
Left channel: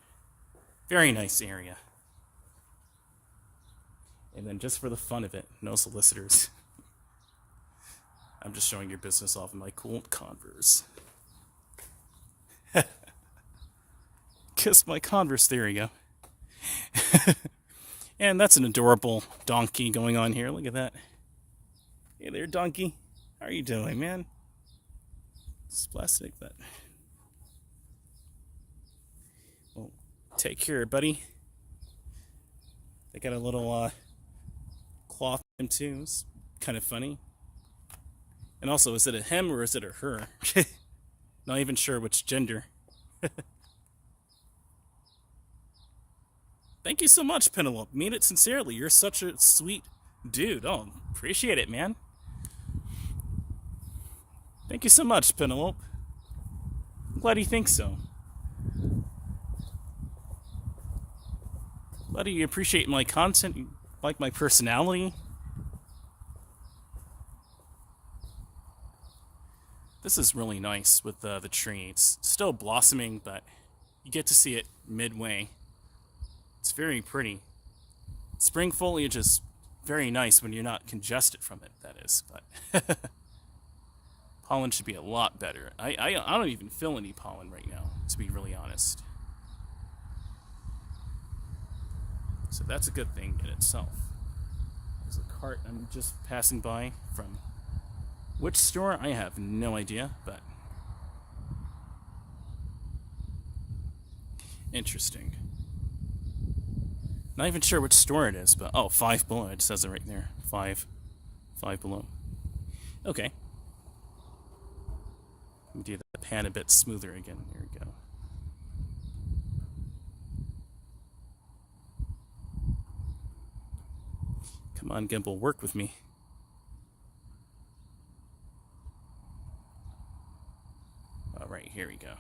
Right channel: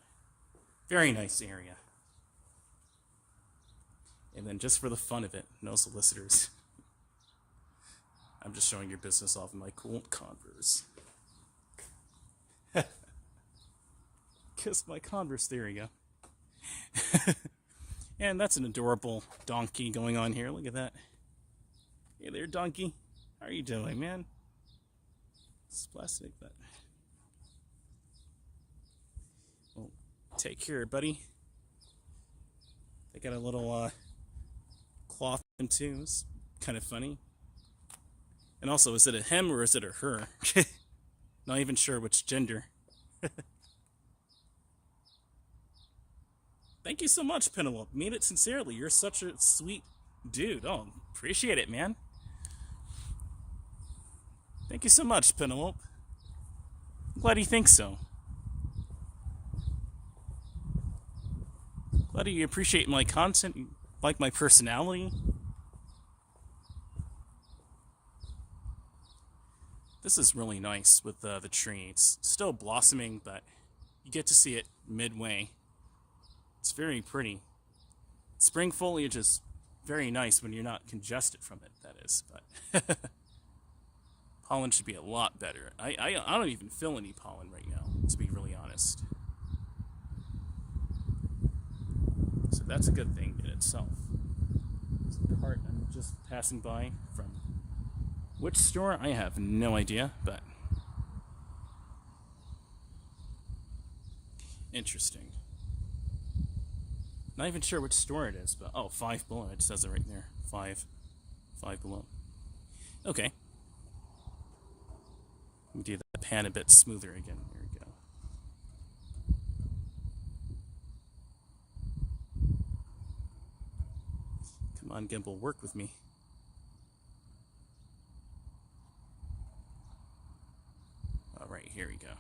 very nice area. And then just for the fun of it, no solicitors. I'm just showing your business off in my cool Converse. Kiss my Converse, there you go. And that's an adorable donkey going on here. Look at that. Hey there, donkey. How are you doing, man? It's plastic, but... Well, take care, buddy. They got a little cloth in too. It's kind of funny. And also, is it a him or is it a her? Not even sure which gender. Thank you so much, Penelope. Mean it sincerely. You're such a sweet dude. Oh, appreciate it, man. Thank you so much, Penelope. I'm glad you think so. Glad you appreciate my content. You like my personality. This is really nice with the tree. It's still blossoming, but you get to see it midway. It's very pretty. Spring foliage is very nice when you're not congested from it, that is. But pollen should be a lot better. I don't even feel any pollen right now, to be really honest. So that's a good thing in itself. There's a cart I'm just passing by from which store? I have no idea, but interesting. Not even sure which store it is, but oh, Five Below. It says it right there. Five Below. Okay. Let me do the pan a bit smoother again. Here we go. Come on, Gimbal, work with me. All right, here we go.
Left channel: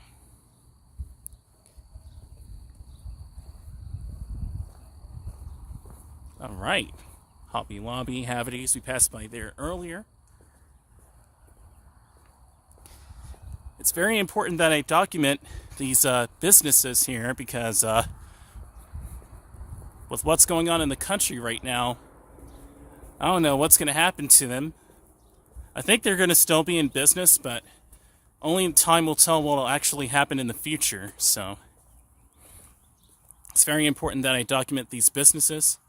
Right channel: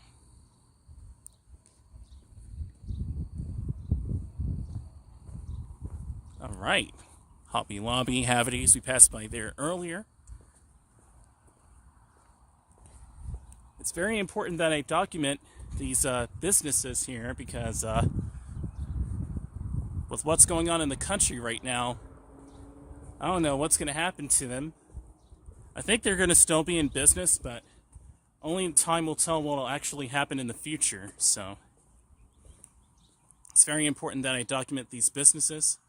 All right, Hobby Lobby, Havities, we passed by there earlier. It's very important that I document these businesses here because with what's going on in the country right now, I don't know what's going to happen to them. I think they're going to still be in business, but only time will tell what will actually happen in the future. So it's very important that I document these businesses.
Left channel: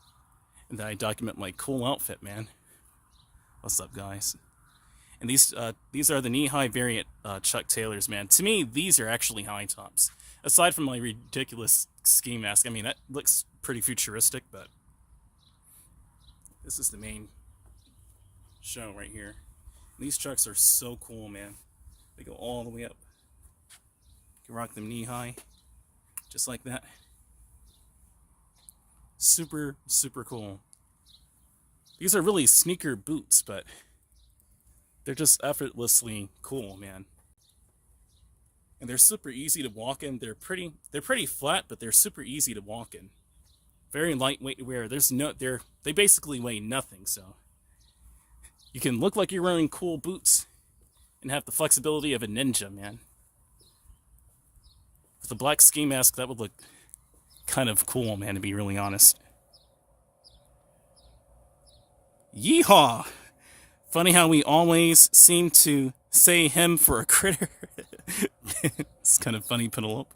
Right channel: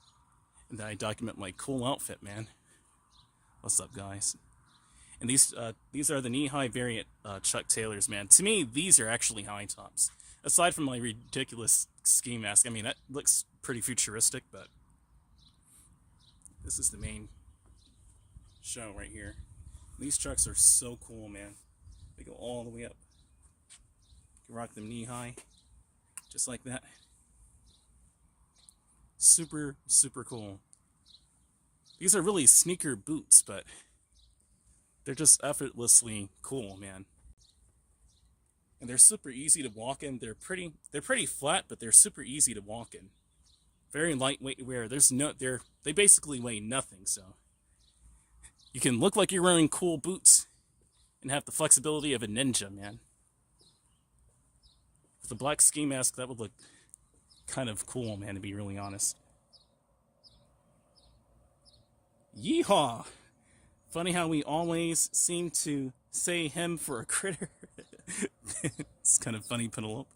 And that I document my cool outfit, man. What's up, guys? And these are the knee-high variant Chuck Taylors, man. To me, these are actually high tops. Aside from my ridiculous ski mask, I mean, that looks pretty futuristic, but this is the main show right here. And these Chucks are so cool, man. They go all the way up. You can rock them knee-high, just like that. Super, super cool. These are really sneaker boots, but they're just effortlessly cool, man. And they're super easy to walk in. They're pretty flat, but they're super easy to walk in. Very lightweight to wear. They basically weigh nothing, so you can look like you're wearing cool boots and have the flexibility of a ninja, man. With a black ski mask, that would look kind of cool, man, to be really honest. Yeehaw! Funny how we always seem to say him for a critter. It's kind of funny, Penelope.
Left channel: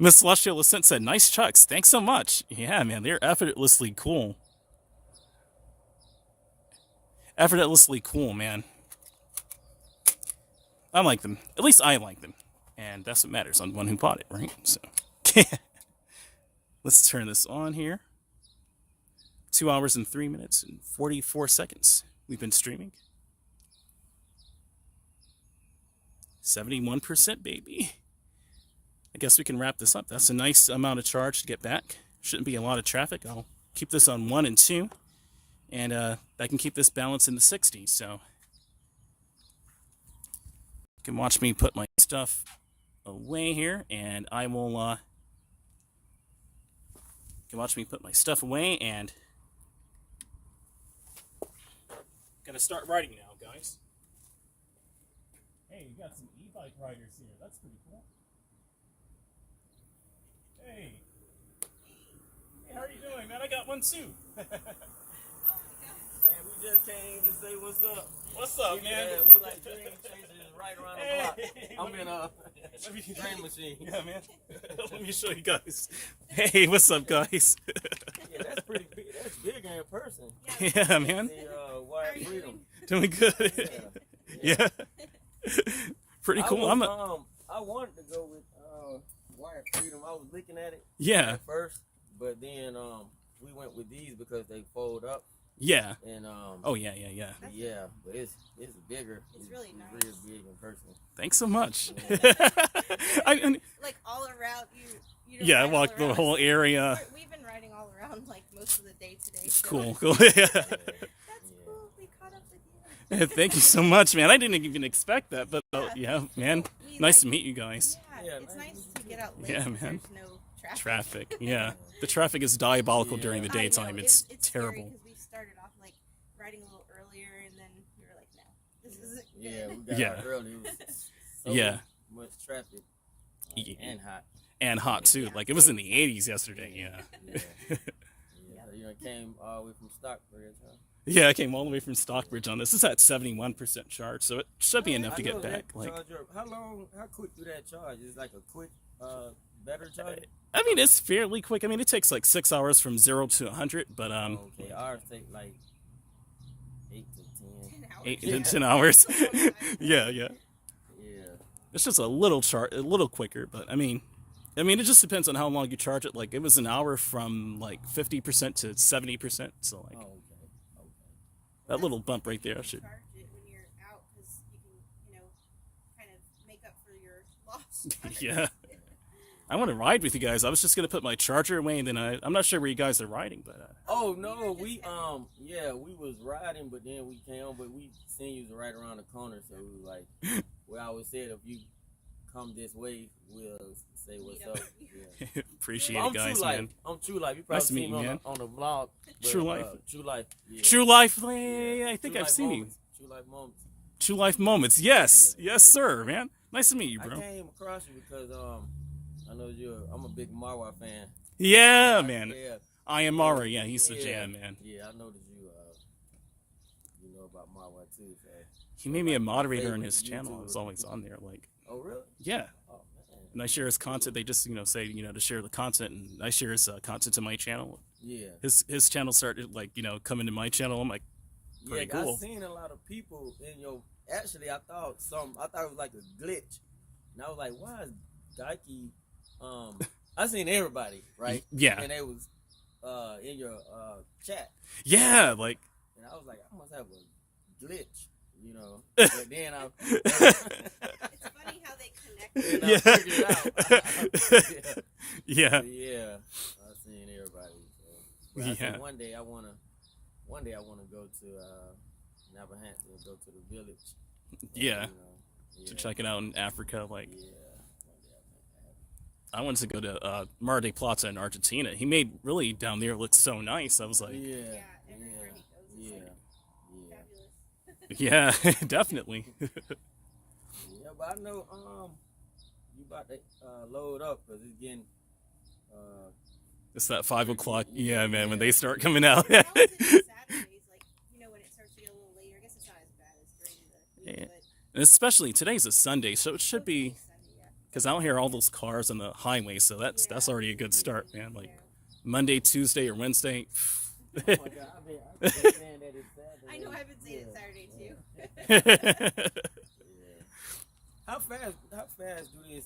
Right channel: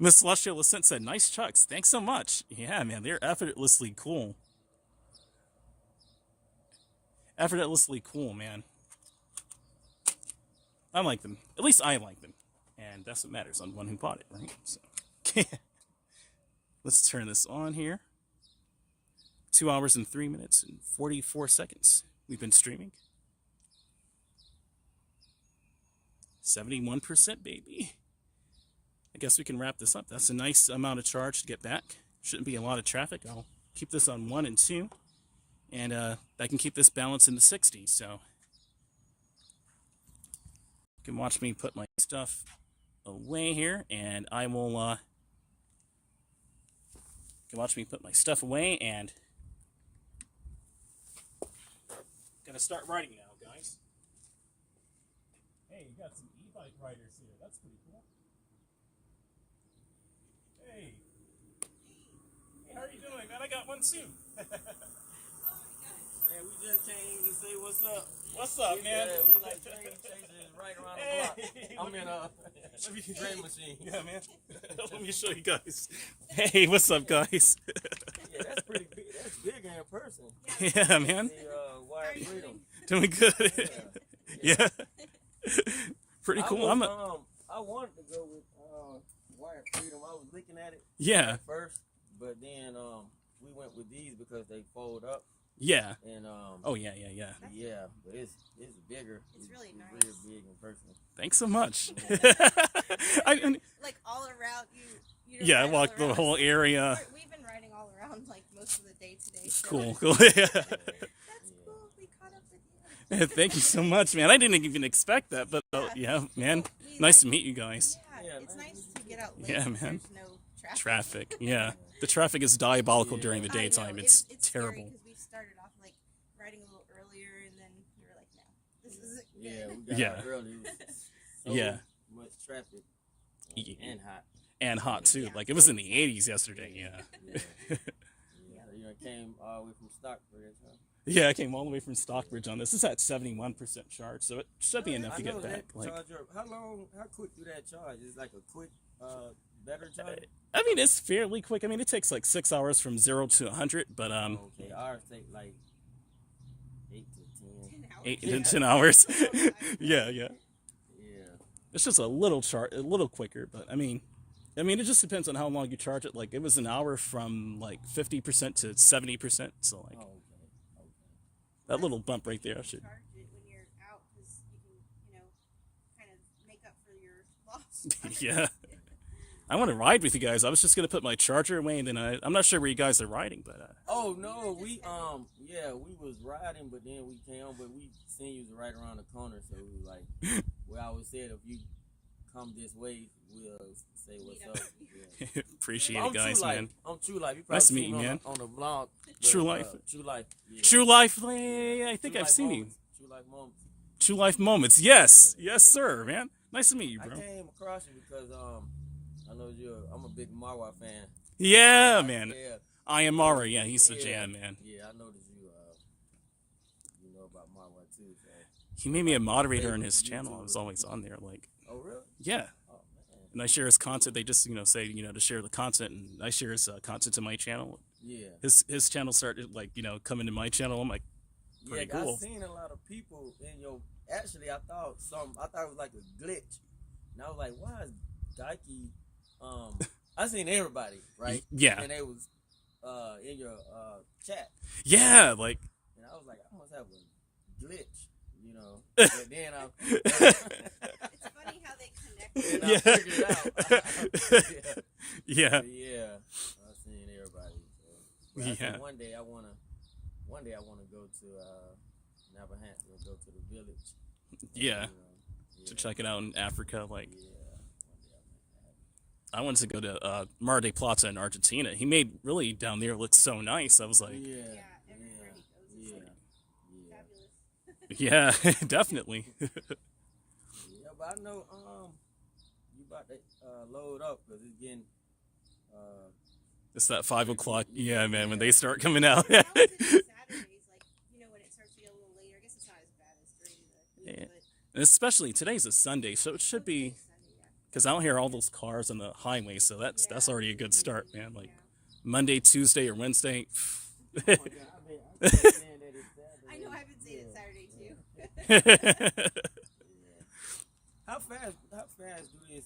Miss Celestial Ascent said, nice Chucks. Thanks so much. Yeah, man, they're effortlessly cool. Effortlessly cool, man. I like them. At least I like them. And that's what matters. I'm the one who bought it, right? So, let's turn this on here. 2 hours and 3 minutes and 44 seconds we've been streaming. 71%, baby. I guess we can wrap this up. That's a nice amount of charge to get back. Shouldn't be a lot of traffic. I'll keep this on 1 and 2. And I can keep this balance in the 60s. So you can watch me put my stuff away here. And I will... you can watch me put my stuff away. And gonna start riding now, guys. Hey, you got some e-bike riders here. That's pretty cool. Hey. Hey, how are you doing, man? I got one too. Hey, we just came to say what's up. What's up, man? Yeah, we like dream chasers right around the block. I'm in a DreamMachine. Yeah, man. Let me show you guys. Hey, what's up, guys? Yeah, that's pretty big. That's bigger in person. Yeah, man. The Wire Freedom. Doing good. Yeah. Pretty cool. I wanted to go with Wire Freedom. I was looking at it at first, but then we went with these because they fold up. Yeah. And oh yeah. Yeah, but it's bigger. It's really nice. Real big in person. Thanks so much. Like all around you. Yeah, I walked the whole area. We've been riding all around like most of the day today. So. Cool. That's cool. We caught up with you. Thank you so much, man. I didn't even expect that, but yeah, man. Nice to meet you guys. Yeah, it's nice to get out late. Yeah, man. There's no Traffic. Yeah. The traffic is diabolical during the daytime. It's terrible. We started off like riding a little earlier, and then we were like, no, this isn't good. Yeah, we got out early. It was so much traffic and hot. And hot too. Like it was in the 80s yesterday. Yeah. You know, came all the way from Stockbridge, huh? Yeah, I came all the way from Stockbridge on this. This is at 71% charge, so it should be enough to get back. Like, how quick do that charge? Is it like a quick, better charge? I mean, it's fairly quick. I mean, it takes like 6 hours from 0 to 100, but okay, ours take like 8 to 10. 8 to 10 hours. Yeah. Yeah. It's just a little quicker, but I mean, it just depends on how long you charge it. Like, it was an hour from like 50% to 70%, so like. Okay. That little bump right there should. Charge it when you're out because you can, kind of make up for your loss. Yeah. I want to ride with you guys. I was just gonna put my charger away, and then I'm not sure where you guys are riding, but. Oh no, we was riding, but then we came on, but we seen you was right around the corner, so we was like, well, I always said if you come this way, we'll say what's up. Yeah. Appreciate it, guys, man. I'm True Life. You probably seen me on the vlog. But, True Life. True Life. Yeah. True Life. I think I've seen you. True Life Moments. True Life Moments. Yes. Yes, sir, man. Nice to meet you, bro. I came across you because I know I'm a big Marwa fan. Yeah, man. Yeah. I am Mara. Yeah, he's the jam, man. Yeah, I know that you know about Marwa too. So. He made me a moderator on his channel. I was always on there, like. Oh really? Yeah. Oh man. And I share his content. They just say to share the content, and I share his content to my channel. Yeah. His channel started coming to my channel. I'm like, pretty cool. I've seen a lot of people in your. Actually, I thought it was like a glitch, and I was like, why is Daiki? I seen everybody, right? Yeah. And it was in your chat. Yeah, like. And I was like, I must have a glitch, But then It's funny how they connect. I figured it out. Yeah. Yeah. I've seen everybody. So. I think one day I wanna go to Navahansett and go to the village. Yeah. To check it out in Africa, like. Yeah. I wanted to go to Mar del Plata in Argentina. He made really down there look so nice. I was like, everywhere he goes, fabulous. Yeah, definitely. Yeah, but I know you about to load up because it's getting. It's that 5 o'clock. Yeah, man, when they start coming out. Saturdays, when it starts to get a little later, I guess it's not as bad as during the week, but And especially today's a Sunday, so it should be. Because I don't hear all those cars on the highway, so that's already a good start, man. Like Monday, Tuesday, or Wednesday. Oh my God, I've been saying that it's Saturday. I know I've been saying it Saturday too. How fast do this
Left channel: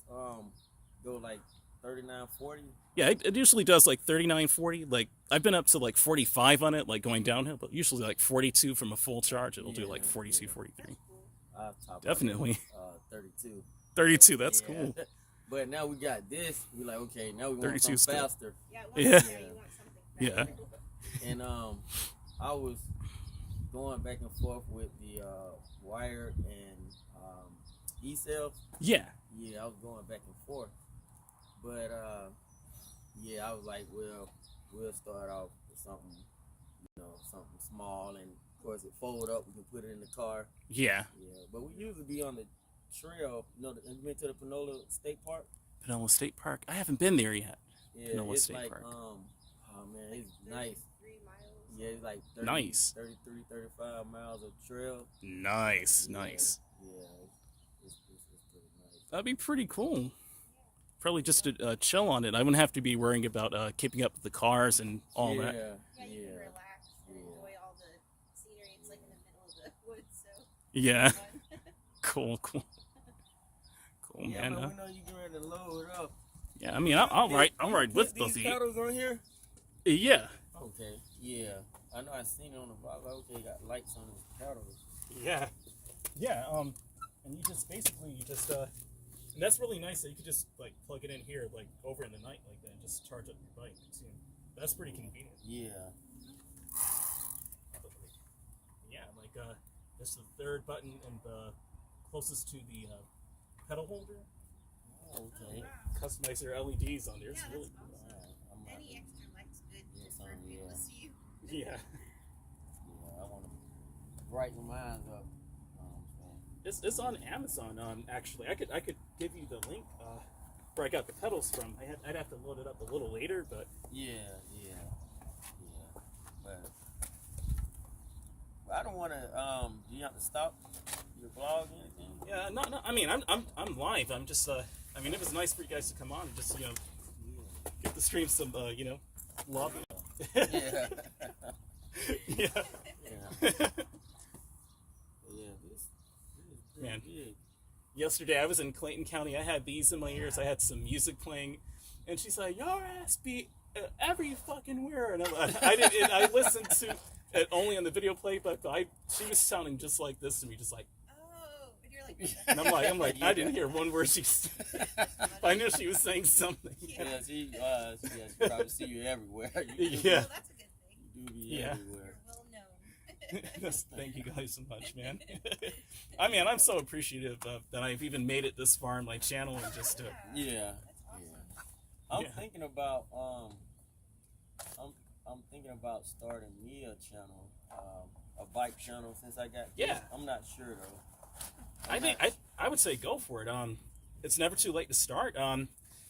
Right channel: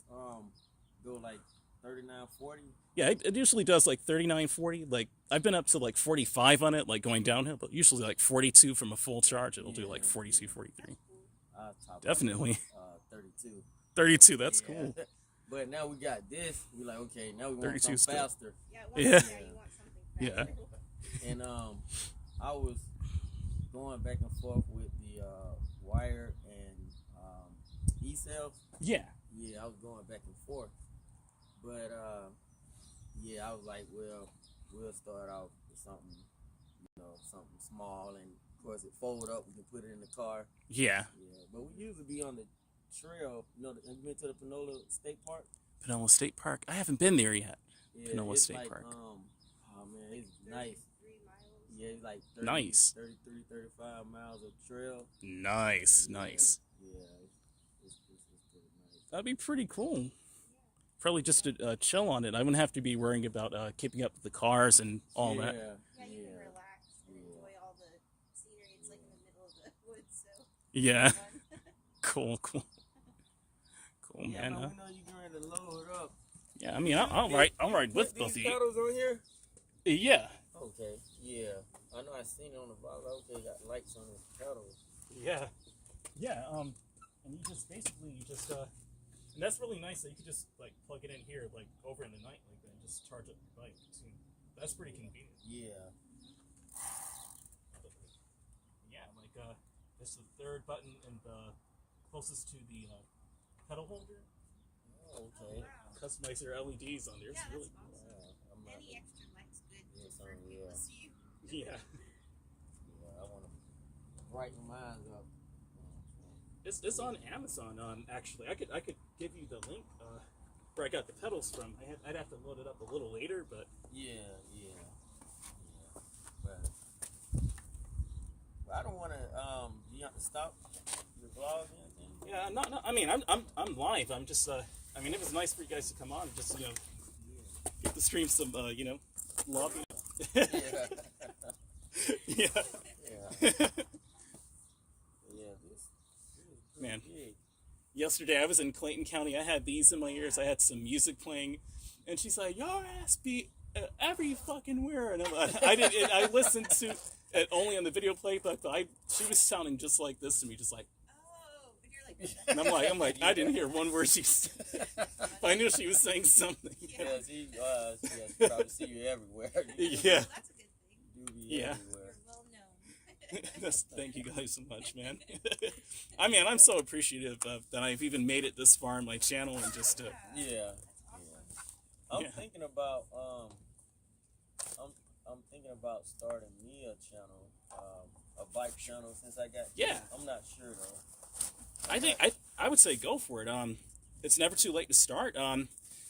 go, like 39, 40? Yeah, it usually does like 39, 40. Like I've been up to like 45 on it, like going downhill, but usually like 42 from a full charge. It'll do like 42, 43. I'll top Definitely. 32. 32. That's Yeah. cool. But now we got this. We like, okay, now we want 32 something still. faster. Yeah, Yeah. you want something Yeah. faster. And I was going back and forth with the wired and e-cells. Yeah. Yeah, I was going back and forth. But yeah, I was like, well, we'll start off with something, something small, and of course it fold up. We can put it in the car. Yeah. Yeah, but we usually be on the trail. Have you been to the Panola State Park? Panola State Park. I haven't been there yet. Yeah, Panola it's State like Park. oh man, it's nice. 3 miles. Yeah, it's like 30, Nice. 33, 35 miles of trail. Nice. Yeah, Nice. Yeah, it's pretty nice. That'd be pretty cool. Probably just to chill on it. I wouldn't have to be worrying about keeping up with the cars and all that. Yeah, you can relax and enjoy all the scenery. It's like in the middle of the woods, so Yeah. it's fun. Cool. Cool, Yeah, man. man, we know you getting ready to load up. Yeah. I mean, I'll ride with Put both of these you. pedals on here? Yeah. Okay, yeah. I know I seen it on the vlog. Okay, got lights on his pedals. Yeah. Yeah. And you just and that's really nice that you could just like plug it in here, like over in the night like that, and just charge up your bike too. That's pretty convenient. Yeah. Yeah, like just the third button and the closest to the pedal holder. Oh, okay. Customize your LEDs on there. It's Yeah, really that's cool. Wow, I'm not, Any extra light's good Yeah, just so, for people yeah. to see you. Yeah. yeah, I want to brighten mine up. It's on Amazon. Actually, I could give you the link where I got the pedals from. I'd have to load it up a little later, but Yeah. But I don't want to. Do you have to stop your vlog or anything? yeah, no. I mean, I'm live. I'm just. I mean, it was nice for you guys to come on and just get the stream some love. Yeah. Yeah. Yeah. This is Man. big. Yesterday I was in Clayton County. I had these in my ears. I had some music playing, and she's like, "Your ass be every fucking where." And I didn't. And I listened to it only on the video play, but she was sounding just like this to me, just like. Oh, and you're like, And I'm like, I didn't hear one word she said. I knew she was saying something. Yeah, she probably see you everywhere. You do Yeah. well, that's a good thing. You do be Yeah. everywhere. You're well known. Thank you guys so much, man. I mean, I'm so appreciative that I've even made it this far in my channel and just Yeah. That's awesome. I'm Yeah. thinking about I'm thinking about starting me a channel, a bike channel since I got Yeah. kids. I'm not sure though. I think I would say go for it. It's never too late to start.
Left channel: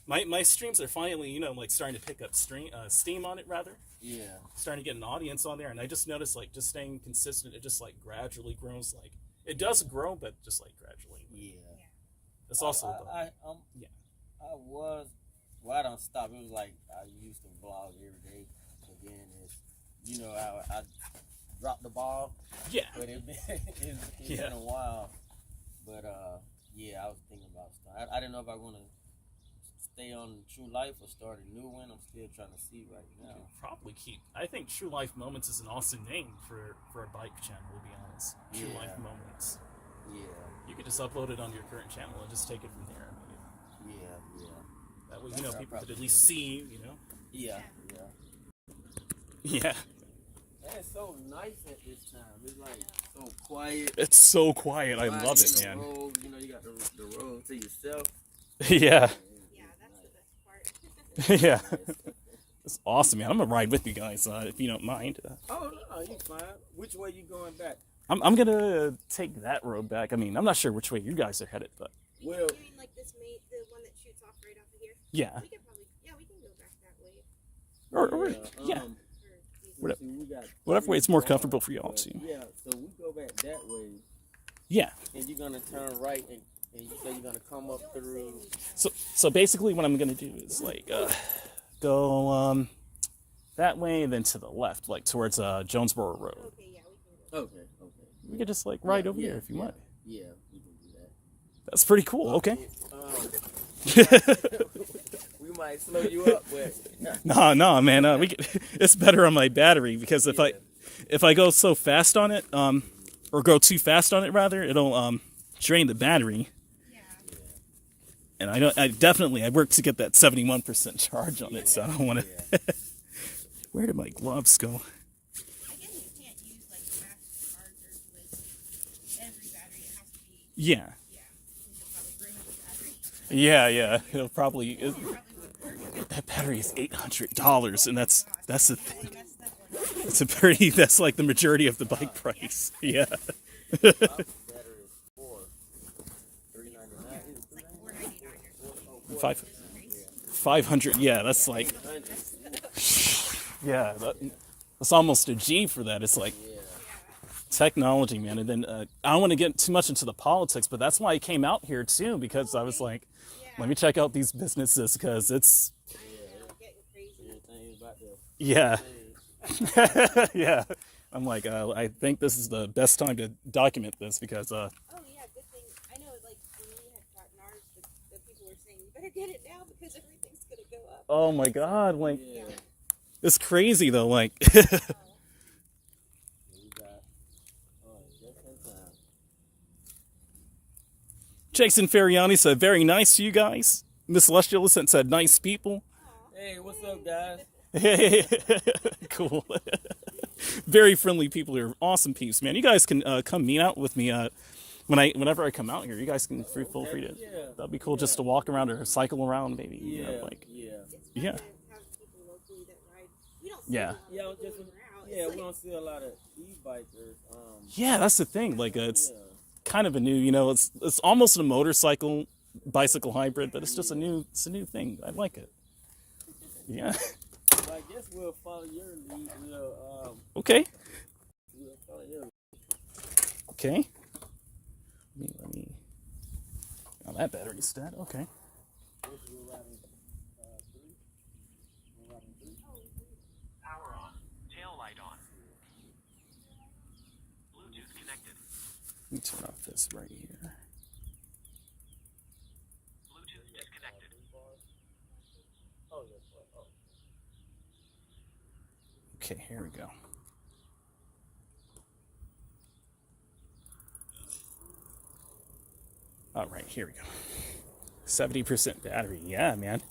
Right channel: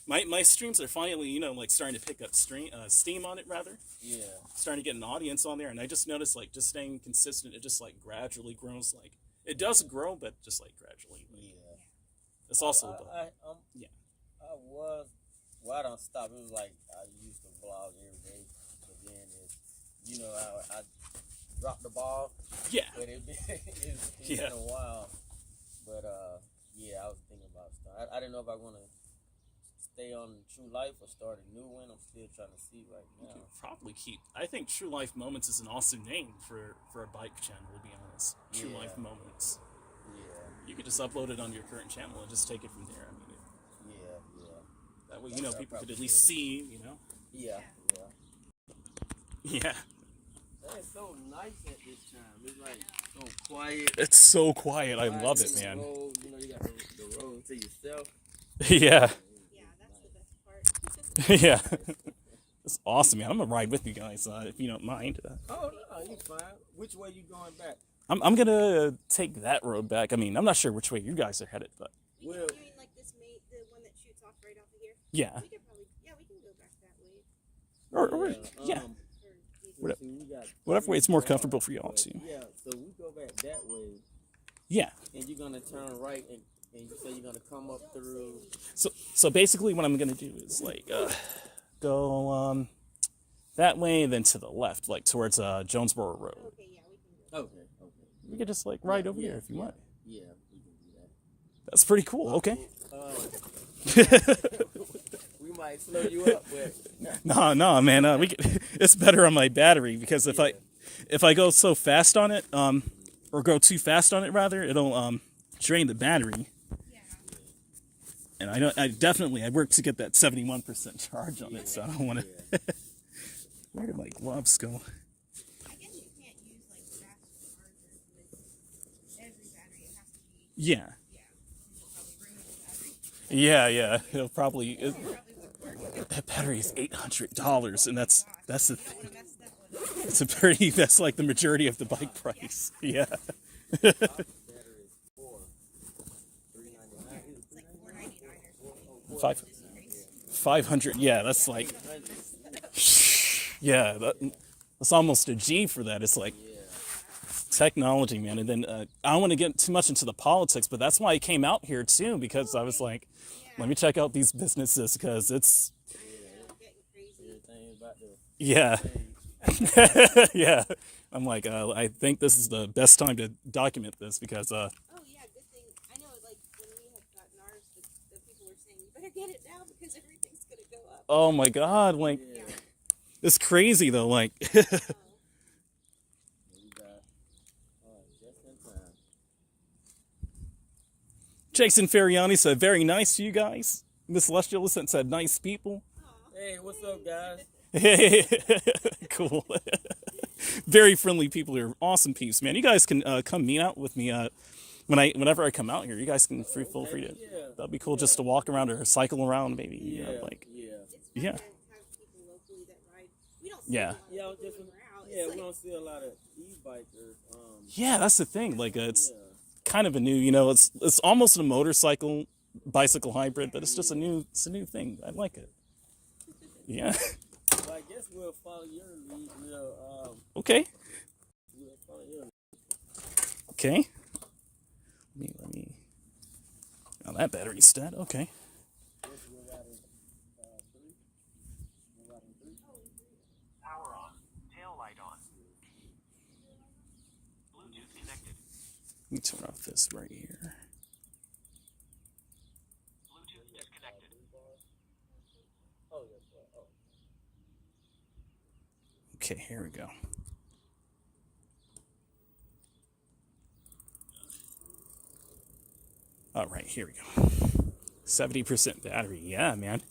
My streams are finally like starting to pick up steam on it rather. Yeah. Starting to get an audience on there, and I just noticed like just staying consistent, it just like gradually grows. Like it does grow, but just like gradually. Yeah. It's also I don't stop. It was like I used to vlog every day, but then I dropped the ball. yeah. But it's Yeah. been a while. But yeah, I was thinking about stuff. I didn't know if I want to stay on True Life or start a new one. I'm still trying to see right now. Probably keep. I think True Life Moments is an awesome name for a bike channel. To be honest, True Yeah. Life Moments. Yeah, You could just upload it on your current channel and just take it from there. I mean, yeah. that way That's what I people could probably at least do. see. Yeah. Yeah. Man, it's so nice at this time. It's like so quiet. It's so quiet. I love it, The man. road, you got the road to yourself. Yeah. Yeah, that's the best part. Yeah. It's awesome, man. I'm gonna ride with you guys if you don't mind. Oh no, you fine. Which way you going back? I'm gonna take that road back. I mean, I'm not sure which way you guys are headed, but Well, You mean like this the one that shoots off right off of here? yeah. We could probably, we can go back that way. Or yeah. Or Whatever- see, we got Whatever way it's more three comfortable cars, for y'all but too. Yeah, so we go back that way, Yeah. and you're gonna turn right, and you say you're gonna come up through. So basically, what I'm gonna do is like go that way, and then to the left, like towards Jonesboro Road. okay, yeah, we can go. Okay. We could just like ride over Yeah, here if you want. Yeah, we can do that. That's pretty cool. Okay. We might slow you up, but No, man. We could, it's better on my battery because if I go so fast on it, or go too fast on it rather, it'll drain the battery. Yeah. And I work to get that 71% charge on it, so I don't want to. Where did my gloves go? I guess you can't use like fast chargers with every battery. It has to be. Yeah. Yeah. You'll probably bring up the battery. Yeah. It'll probably. It probably wouldn't work. That battery is $800, and that's the thing. Really messed up one. It's that's like the majority of the bike price. Yeah. Battery is for $399. It's like $499 or something. 500. Yeah, that's like. Yeah, that's almost a G for that. It's like technology, man. And then I don't want to get too much into the politics, but that's why I came out here too, because I was like, let me check out these businesses because it's. Everything is about to Yeah. Yeah. I'm like, I think this is the best time to document this because. Oh yeah, good thing. I know, like when we had gotten ours, the people were saying, "You better get it now because everything's gonna go up." Oh my God! Like, yeah. it's crazy though. Like, We got just in time. Jason Ferriani said, "Very nice to you guys." Miss Celestial said, "Nice people." Hey, what's up, guys? Cool. Very friendly people here. Awesome peeps, man. You guys can come meet out with me whenever I come out here. You guys can feel free to. That'd be cool just to walk around or cycle around, maybe. You know, like. Yeah. Have people locally that ride. We don't see Yeah. a lot of Yeah, people just, when we're out. yeah, It's we like, don't see a lot of e-bikers. Yeah, that's the thing. Like, it's kind of a new. You know, it's almost a motorcycle bicycle hybrid, but it's just a new thing. I like it. Yeah. So I guess we'll follow your lead. Okay. We'll follow your lead. Okay. Let me. Oh, that battery's dead. Okay. Power on. Tail light on. Bluetooth connected. Let me turn off this right here. Bluetooth disconnected. Okay, here we go. All right, here we go. 70% battery. Yeah, man.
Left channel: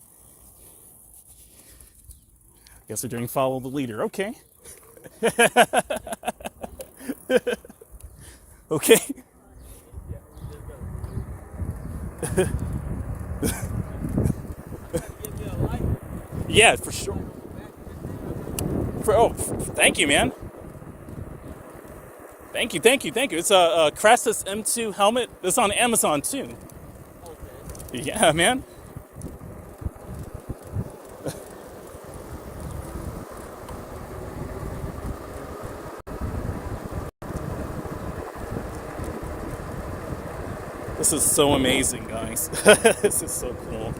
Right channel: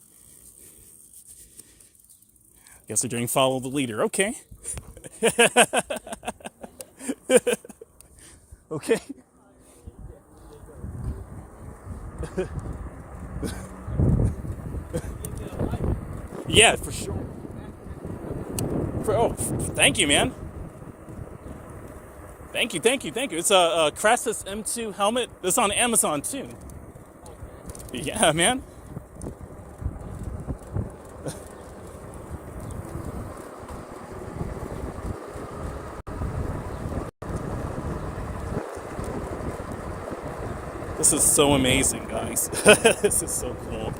Guess they're doing follow the leader. Okay. Okay. Yeah, for sure. Thank you, man. Thank you. It's a Crassus M2 helmet. It's on Amazon too. Yeah, man. This is so amazing, guys. This is so cool.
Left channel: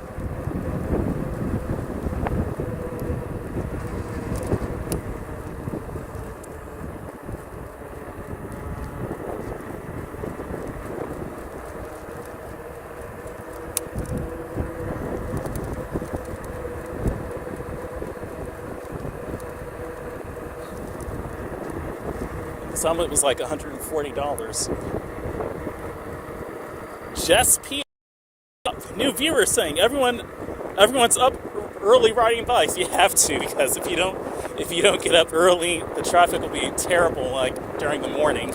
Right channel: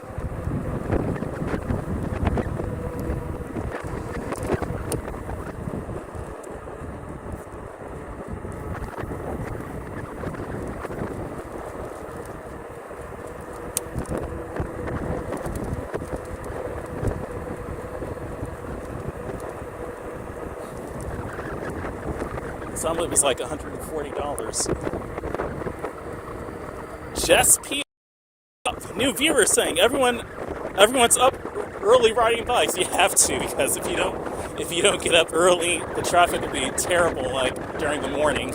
Some of it was like $140. Jess P. New viewer saying everyone's up early riding bikes. You have to, because if you don't get up early, the traffic will be terrible like during the morning.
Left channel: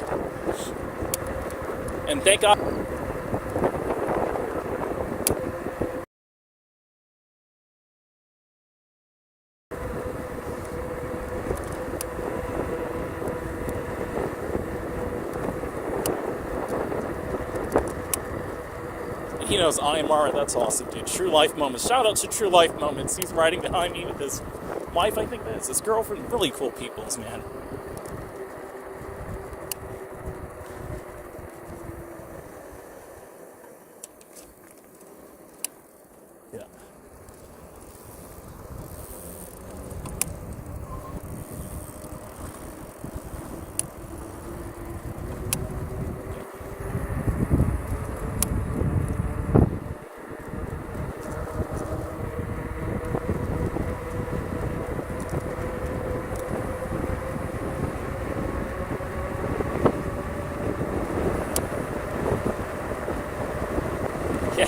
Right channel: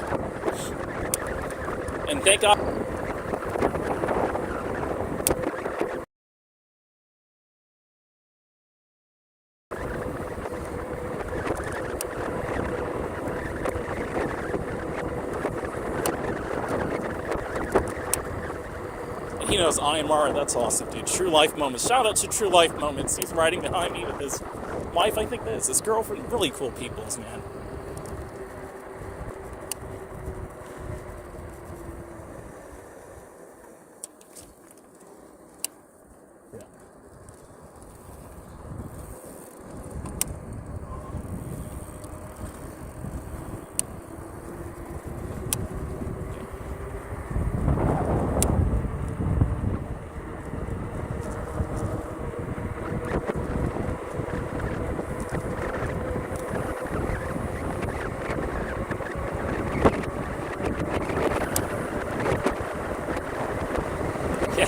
And thank God. He knows IMR, that's awesome, dude. True Life Moments. Shout out to True Life Moments. He's riding behind me with his wife, I think it is, his girlfriend. Really cool peoples, man. Yeah.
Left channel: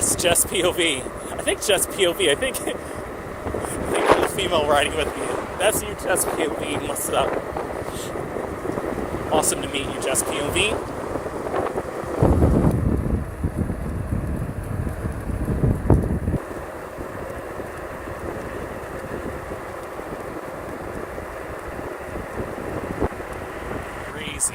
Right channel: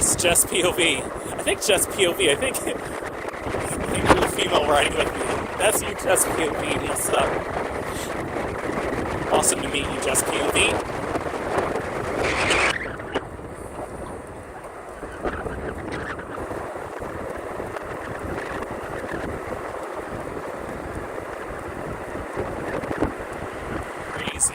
Yes, just POV. I think just POV. I think the female riding with me. That's you, just POV. What's up? Awesome to meet you, just POV. Crazy.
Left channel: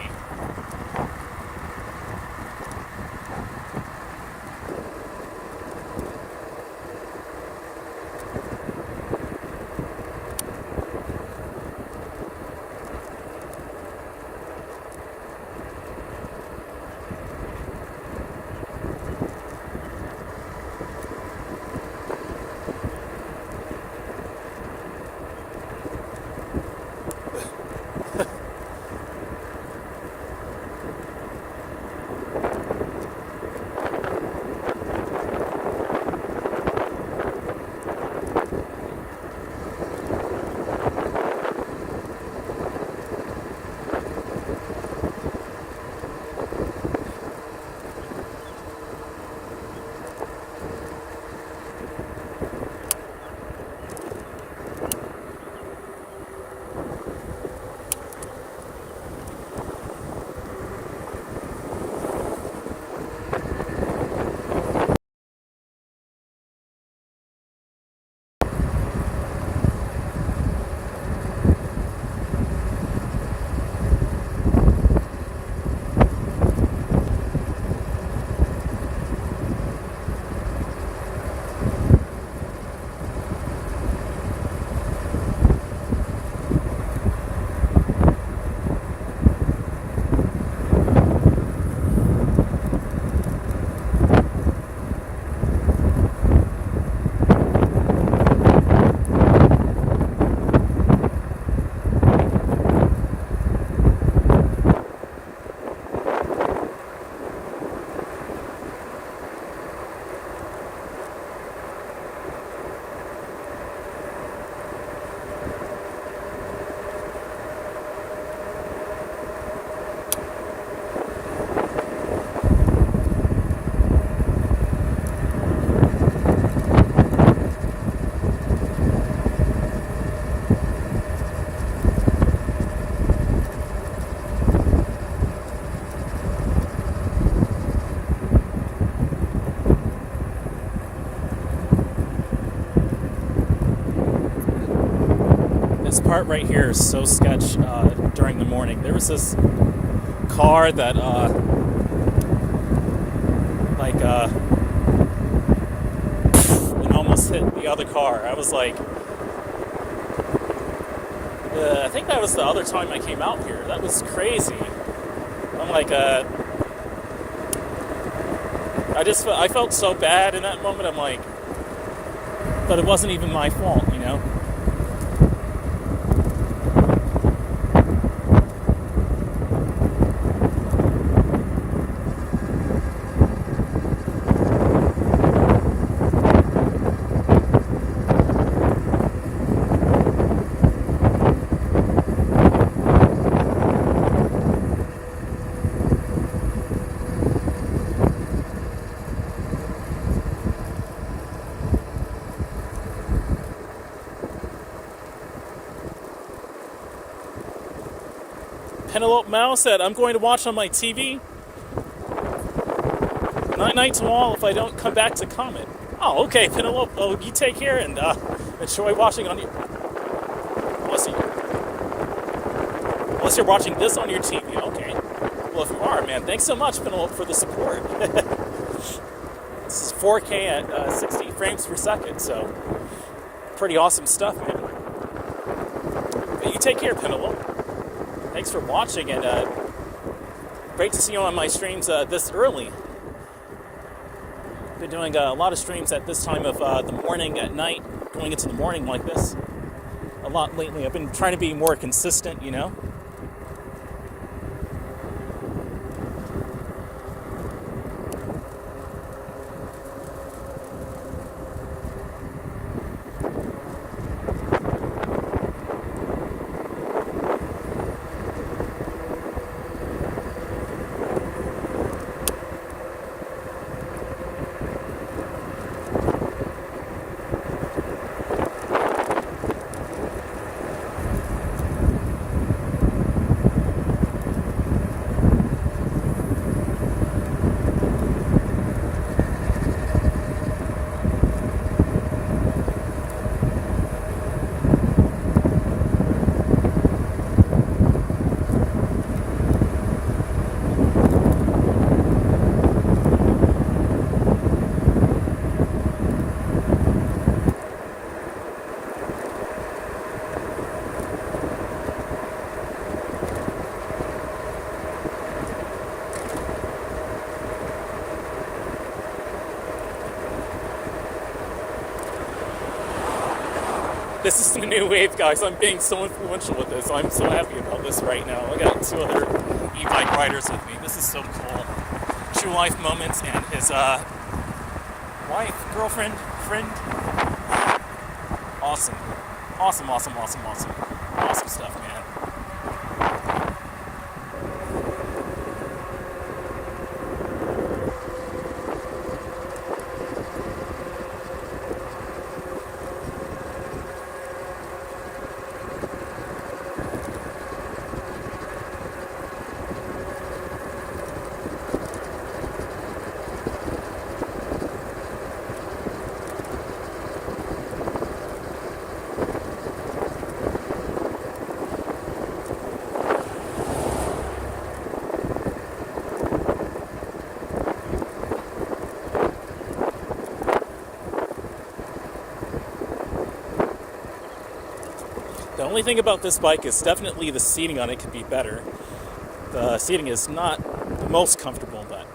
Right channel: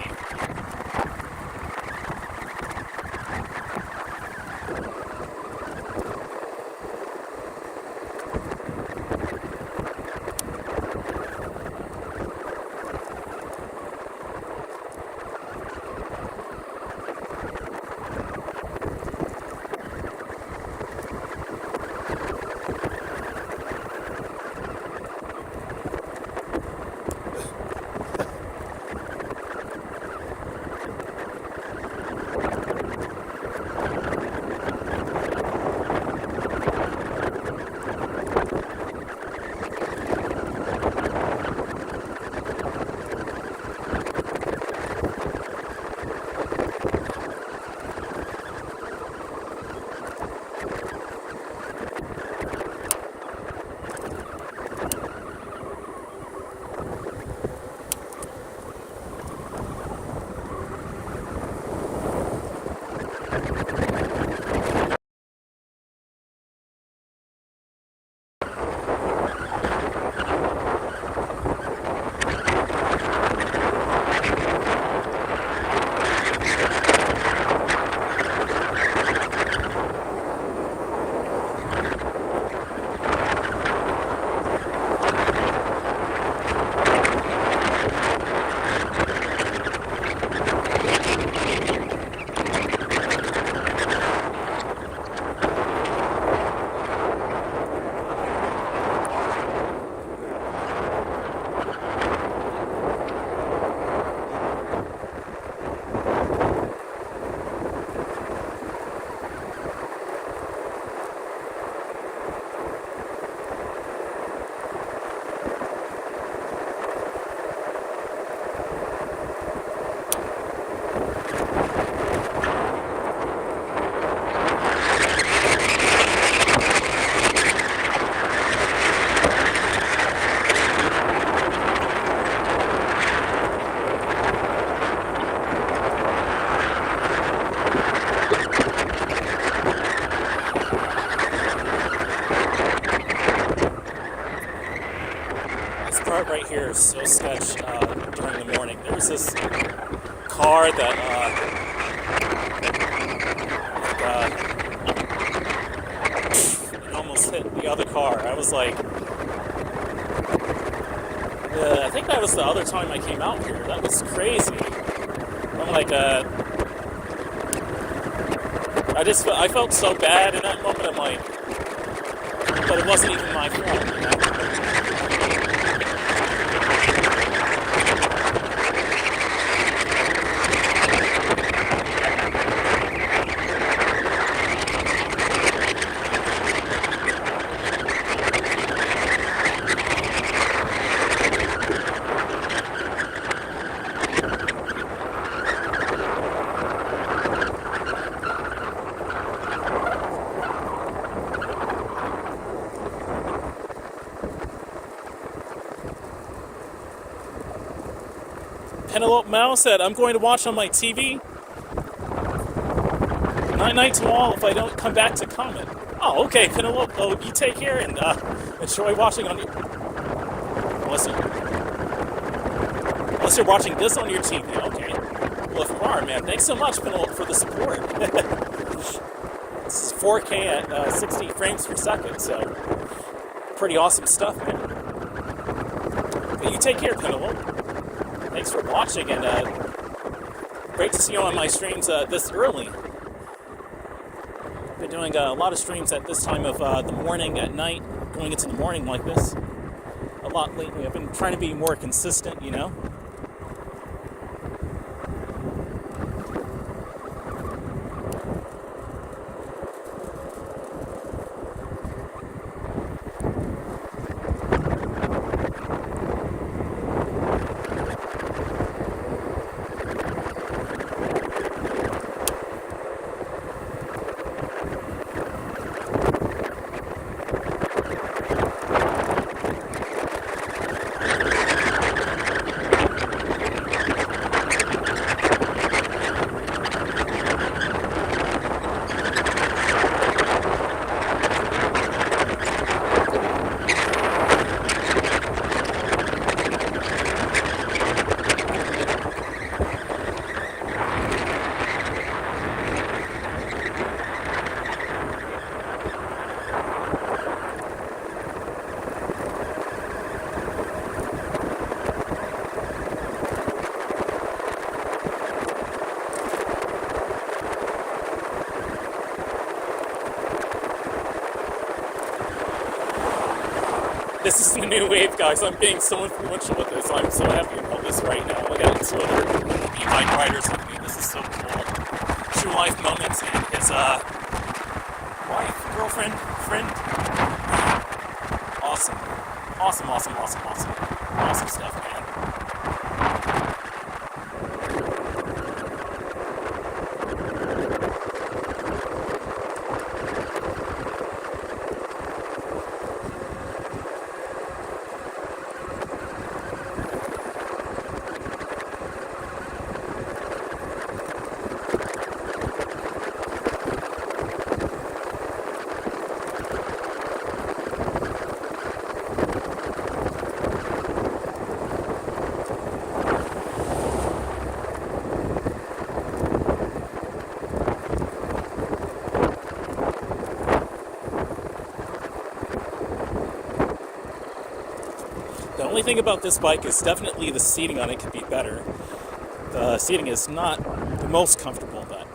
Part right here is so sketch during the morning. There was this car that it almost hit the other car. I was like, I think that was the other time I came out here. That was crazy. I'm like, I felt so bad in that moment. I'm like, but it wasn't even my fault, you know? Penelope Mao said, I'm going to watch on my TV. Night to all if I don't come back to comment. Oh, okay, Penelope. Oh, you take care and enjoy watching on your... Unless you're watching this on your TV, okay. Well, if you are, man, thanks so much, Penelope, for the support. This is 4K at 60 frames per second, so pretty awesome stuff, man. But you take care, Penelope. Thanks for watching, and great to see you on my streams this early. Been doing a lot of streams at this time of the morning, at night, going into the morning like this. A lot lately. I've been trying to be more consistent, you know. This is the new wave, guys. I'm being so influential with this. I'm so happy about this right now. I got 2 other e-bike riders with me. This is so cool. True life moments, and his wife, girlfriend, friend. Awesome. Awesome stuff, man. The only thing about this bike is definitely the seating on it could be better. The seating is not the most comfortable, but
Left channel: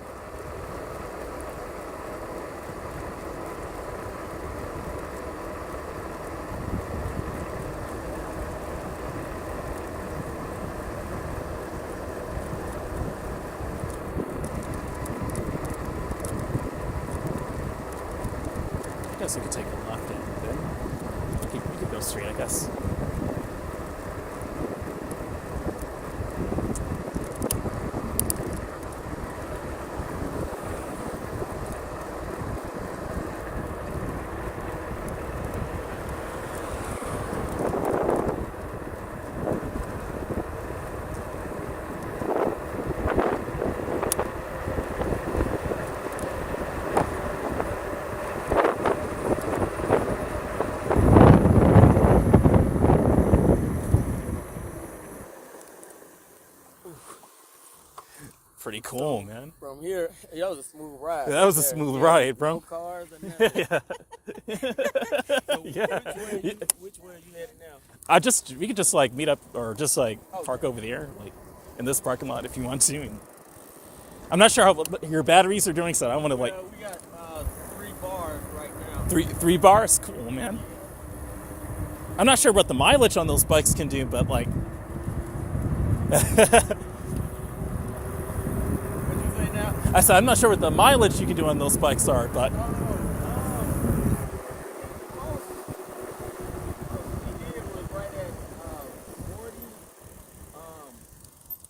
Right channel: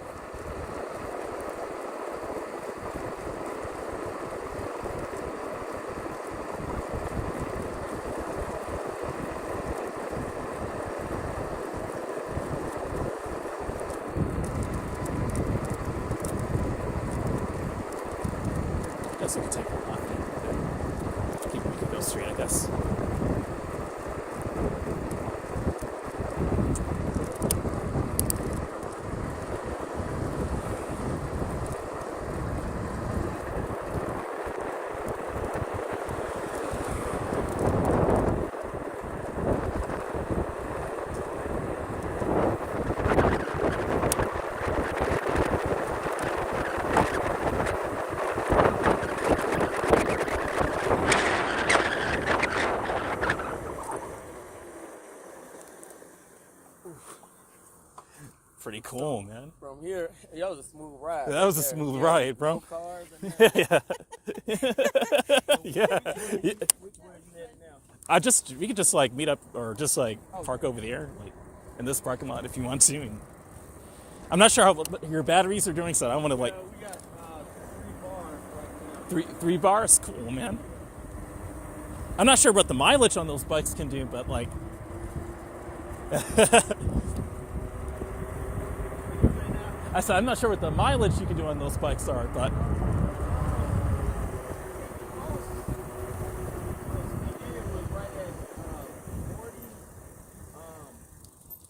I guess we could take a left. We could go straight, I guess. Pretty cool, man. From here, that was a smooth ride. That was a smooth ride, bro. No cars and that. Yeah. Which way are you headed now? We could just like meet up or just like park over there, like in this parking lot if you want to. And I'm not sure how your batteries are doing, so I don't want to like. We got 3 bars right now. Three bars, cool, man. I'm not sure what the mileage on those bikes can do, but like. I said I'm not sure what the mileage you can do on those bikes are, but.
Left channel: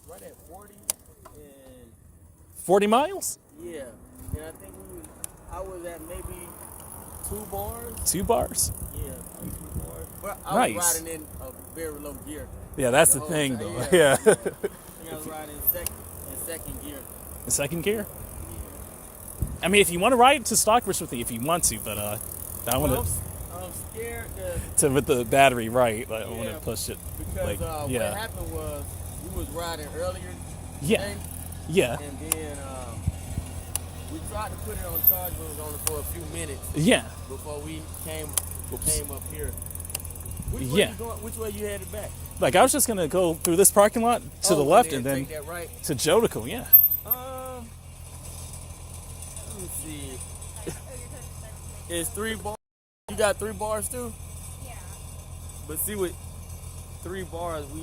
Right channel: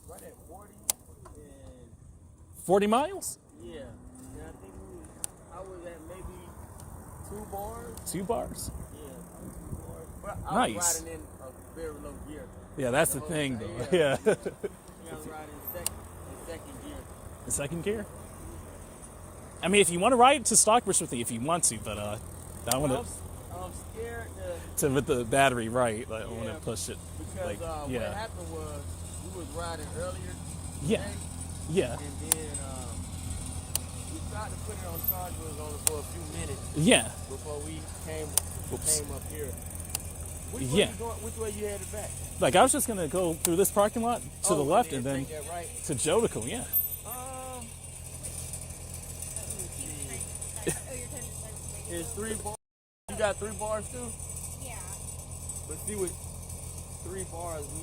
Right at 40 and 40 miles? yeah, and I think I was at maybe 2 bars. 2 bars. Yeah, 2 bars. But I Nice. was riding in a very low gear. Yeah, that's the whole thing, time, though. Yeah. I was riding in second gear. The second gear. I mean, if you want to ride to Stockbridge with me, if you want to, but I want I'm scared to with the battery, right? Like, I want to Yeah, push it. because Like, what yeah, happened was we was riding earlier yeah, today, yeah, and then we tried to put it on charge, but it was only for a few minutes yeah. before we came Oops. up here. Which Yeah. way you going, which way you headed back? Like I was just gonna go through this parking lot to the left and then take that right. to Jodico. Yeah. Let me see. It's 3 bars. You got 3 bars too? Yeah. But see, with 3 bars, we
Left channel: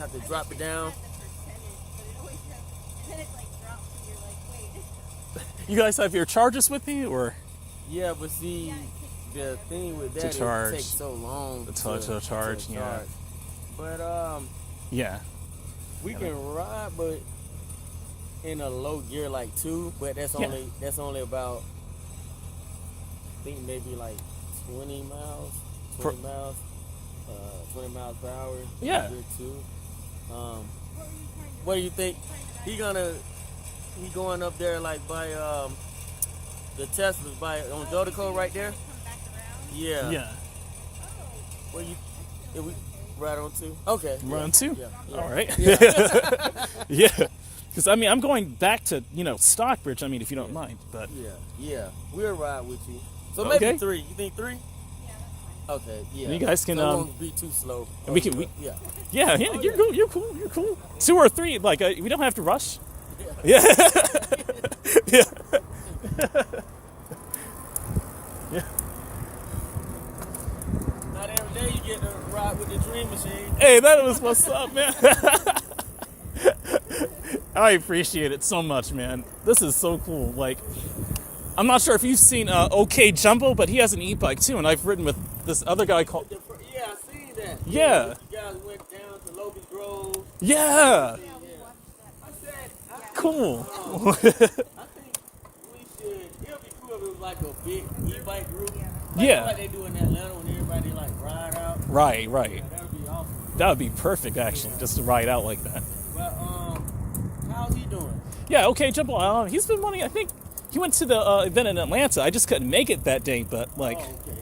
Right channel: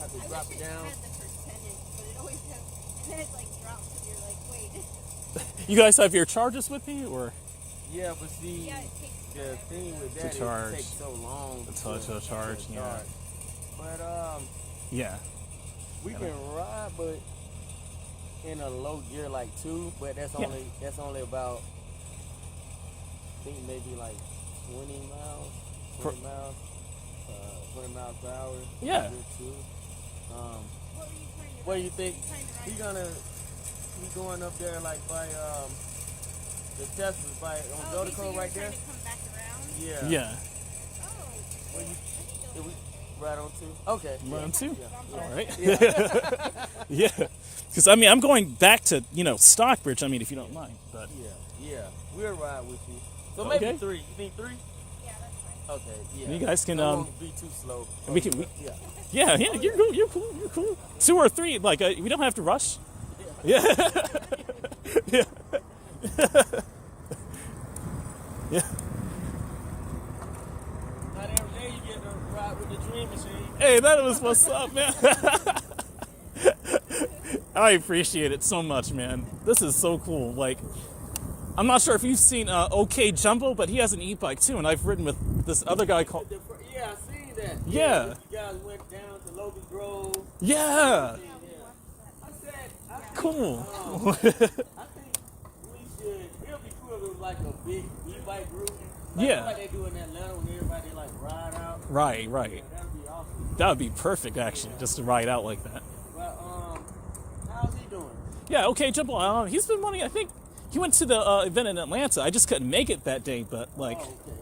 have to drop it down. Had the percentage, but it always has, and then it like drops, and you're like, wait. You guys have your charges with me, or Yeah, but see, Yeah, it takes the thing with To that, charge. it takes so long to charge, yeah. But yeah, we can ride, but in a low gear like 2, but that's Yeah. only about, I think maybe like 20 miles, For- 20 miles, 20 miles per hour. Yeah. Gear 2. What were you trying to What do you think? trying to ride? He going up there like by the Teslas by on Jodico right there? Come back around? Yeah. yeah. Oh, Where you? Did we ride on 2? Okay. Round 2. Yeah. All right. Yeah. Yeah. Because I mean, I'm going back to Stockbridge. I mean, if you don't mind, but Yeah. We'll ride with you. So Okay. maybe 3. You think 3? yeah, that's fine. Okay. Yeah. You guys can, So it won't be too slow. and we can- we- Yeah. yeah, you're cool. You're cool. You're cool. 2 or 3, like we don't have to rush. Yeah. Yeah. Not every day you get Hey, that was what's up, man. I appreciate it so much, man. This is so cool. Like, I'm not sure if you've seen OK Jumbo, but he has an e-bike too, and I've ridden with this other guy called. Yeah, I seen that. Yeah. You guys went down to Logan Grove. Yeah. I said, Cool. I think we should. It'll be cool if it was like a big e-bike group. Yeah. Like they do in Atlanta when everybody like ride out. Right. That would be awesome. That would be perfect, actually, just to ride out like that. But how's he doing? Yeah, OK Jumbo. He's been wanting. I think he went to the event in Atlanta. I just couldn't make it that day, but like. Oh, okay.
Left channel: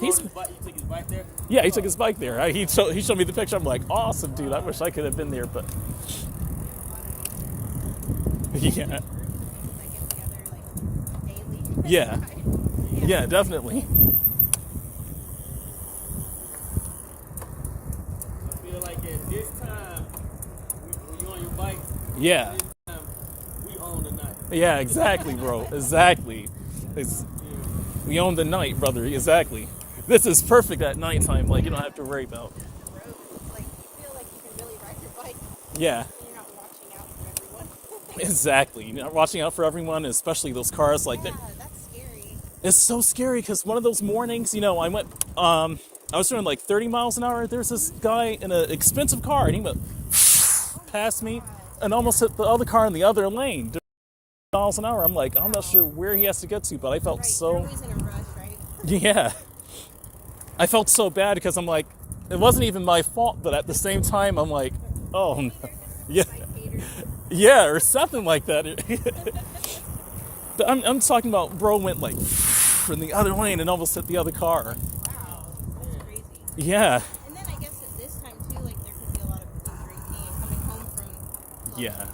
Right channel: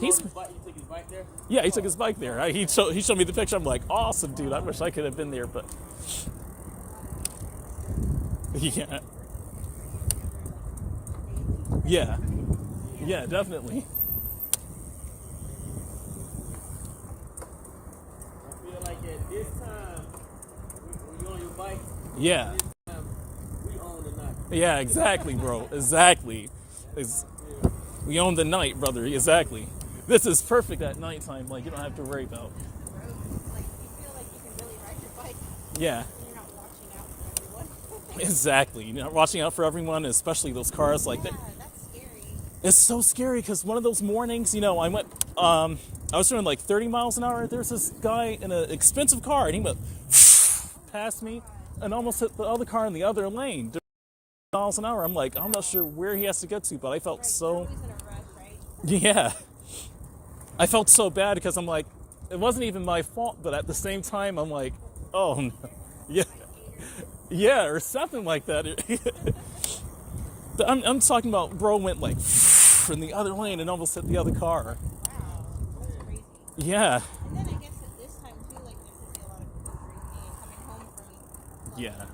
He's- You took his bike there? Yeah, he took his bike there. He showed me the picture. I'm like, awesome, dude. I wish I could have been there, but yeah, yeah, yeah, definitely. I feel like at this time, when you're on your bike, Yeah, this time, we own the night. yeah, exactly, bro. Exactly. We own the night, brother. Exactly. This is perfect at nighttime. Like, you don't have to worry about. Like, you feel like you can really ride your bike Yeah, and you're not watching out for everyone. exactly. You're not watching out for everyone, especially those cars. Like, Yeah, that's scary. it's so scary because one of those mornings, I was doing like 30 miles an hour. There's this guy in an expensive car, and he went past me and almost hit the other car in the other lane. Miles an hour. I'm like, I'm not sure where he has to get to, but I felt Right, so. you're always in a rush, right? Yeah. I felt so bad because I'm like, it wasn't even my fault, but at the same time, I'm like, oh no. Yeah. Yeah, or something like that. But I'm talking about bro went like in the other lane and almost hit the other car. Wow, that's crazy. Yeah. And then I guess at this time too, like there could be a lot of people drinking and coming home from Yeah.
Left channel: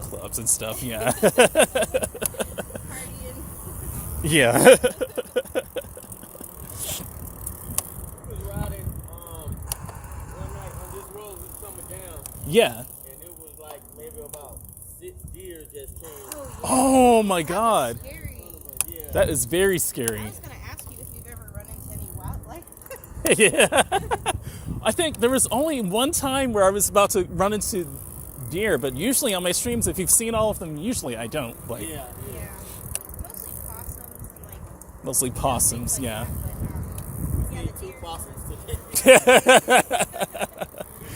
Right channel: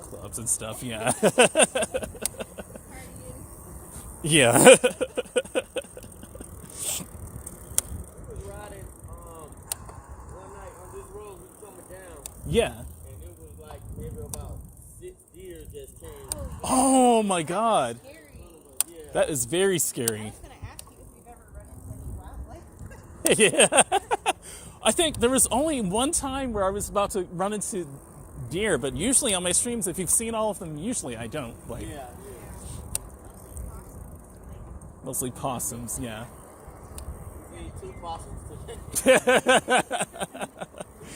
clubs and stuff. Who knows? Clubs and stuff, yeah. Partying. Yeah. I was riding one night on this road, we was coming down, Yeah. and it was like maybe about 6 deer just came. Oh my god. Scary. Yeah. That is very I scary. was gonna ask you if you've ever run into any wildlife. Yeah. I think there was only one time where I was about to run into deer, but usually on my streams, if you've seen all of them, usually I don't. Like, Yeah. Yeah. Mostly possums and mostly possums, yeah. like See 2 possums today.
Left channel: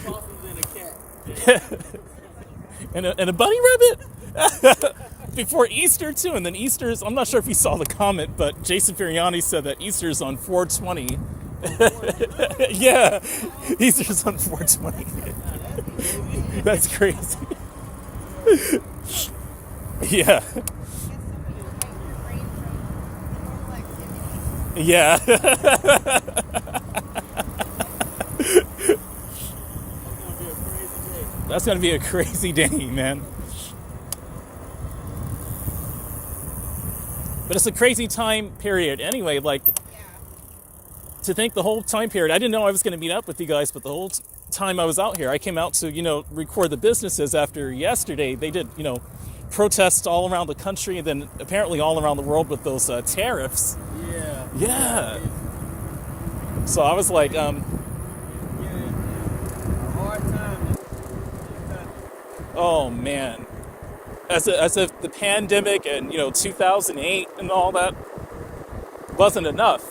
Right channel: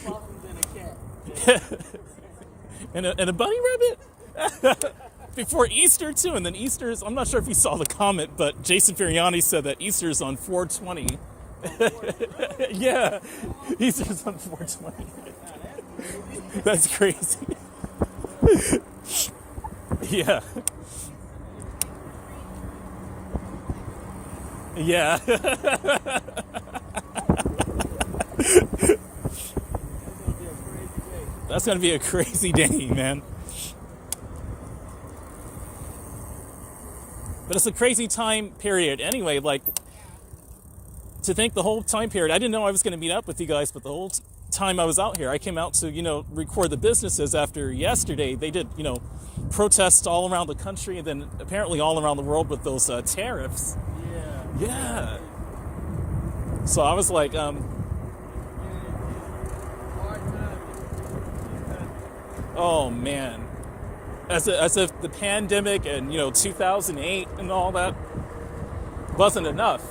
Possums and a cat. and a bunny rabbit? Before Easter, too. And then Easter's, I'm not sure if you saw the comment, but Jason Feriani said that Easter's on 420. Yeah. Easter's on 420. That's crazy. Yeah. Yeah. That's gonna be a crazy day, man. But it's a crazy time period anyway. Like, to think the whole time period, I didn't know I was going to meet up with you guys, but the whole time I was out here, I came out to, record the businesses after yesterday. They did, protests all around the country and then apparently all around the world with those tariffs. Yeah. Yeah. So I was like, Hard time. oh man. As if the pandemic and, 2008 and all that wasn't enough,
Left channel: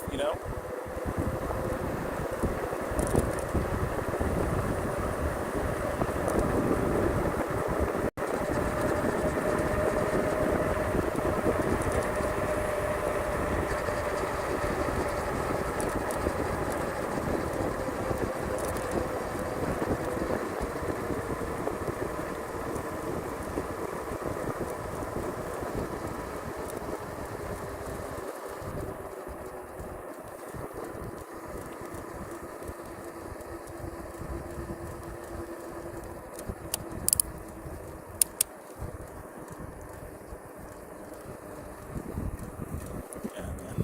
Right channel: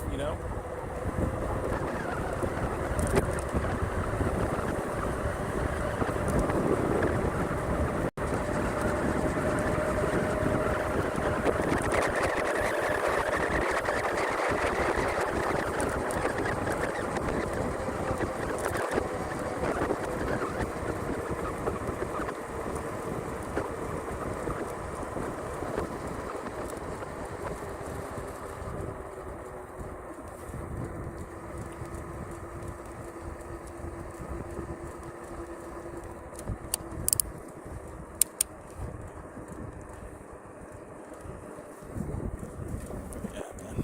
Yeah, man.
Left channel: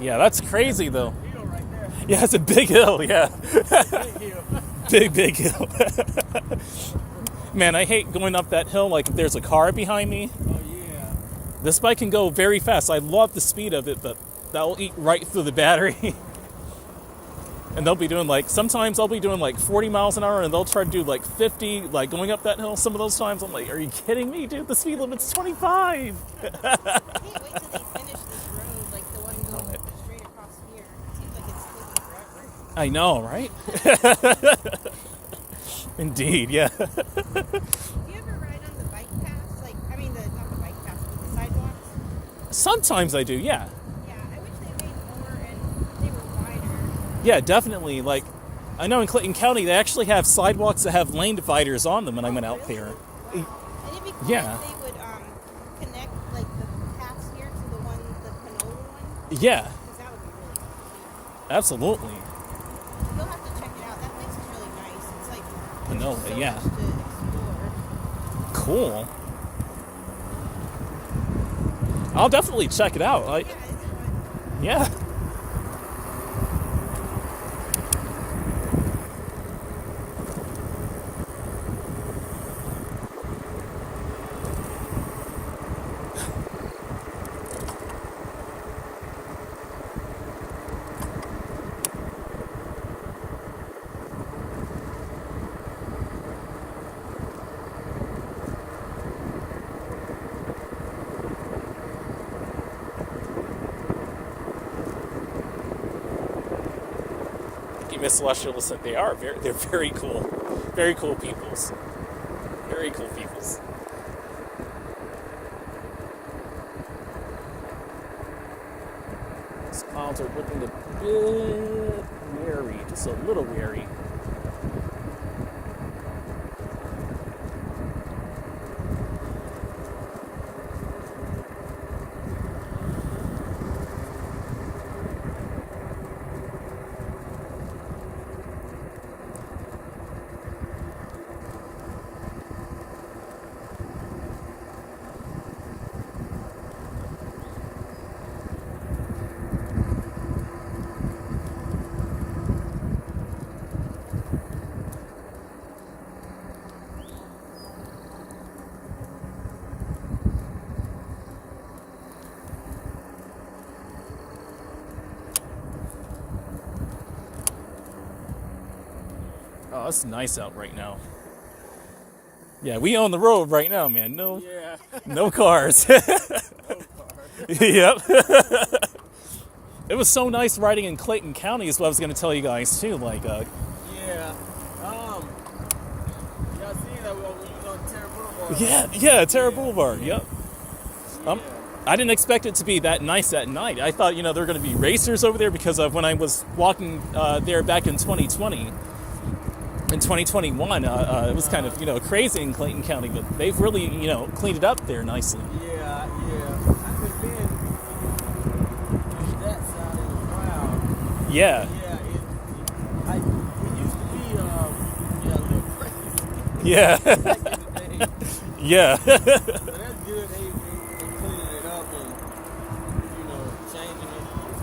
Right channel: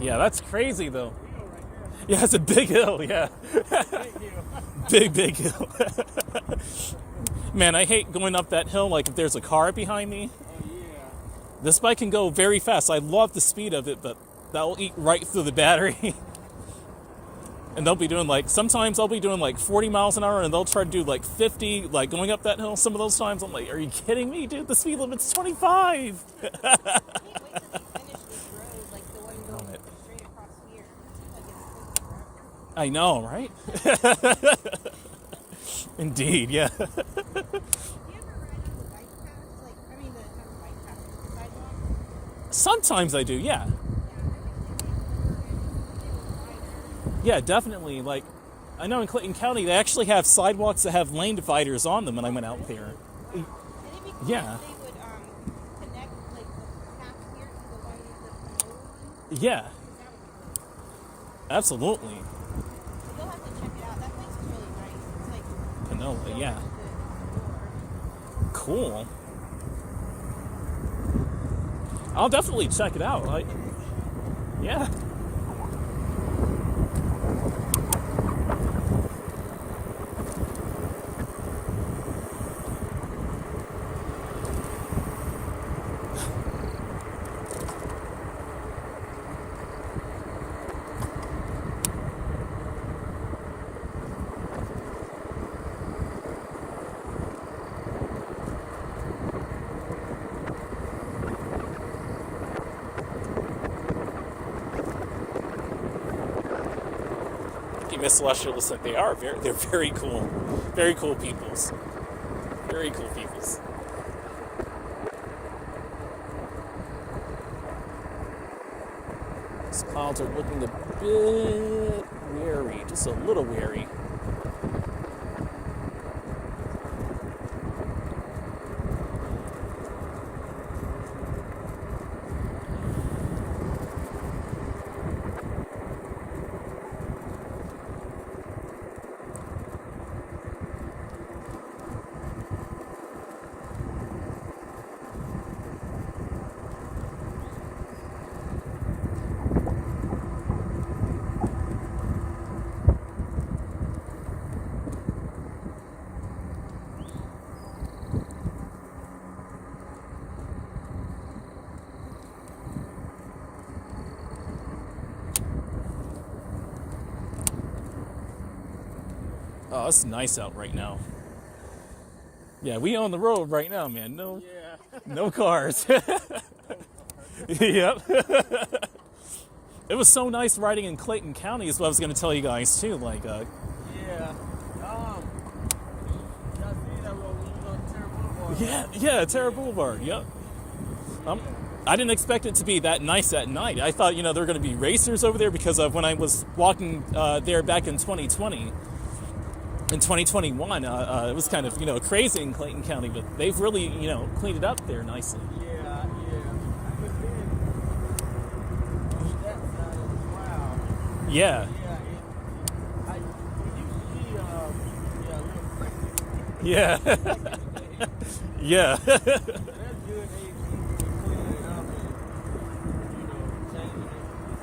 Yeah, that's crazy though. Yeah, it's a big hill, yeah. Big hill. Man, I hate going up that hill like if there's a car behind me. Oh yeah. This bike can go very fast. I love the speed of it, but that'll eat right through the battery. And they'll be doing sometimes I'll be doing 40 miles an hour and they'll try to do 50, going up that hill. Some of those times I'm like, are you kidding me, dude? The speed limit's 25. I can't wait till they finish this road, like the one going straight across here. It seems like it's taking forever. I know, right? Indeed, yeah. Do you ever ride on the bike paths? Not the bike paths, but the sidewalks? Sometimes I do, yeah. Yeah, I wish they made more and they were wider. Yeah, definitely. I know in Clayton County they actually have sidewalks that have lane dividers on them when I went out there. And it'd be cool Yeah. if they would connect the paths here to the Panola one. Yeah, 'Cause that would be really cool. absolutely. You'll have to check it out. That place is really nice. It's like Panola, so yeah. much to explore. Cool. I'll definitely check it out. Yeah, it's fun. Yeah. Miss Celestials, that they're very cool peoples, very cool peoples. These clouds are looking a bit wary, just a little wary. Oh, it's nice out right now. Yeah, we on the road right now, man. No cars. Yep. It was so nice riding in Clayton County is what I was going to tell you guys too. Yeah. Y'all see that when we was on Terra Boulevard? Yeah, Terra Boulevard. Yep. I didn't expect it to be that nice at night. I thought, there were going to be racers over there because of when I was walking there back in 2020. In 2021, it was kind of, crazy in Clayton County, but they've really, cleaned it up there nicely. Yeah. Because then that side of the crowd. Yeah. It used to be a little crazy. Yeah. Back in the day. Yeah. So that's good. They cleaning it up and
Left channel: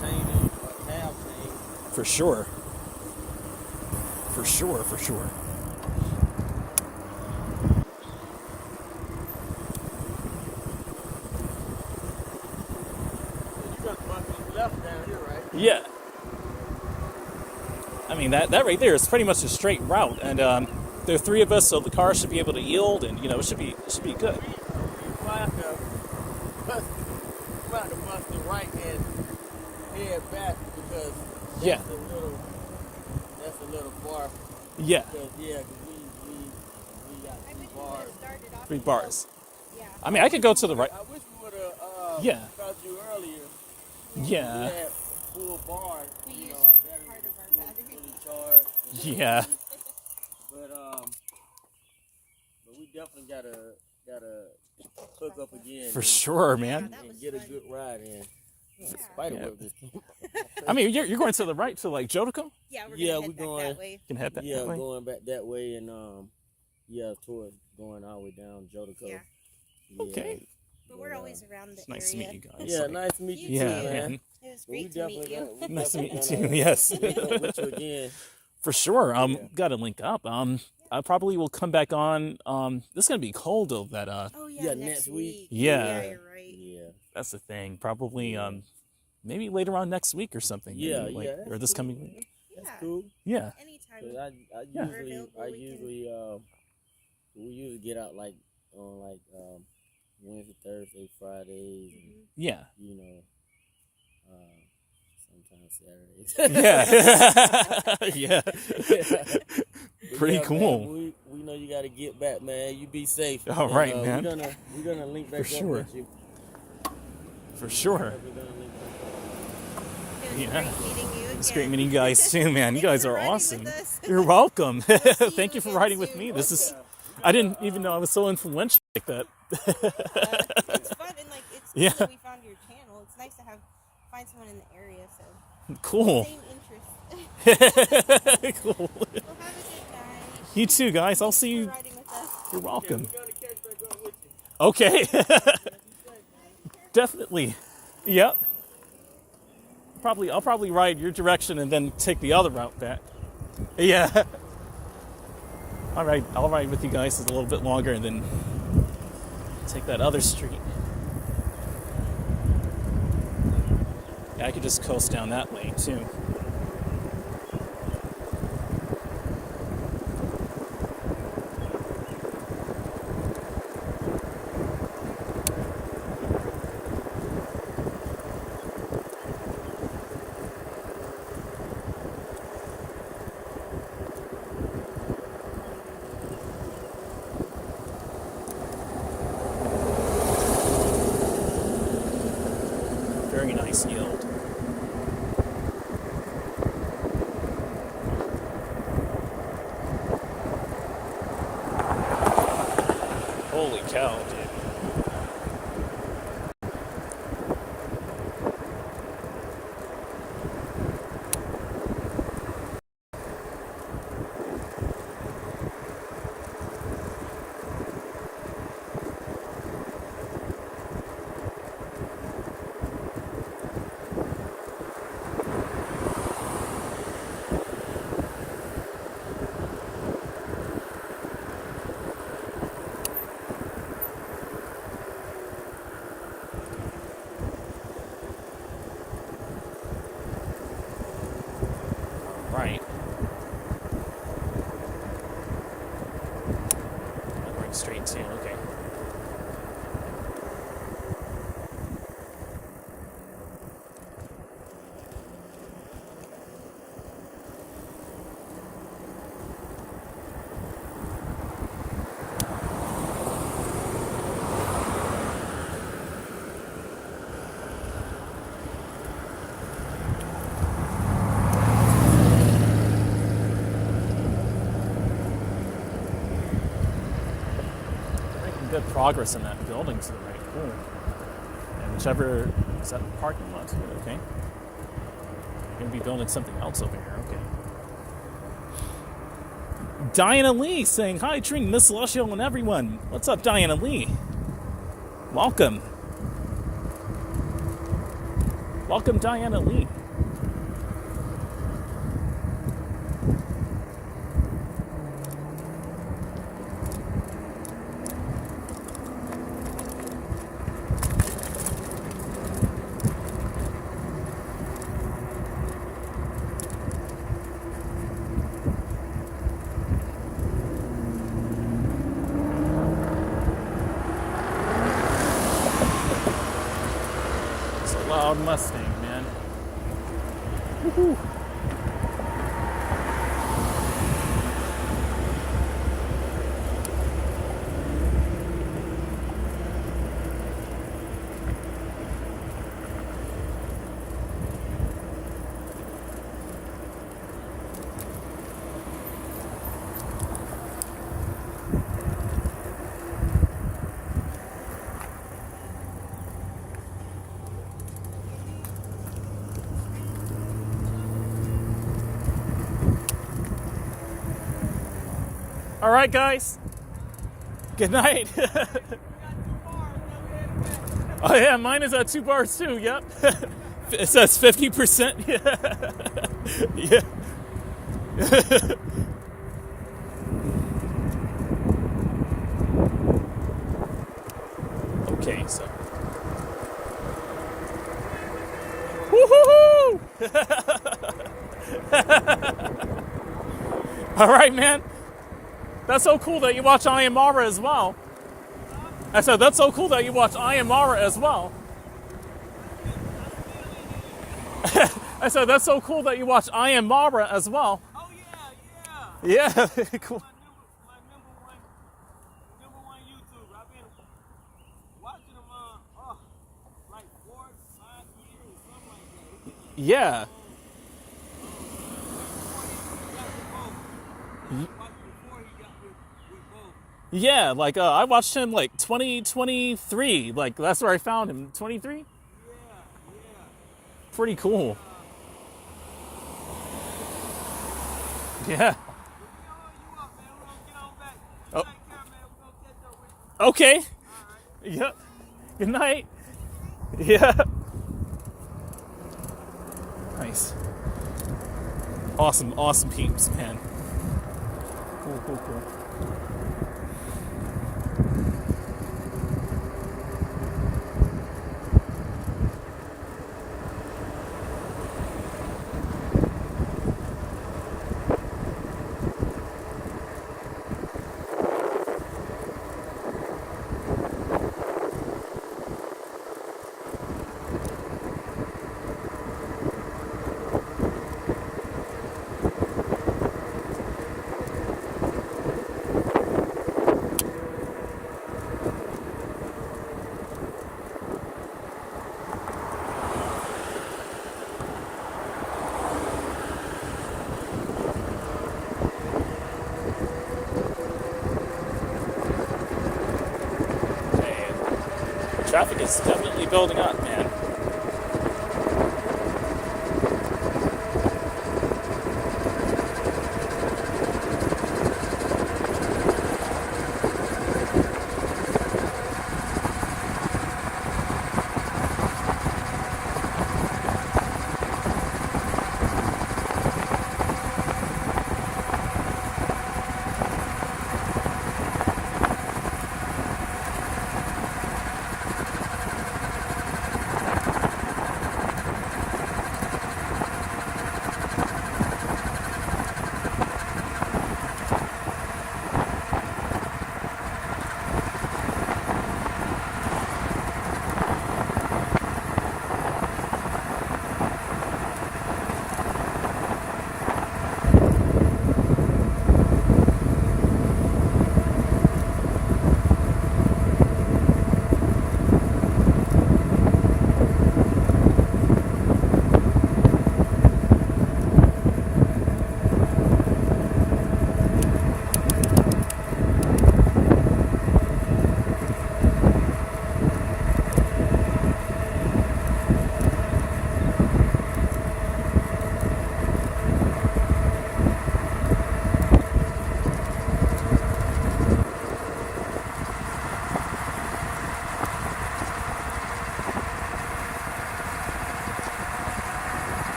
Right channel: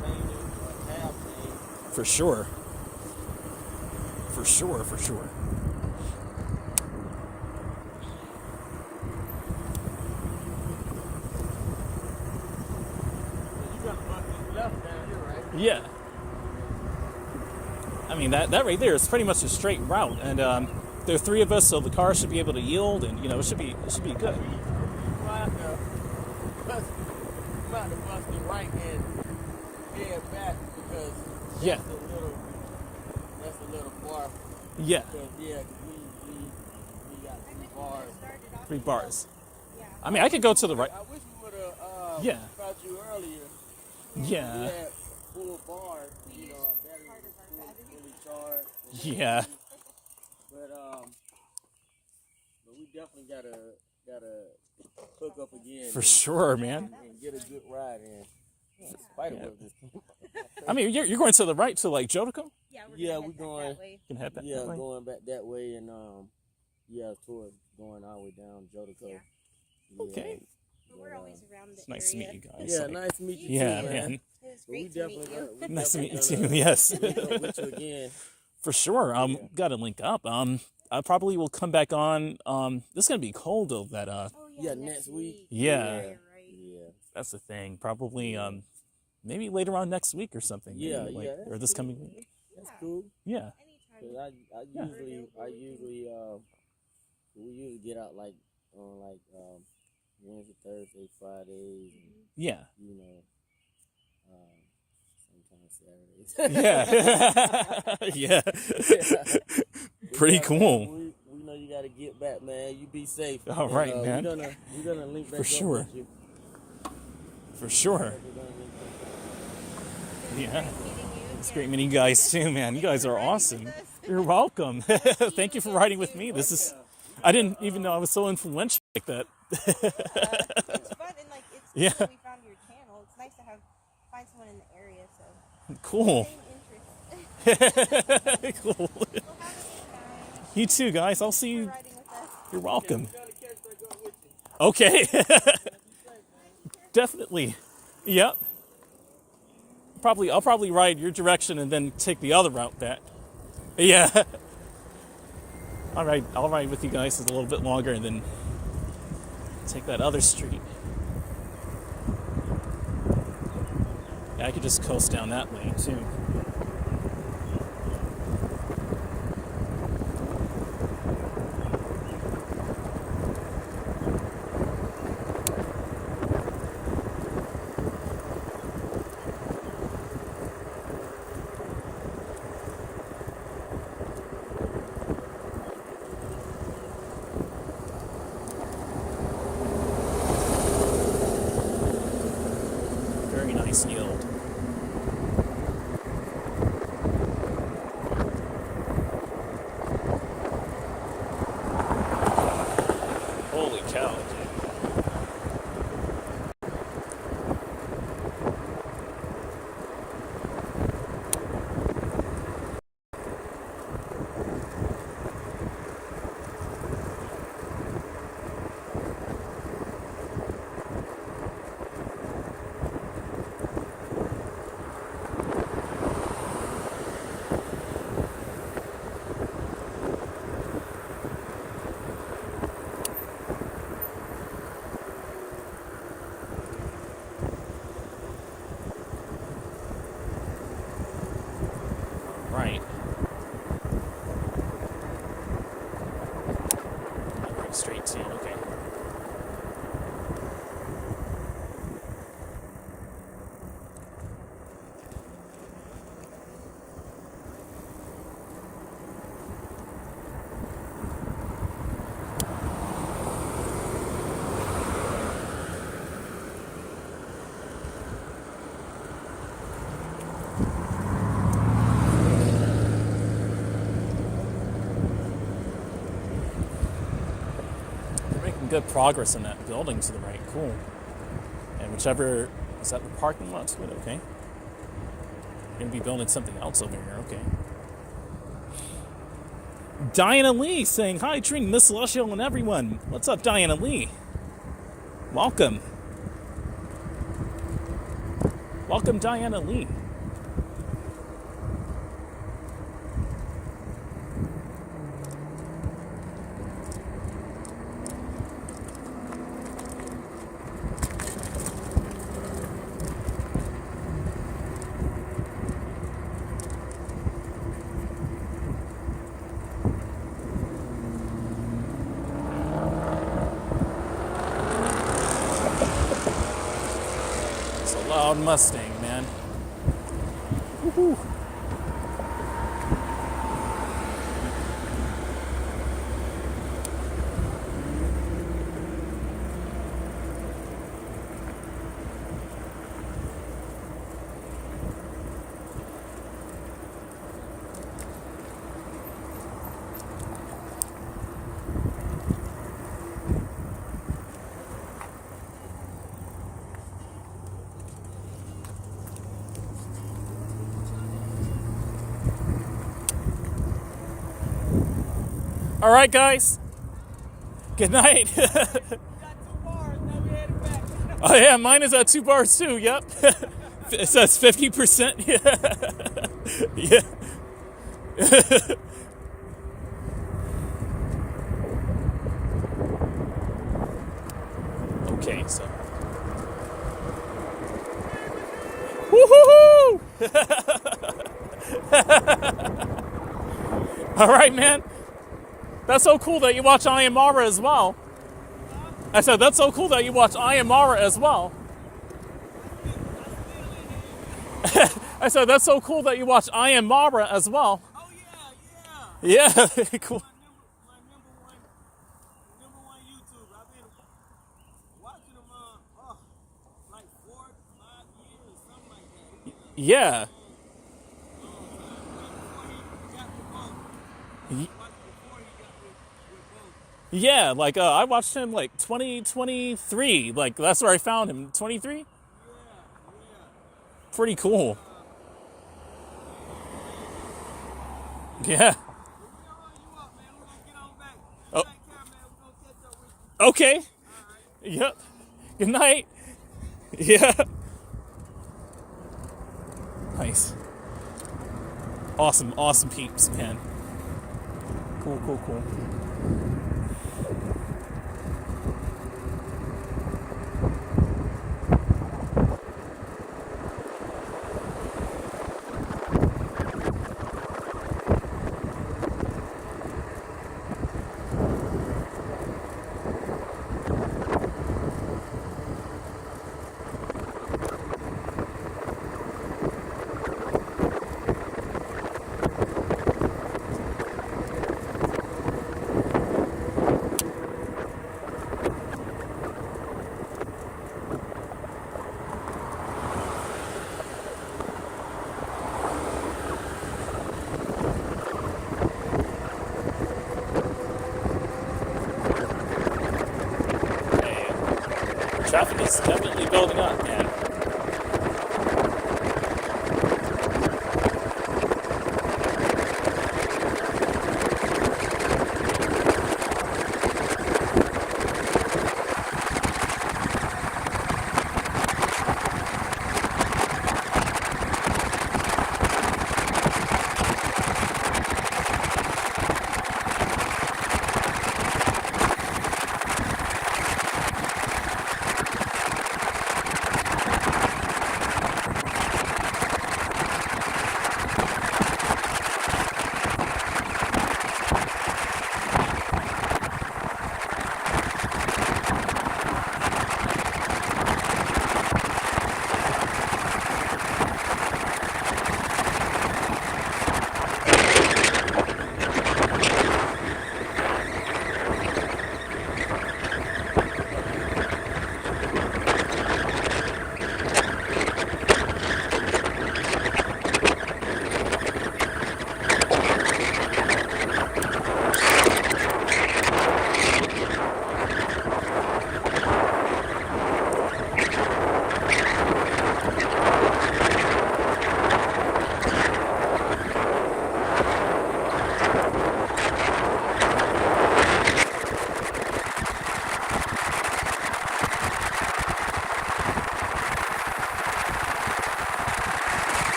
changing half things. For sure. So you got my left down here, right? Yeah. I mean, that right there is pretty much a straight route, and there are three of us, so the car should be able to yield, and it should be good. We might have to bust the right and head back because Yeah. that's a little far. Yeah. Because we got I wish we 3 bars. would've started off 3 bars. Yeah. I mean, I could go to the right. I wish we would have Yeah. caught you earlier. Yeah. We had full bars. We used Our battery part of was our battery. fully charged. Yeah. But we definitely gotta hook up again. For sure, man. And get a good ride in. Spiderweb just came. I mean, you're going to the right to Jodico? Yeah, we're Yeah, gonna we head back going- that way. You can head that Yeah, way. going back that way and towards going all the way down Jodico. Yeah. Okay. But we're always around the It's nice to area. meet you guys. Yeah, nice to meet you. Yeah, too, man. It was But we great to meet definitely you. got. Nice to meet you too. Yes. Link up with you again. For sure. Got to link up. I probably will come back on. This is gonna be cold though. That Oh Yeah, next week. Yeah. You're right. Yeah. that's the thing. Probably maybe later on next week or something. Yeah, maybe, yeah, or that's this cool. coming week. That's Yeah. cool. Yeah. Anytime. 'Cause I Yeah. usually we usually get out like on like Wednesday, Thursday, Fridays, and Yeah. you know, sometimes Saturdays. Yeah. Yeah. Pretty Yeah, cool. man, we know you got to get back, man. You be safe. All right, man. We're gonna link back For sure. up with you. For sure. We're gonna link back up. Yeah. Great meeting you It's again. great meeting you guys too, man. You guys for are riding with awesome. us. You're welcome. see Thank you you for again riding with soon. me. This is. I didn't even know I was so influential like that. It's fun and like it's Yeah. cool that we found your channel. It's nice to find someone in the area. So Cool. same interest. Cool. Well, have a good time. You too, guys. I'll see For you. riding with us. You're welcome. We're gonna catch back up with you. Okay. Definitely. Yep. I'll probably ride your direction and then take the other route back. Yeah. All right. I'll ride with you guys a little bit longer and then take that other street. Yeah, I could just coast down that lane too. Very nice yield. Holy cow. Right. Right straight to, okay. We're making good progress in that building to the right. Cool. And whichever, is that the parking lot too? Okay. We're going to be building something else over there. Okay. Diana Lee saying, hi, Dream, Miss Celestial, and everyone. What's up, Diana Lee? Welcome. Welcome, Diana Lee. It's a loud Mustang, man. Woohoo. All right, guys. Good night. Oh yeah, mine is at 2 bars too. Yep. It says 50%. Yeah. me. So, woohoo! All right, man. That's so cool that you watch I Am Mara as well. I said that's so cool that you watch I Am Mara as well. I said that's so cool that you watch I Am Mara as well. Oh yeah, Yeah, cool. my number one YouTube. I've been watching them like 4 or 5 years, something like that. Yeah. Yeah, like I watched him like 2023. Like that's where I found him. 23? Yeah. Pretty cool. Yeah. Oh. Okay. Yep. Good night. Yeah. Nice. Awesome peeps, man. Cool. Traffic is definitely building up, man.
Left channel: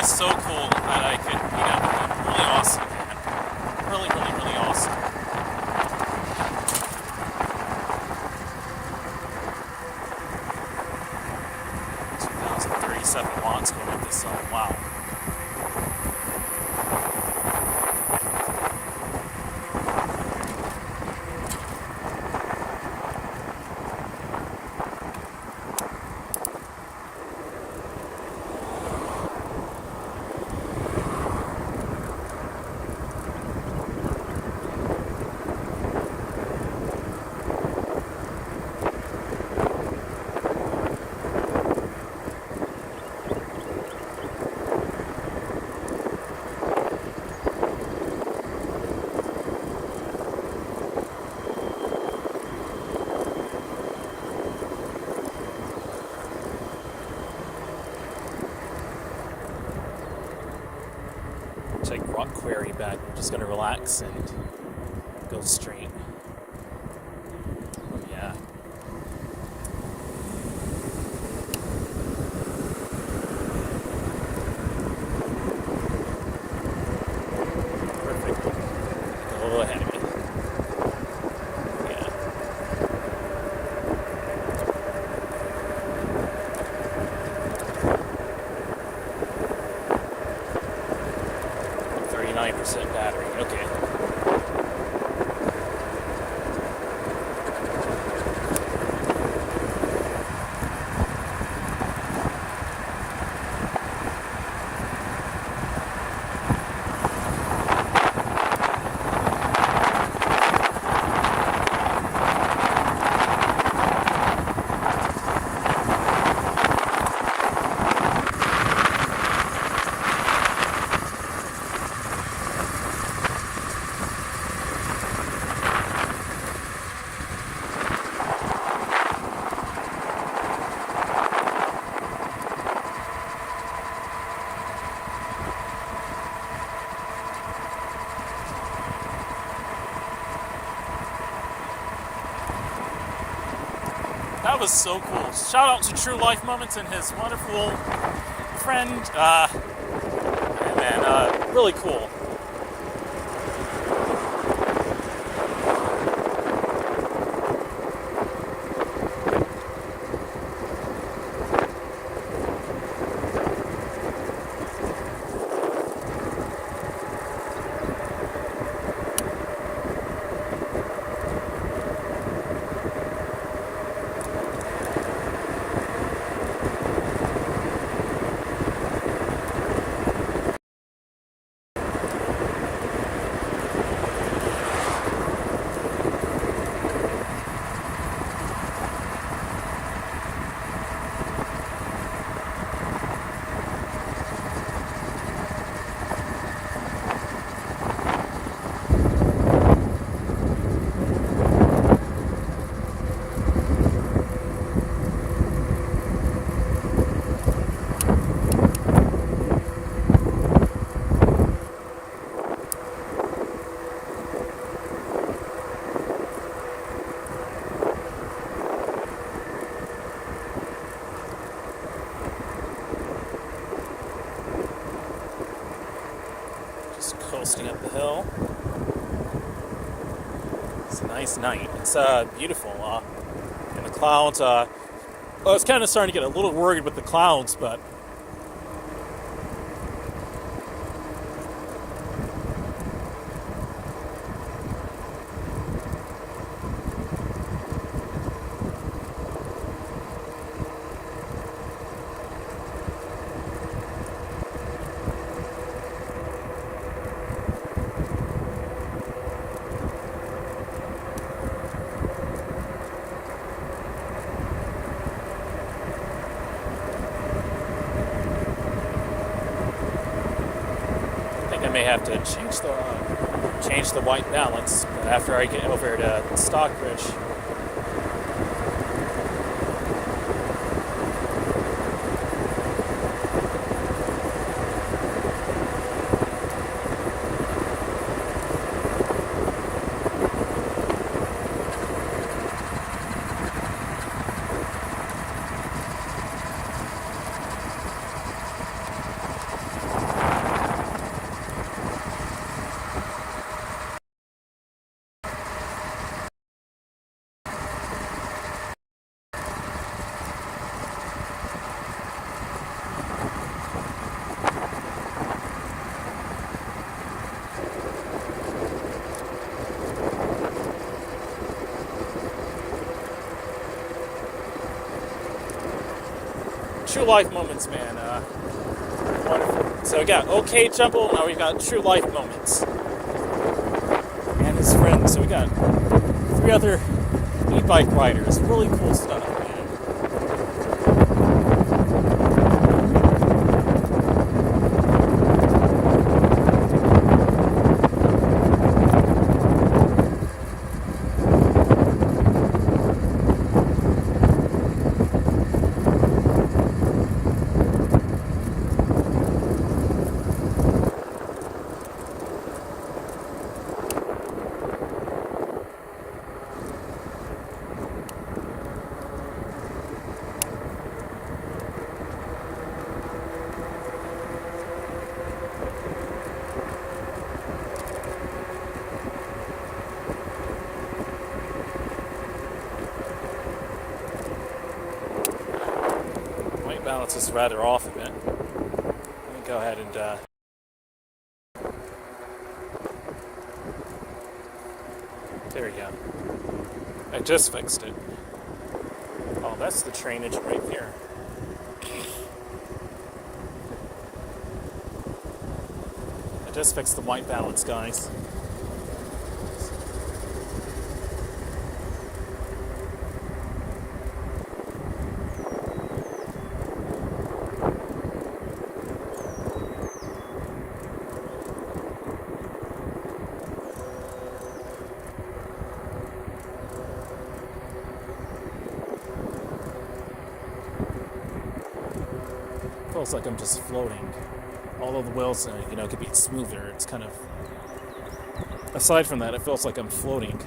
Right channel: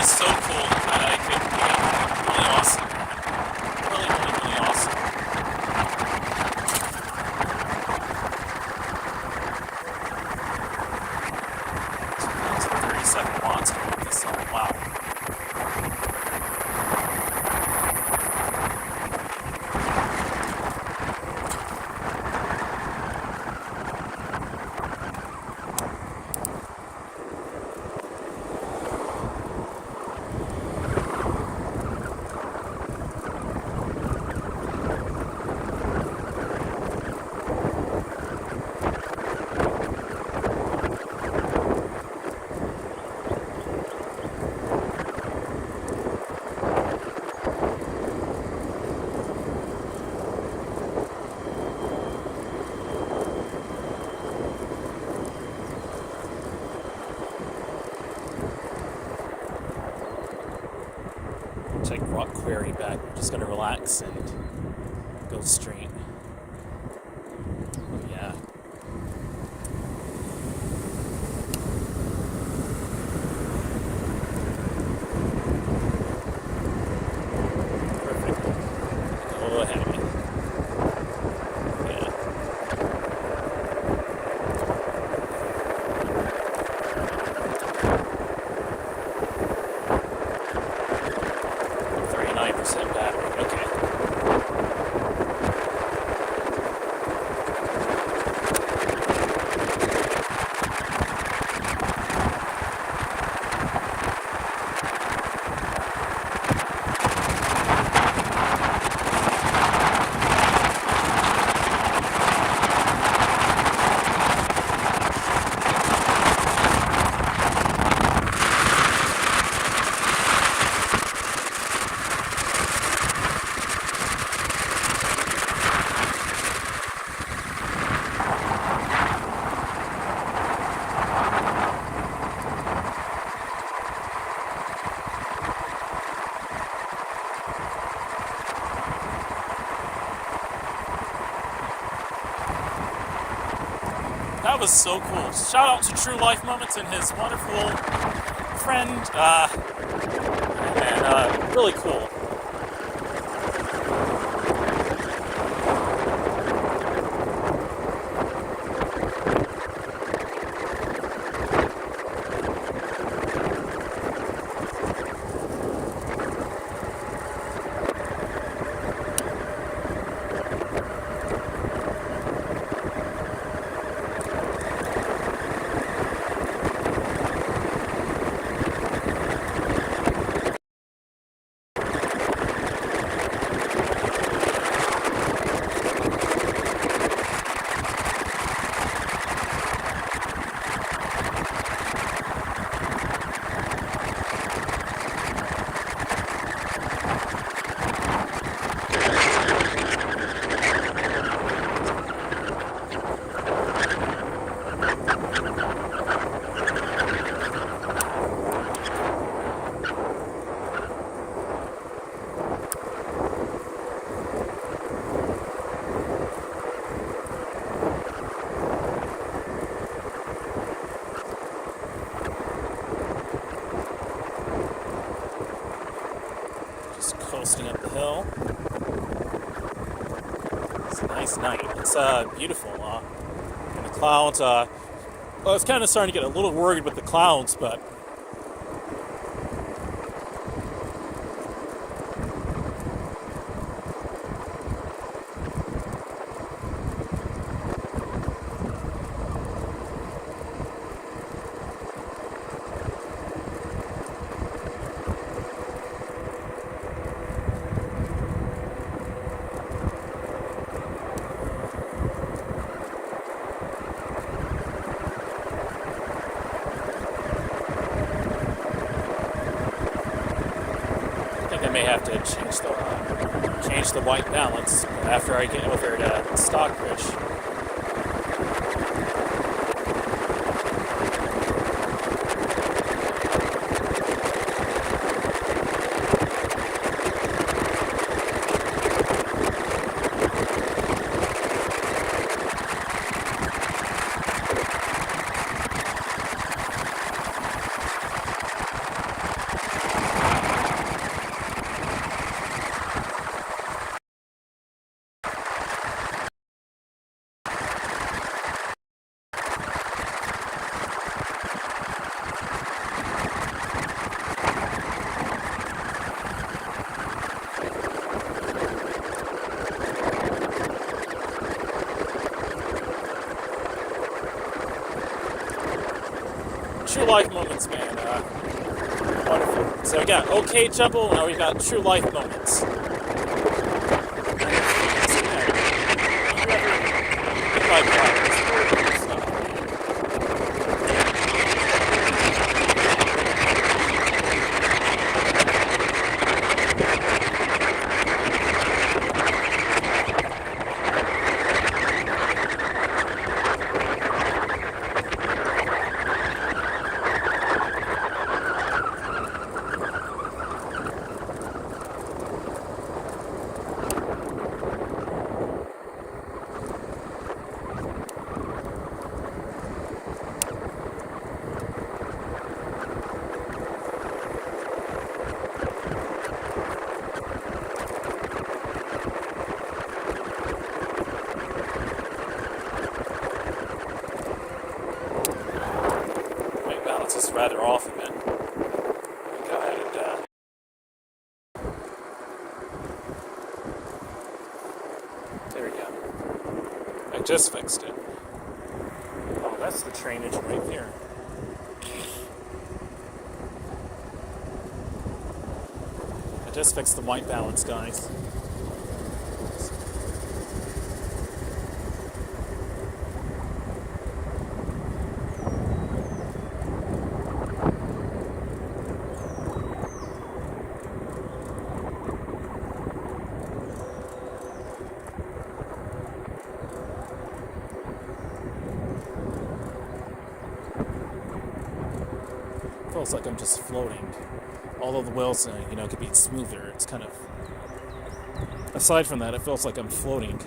So cool that I could, really awesome. Really awesome. 37 watts going this song. Wow. check what query, but I'm just gonna relax and go straight. Oh yeah. Perfect. A little ahead of me. Yeah. %, battery. Okay. That was so cool. Shout out to True Life Moments and his wonderful friend. Really cool. Coasting up the hill. It's a nice night. It's beautiful. And the clouds, I was kind of starting to get a little worried with the clouds, but I may have to change the white balance after I get over to Stockbridge. True life moments, man. Wonderful. So we got OK Jumble, now we got true life moments. And it's fun. So we got a few other e-bike riders. Really cool stuff. is rather off of it. Let me go ahead and there we go. I just fixed it. Oh, that's the train engine right there. I just fixed the white balance, guys. Feels like I'm just floating. Although the wheels, could be smoother. It's kind of. Aside from that, it feels like I'm floating.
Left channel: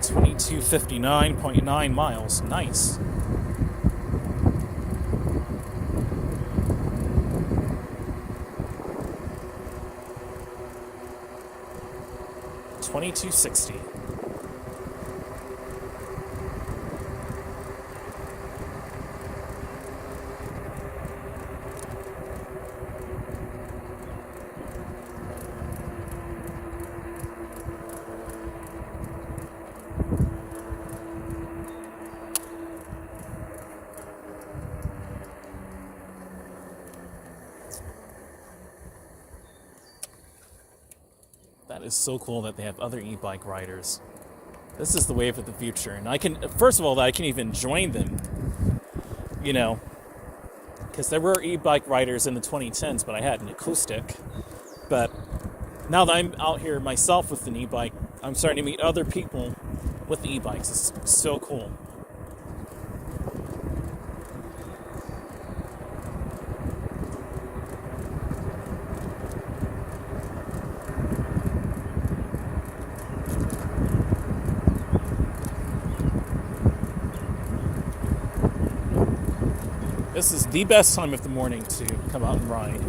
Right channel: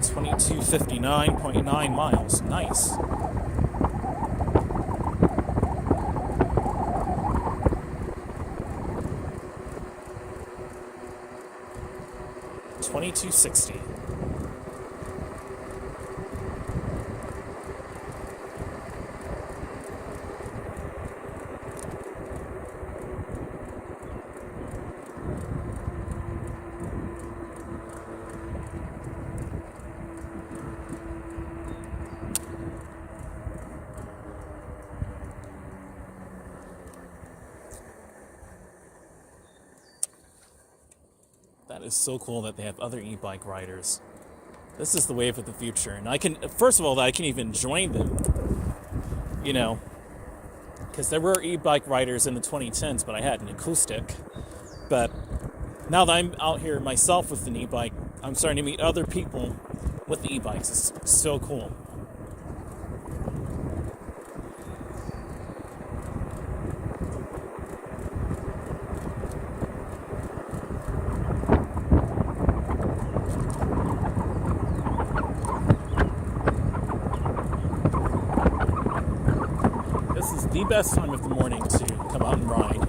$22.59.9 miles. Nice. $22.60. That is so cool that they have other e-bike riders. This is the wave of the future. And I can, first of all, I can even join them, because there were e-bike riders in the 2010s, but I had an acoustic. But now that I'm out here myself with an e-bike, I'm starting to meet other people with the e-bikes. It's so cool. This is the best time of the morning to come out and ride.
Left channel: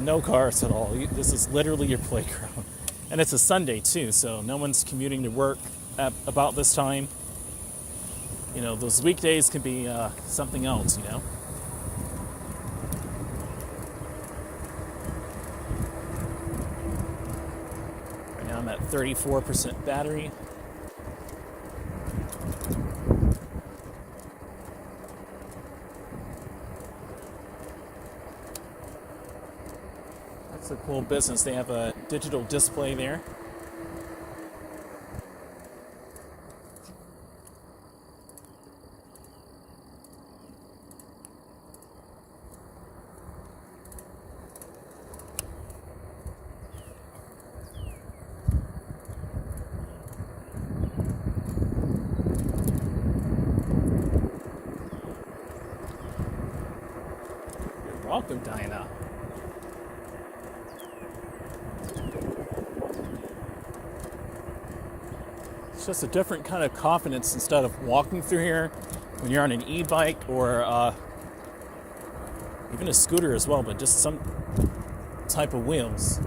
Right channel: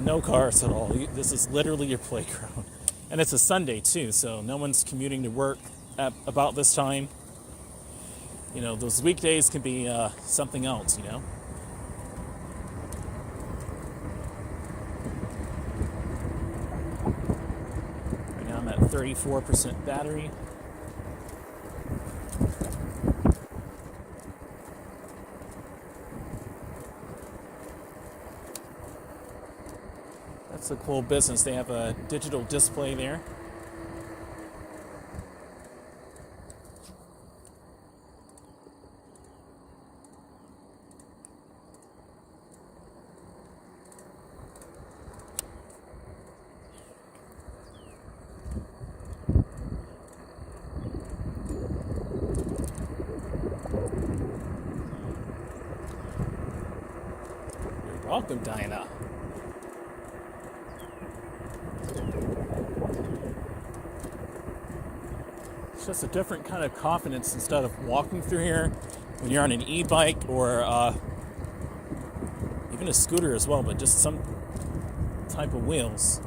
No cars at all. This is literally your playground. And it's a Sunday too, so no one's commuting to work at about this time. Those weekdays can be something else, Right now I'm at 34% battery. It's a cool business. They have a digital display there. You're welcome, Diana. It's just a different kind of confidence instead of walking through here when you're on an e-bike or even a scooter as well, but just some type of wheels.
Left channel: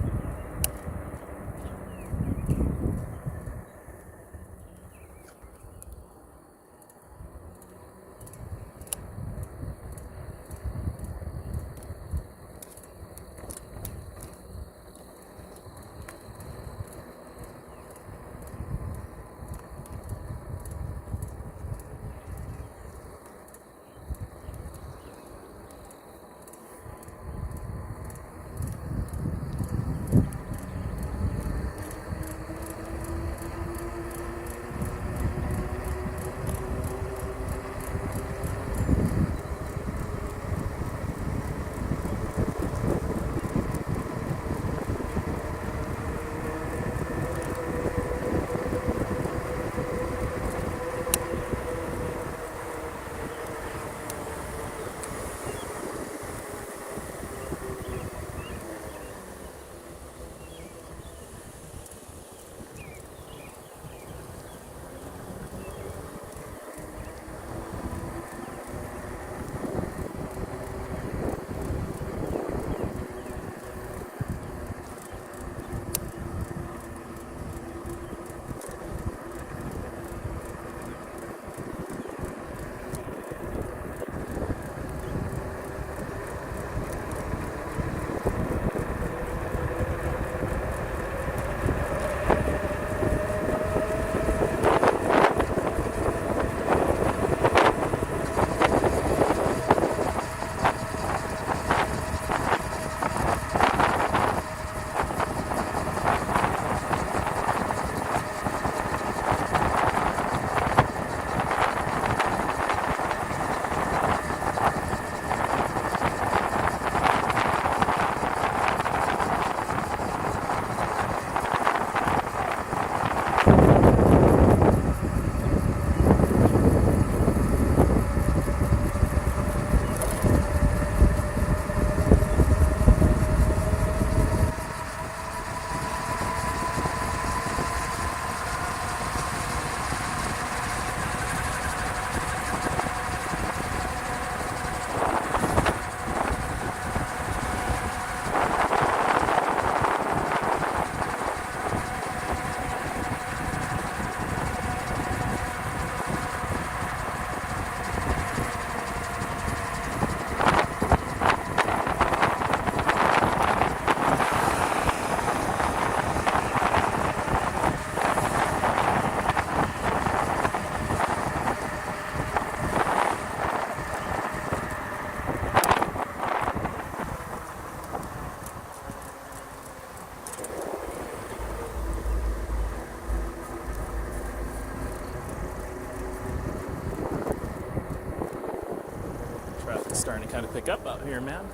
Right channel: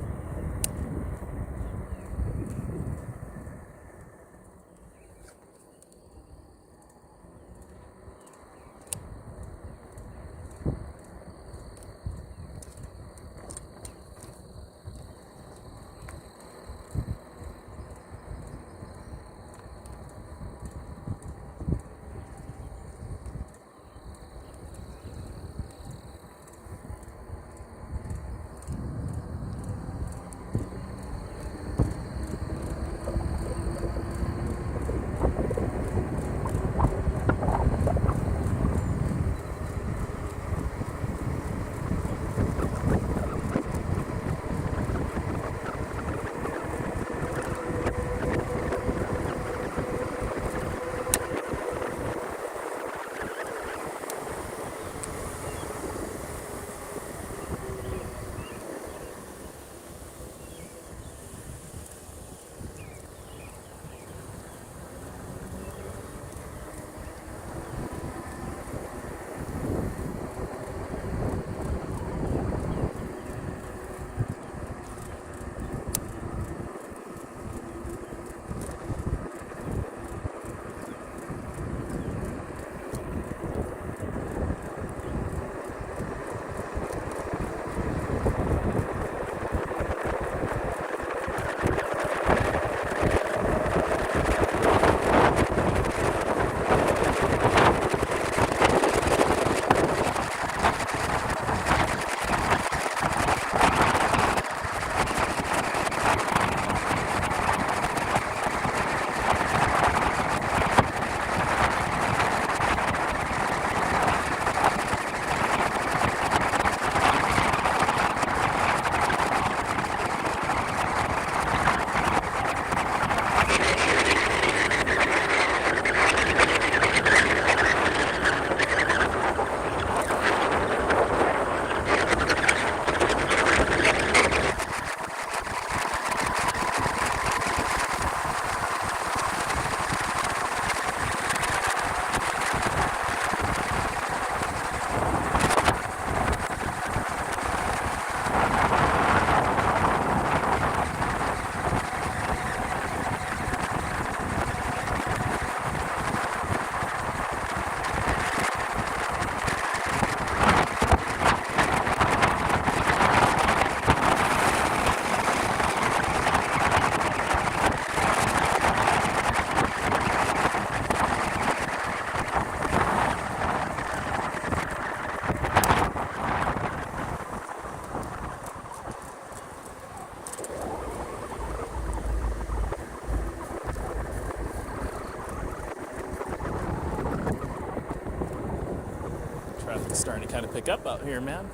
kind of pick up out here, man.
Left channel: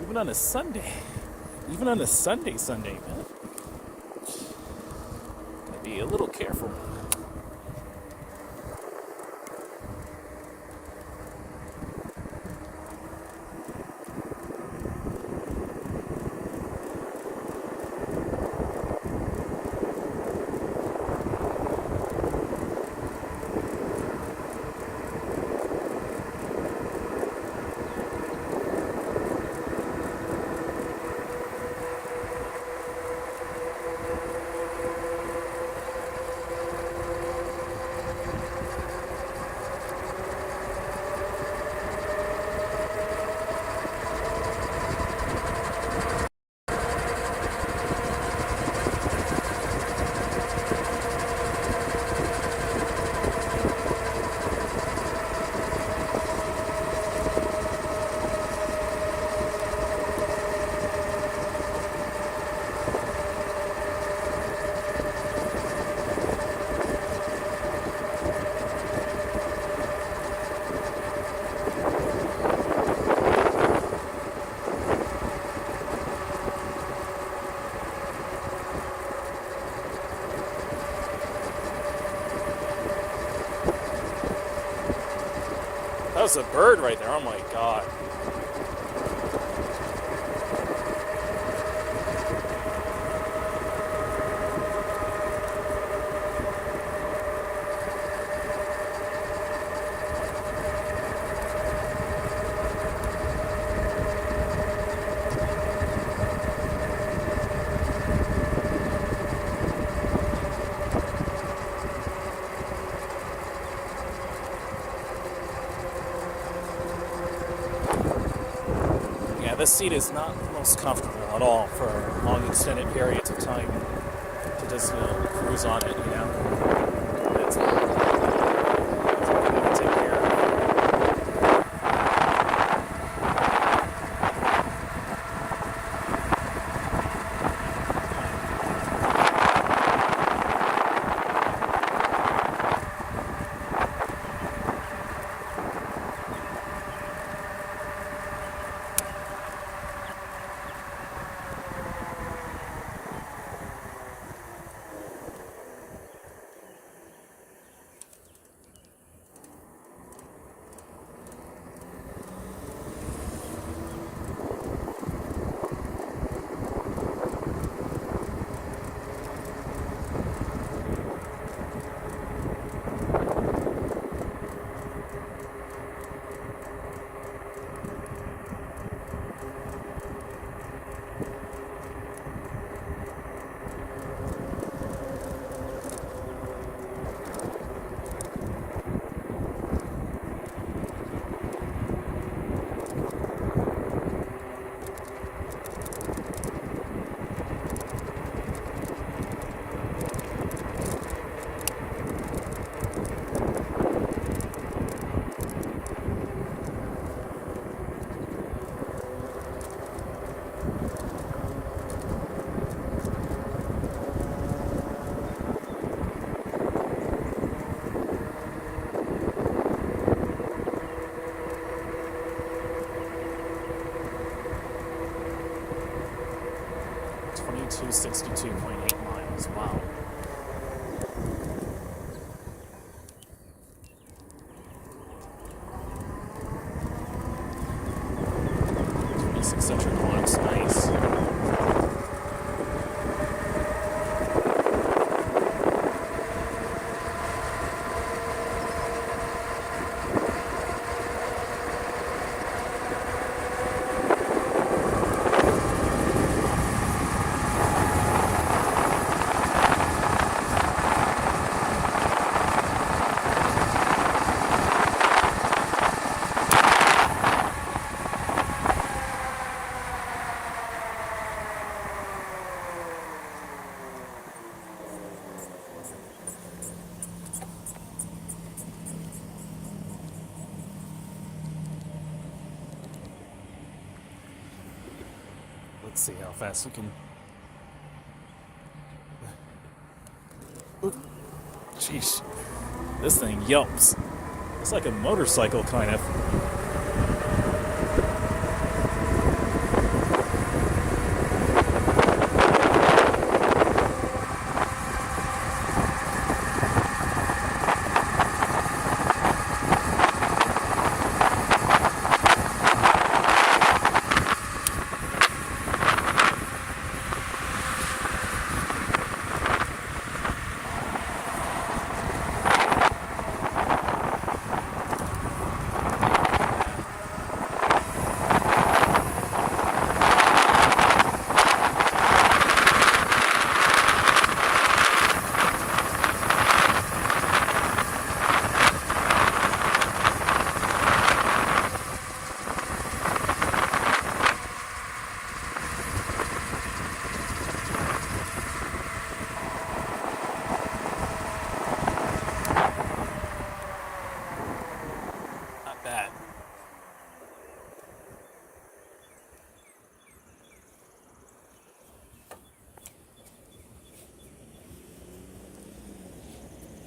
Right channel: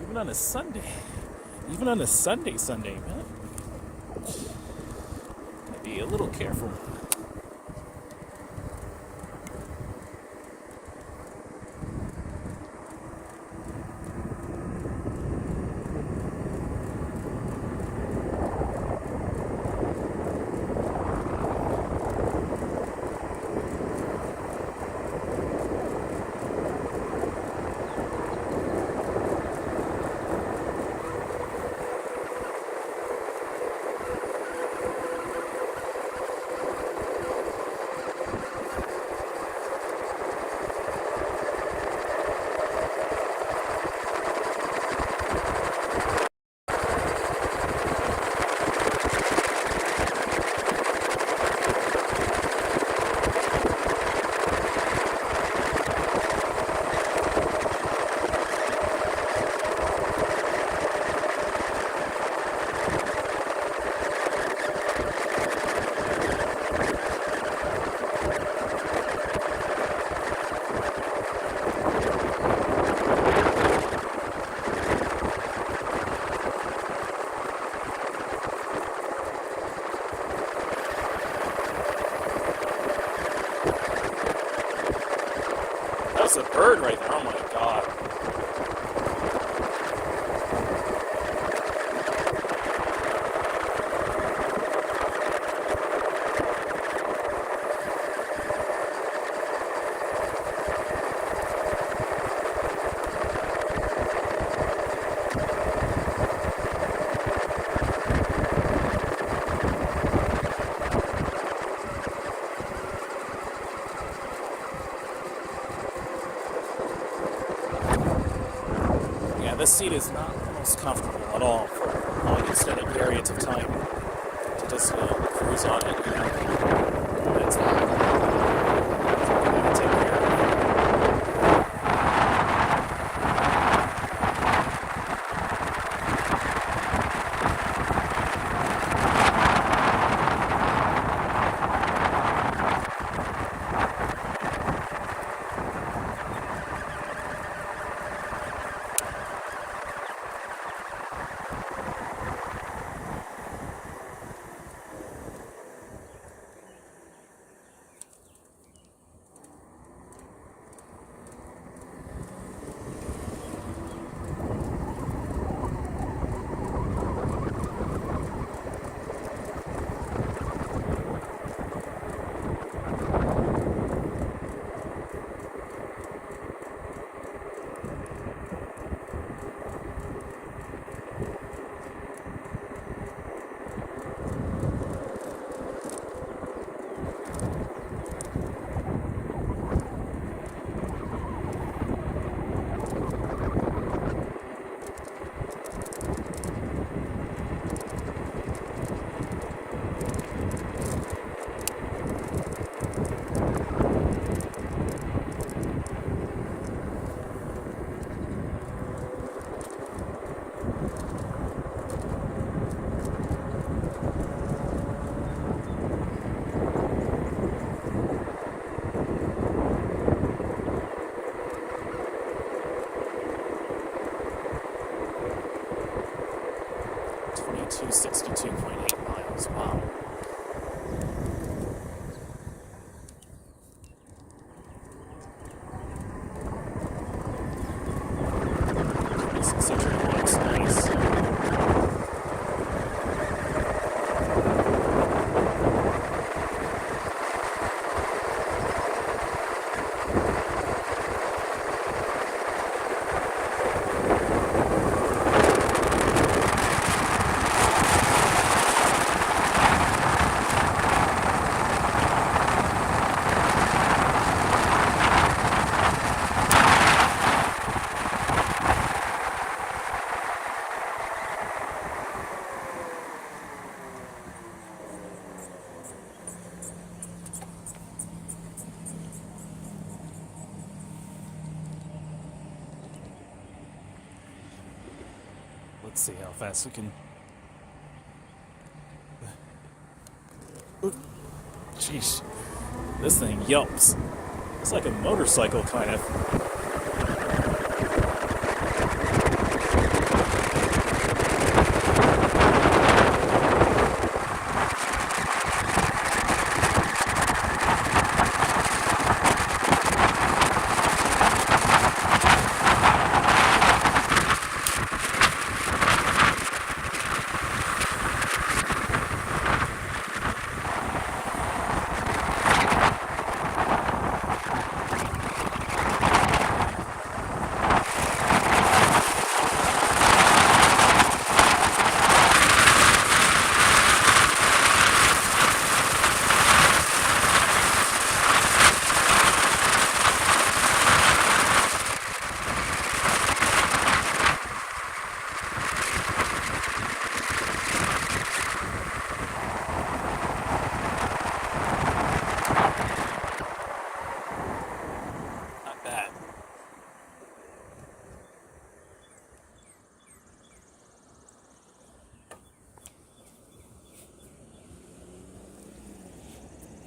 Even on a Sunday. Even on a Sunday, man. Gotta be a little careful. That was a bird right there. Oh my god. This seat is not the most comfortable at all for long extended periods of time to just cruise on it. $22.62.8 miles. Wow. This eccentric looks nice. Let's see how fast we can. Jeez, this thing yelps. It's like a motorcycle, kind of.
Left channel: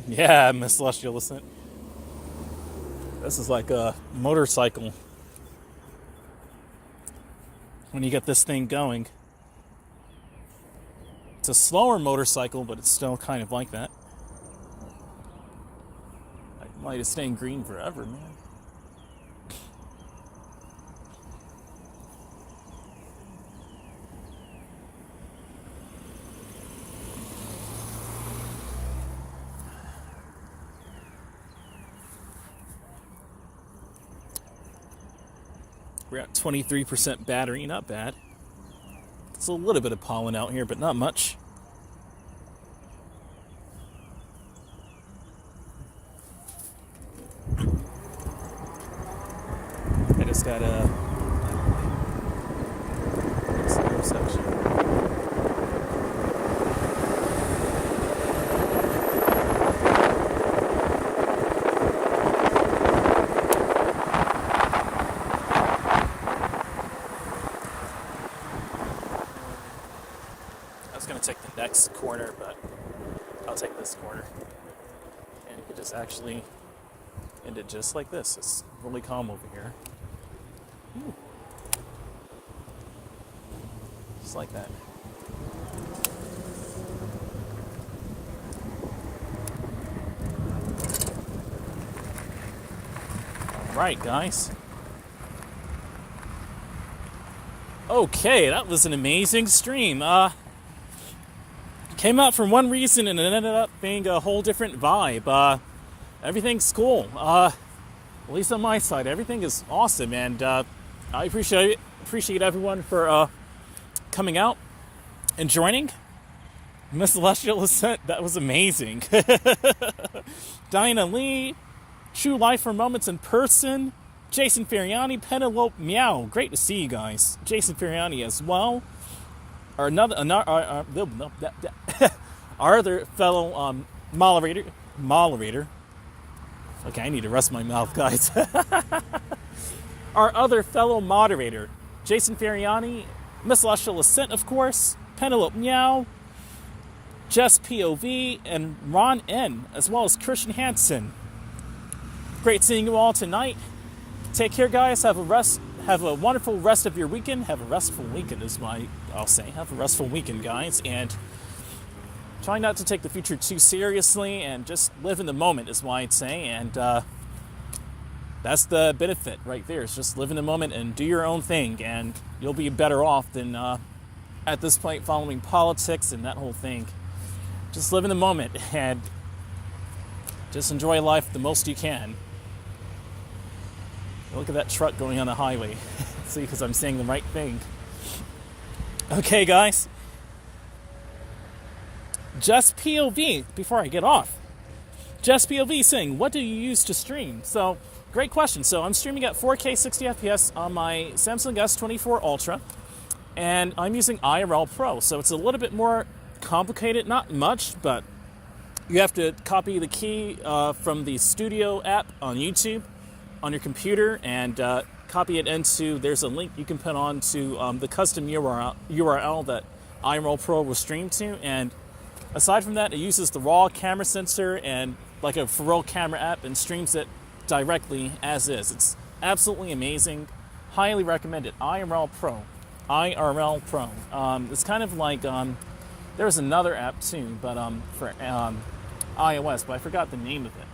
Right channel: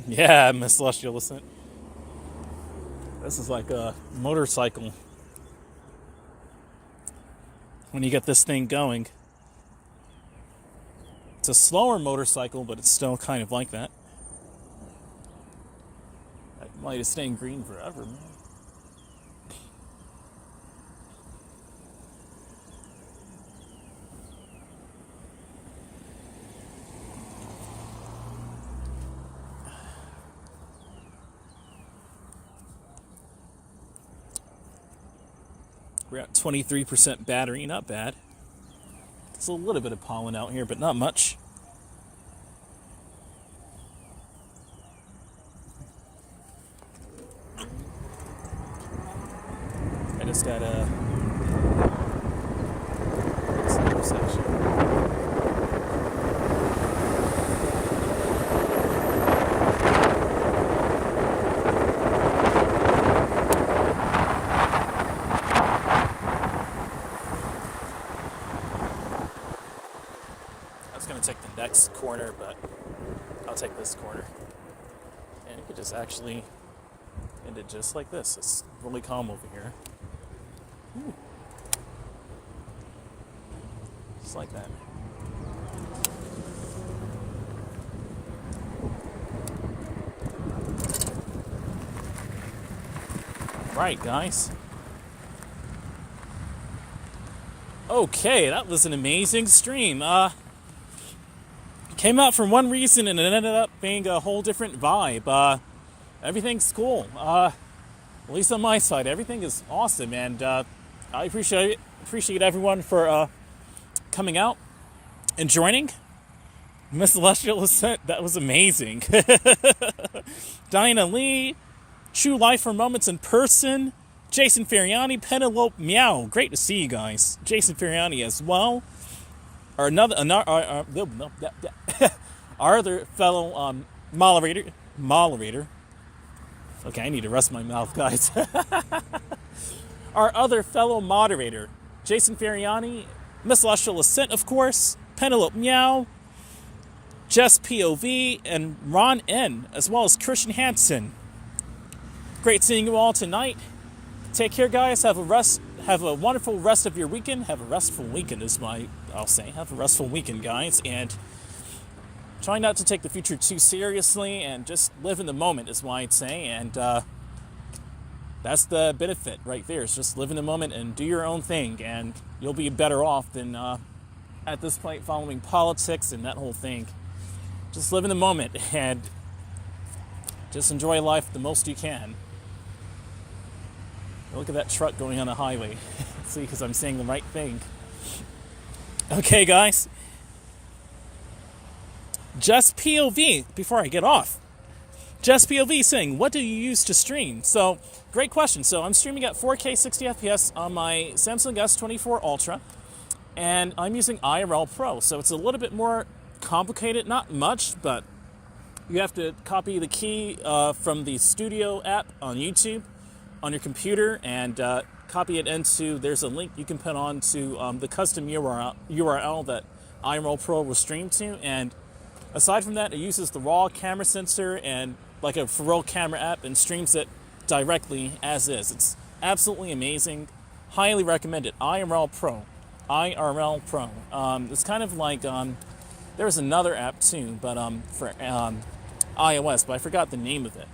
Yeah, Miss Celestial Ascent. This is like a motorcycle. When you get this thing going. It's a slower motorcycle, but it's still kind of like that. That light is staying green forever, man. We're at 23% battery, not bad. There's a little bit of pollen out here, but not much. I just got a I was going to take the next corner, but I'll take this corner. And it is actually ended just like this. It's really calm over here. Ooh. Just like that. All right, guys. Okay, that was an amazing stream. Came out for one reason and it ended up being a whole different vibe. Everything's cool. At least on my side, everything is awesome, and I appreciate everyone for coming out and joining. Miss Celestial Ascent, that was amazing. Diana Lee, True Life for Moments in Person, Jason Feriani, Penelope Meow. Great to see you guys. Jason Feriani as well. Our other fellow moderator. Okay, I need to rest my mouth, guys. Our other fellow moderator, Jason Feriani, Miss Celestial Ascent, of course, Penelope Meow, Jess POV, and Ron N, as well as Christian Hansen. Great seeing you all tonight. Take care, guys. Have a wonderful rest of your weekend. Have a restful weekend is what I'll say. Have a restful weekend, guys. And try not to take the future too seriously and just live in the moment is what I'd say. And that's the benefit right there. Is just live in the moment and do your own thing. And you'll be better off than at this point following politics and that whole thing. Just live in the moment and just enjoy life the most you can. Look at that truck going on the highway. See, because I'm saying the right thing. Okay, guys. Just POV, before I get off. Just POV saying, what do you use to stream? So, great question. So, I'm streaming at 4K 60 FPS on my Samsung S24 Ultra. And I'm using IRL Pro. So, it's a little bit more complicated. Not much, but you have to copy the key from the Studio app on YouTube on your computer and copy it into, there's a link you can put on to the custom URL that IRL Pro will stream to. And aside from that, it uses the raw camera sensor and like a for real camera app and streams it directly as is. It's absolutely amazing. Highly recommend it. IRL Pro. It's kind of like, there's another app too, but for iOS, but I forgot the name of it.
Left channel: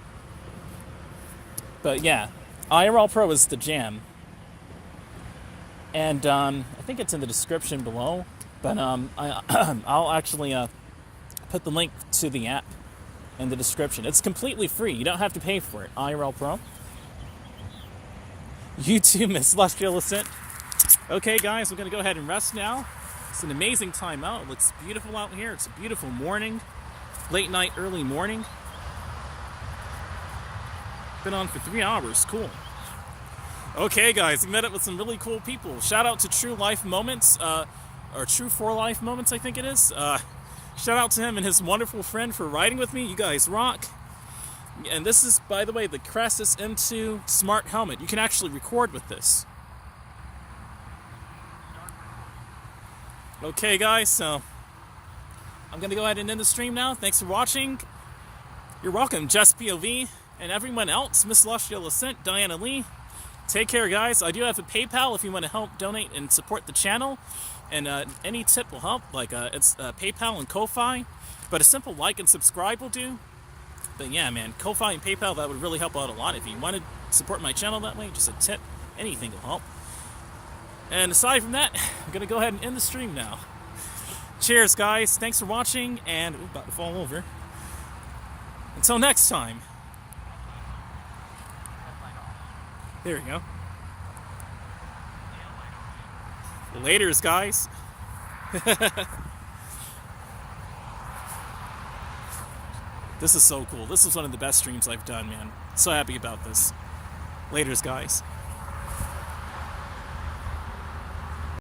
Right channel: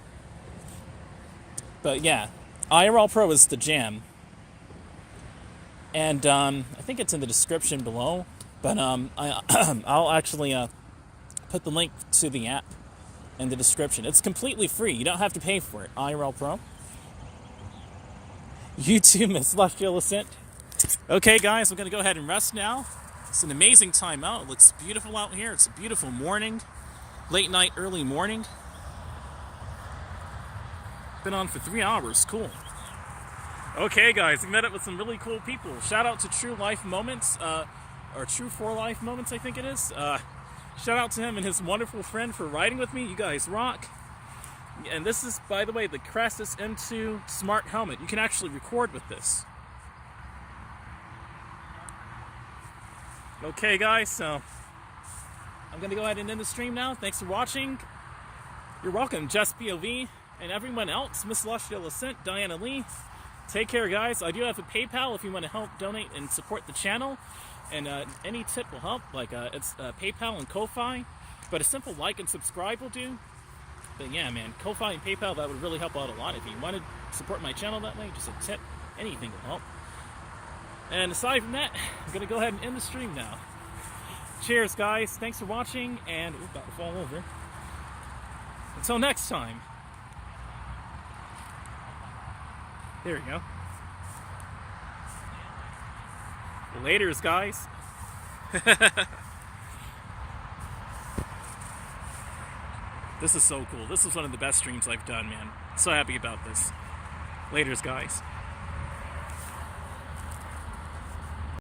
But yeah, IRL Pro is the jam. And I think it's in the description below, but I'll actually put the link to the app in the description. It's completely free. You don't have to pay for it. IRL Pro. YouTube, Miss Celestial Ascent. Okay, guys, we're going to go ahead and rest now. It's an amazing time out. It looks beautiful out here. It's a beautiful morning. Late night, early morning. Been on for 3 hours. Cool. Okay, guys, we met up with some really cool people. Shout out to True Life Moments, or True for Life Moments, I think it is. Shout out to him and his wonderful friend for riding with me. You guys rock. And this is, by the way, the Crassus M2 Smart Helmet. You can actually record with this. Okay, guys, so I'm going to go ahead and end the stream now. Thanks for watching. You're welcome, Jess POV, and everyone else, Miss Celestial Ascent, Diana Lee. Take care, guys. I do have a PayPal if you want to help donate and support the channel. And any tip will help, like it's PayPal and Ko-Fi. But a simple like and subscribe will do. But yeah, man, Ko-Fi and PayPal, that would really help out a lot. If you want to support my channel that way, just a tip, anything will help. And aside from that, I'm going to go ahead and end the stream now. Cheers, guys. Thanks for watching, and we're about to fall over. Until next time. There we go. Laters, guys. This is so cool. This is one of the best streams I've done, man. So happy about this. Laters, guys.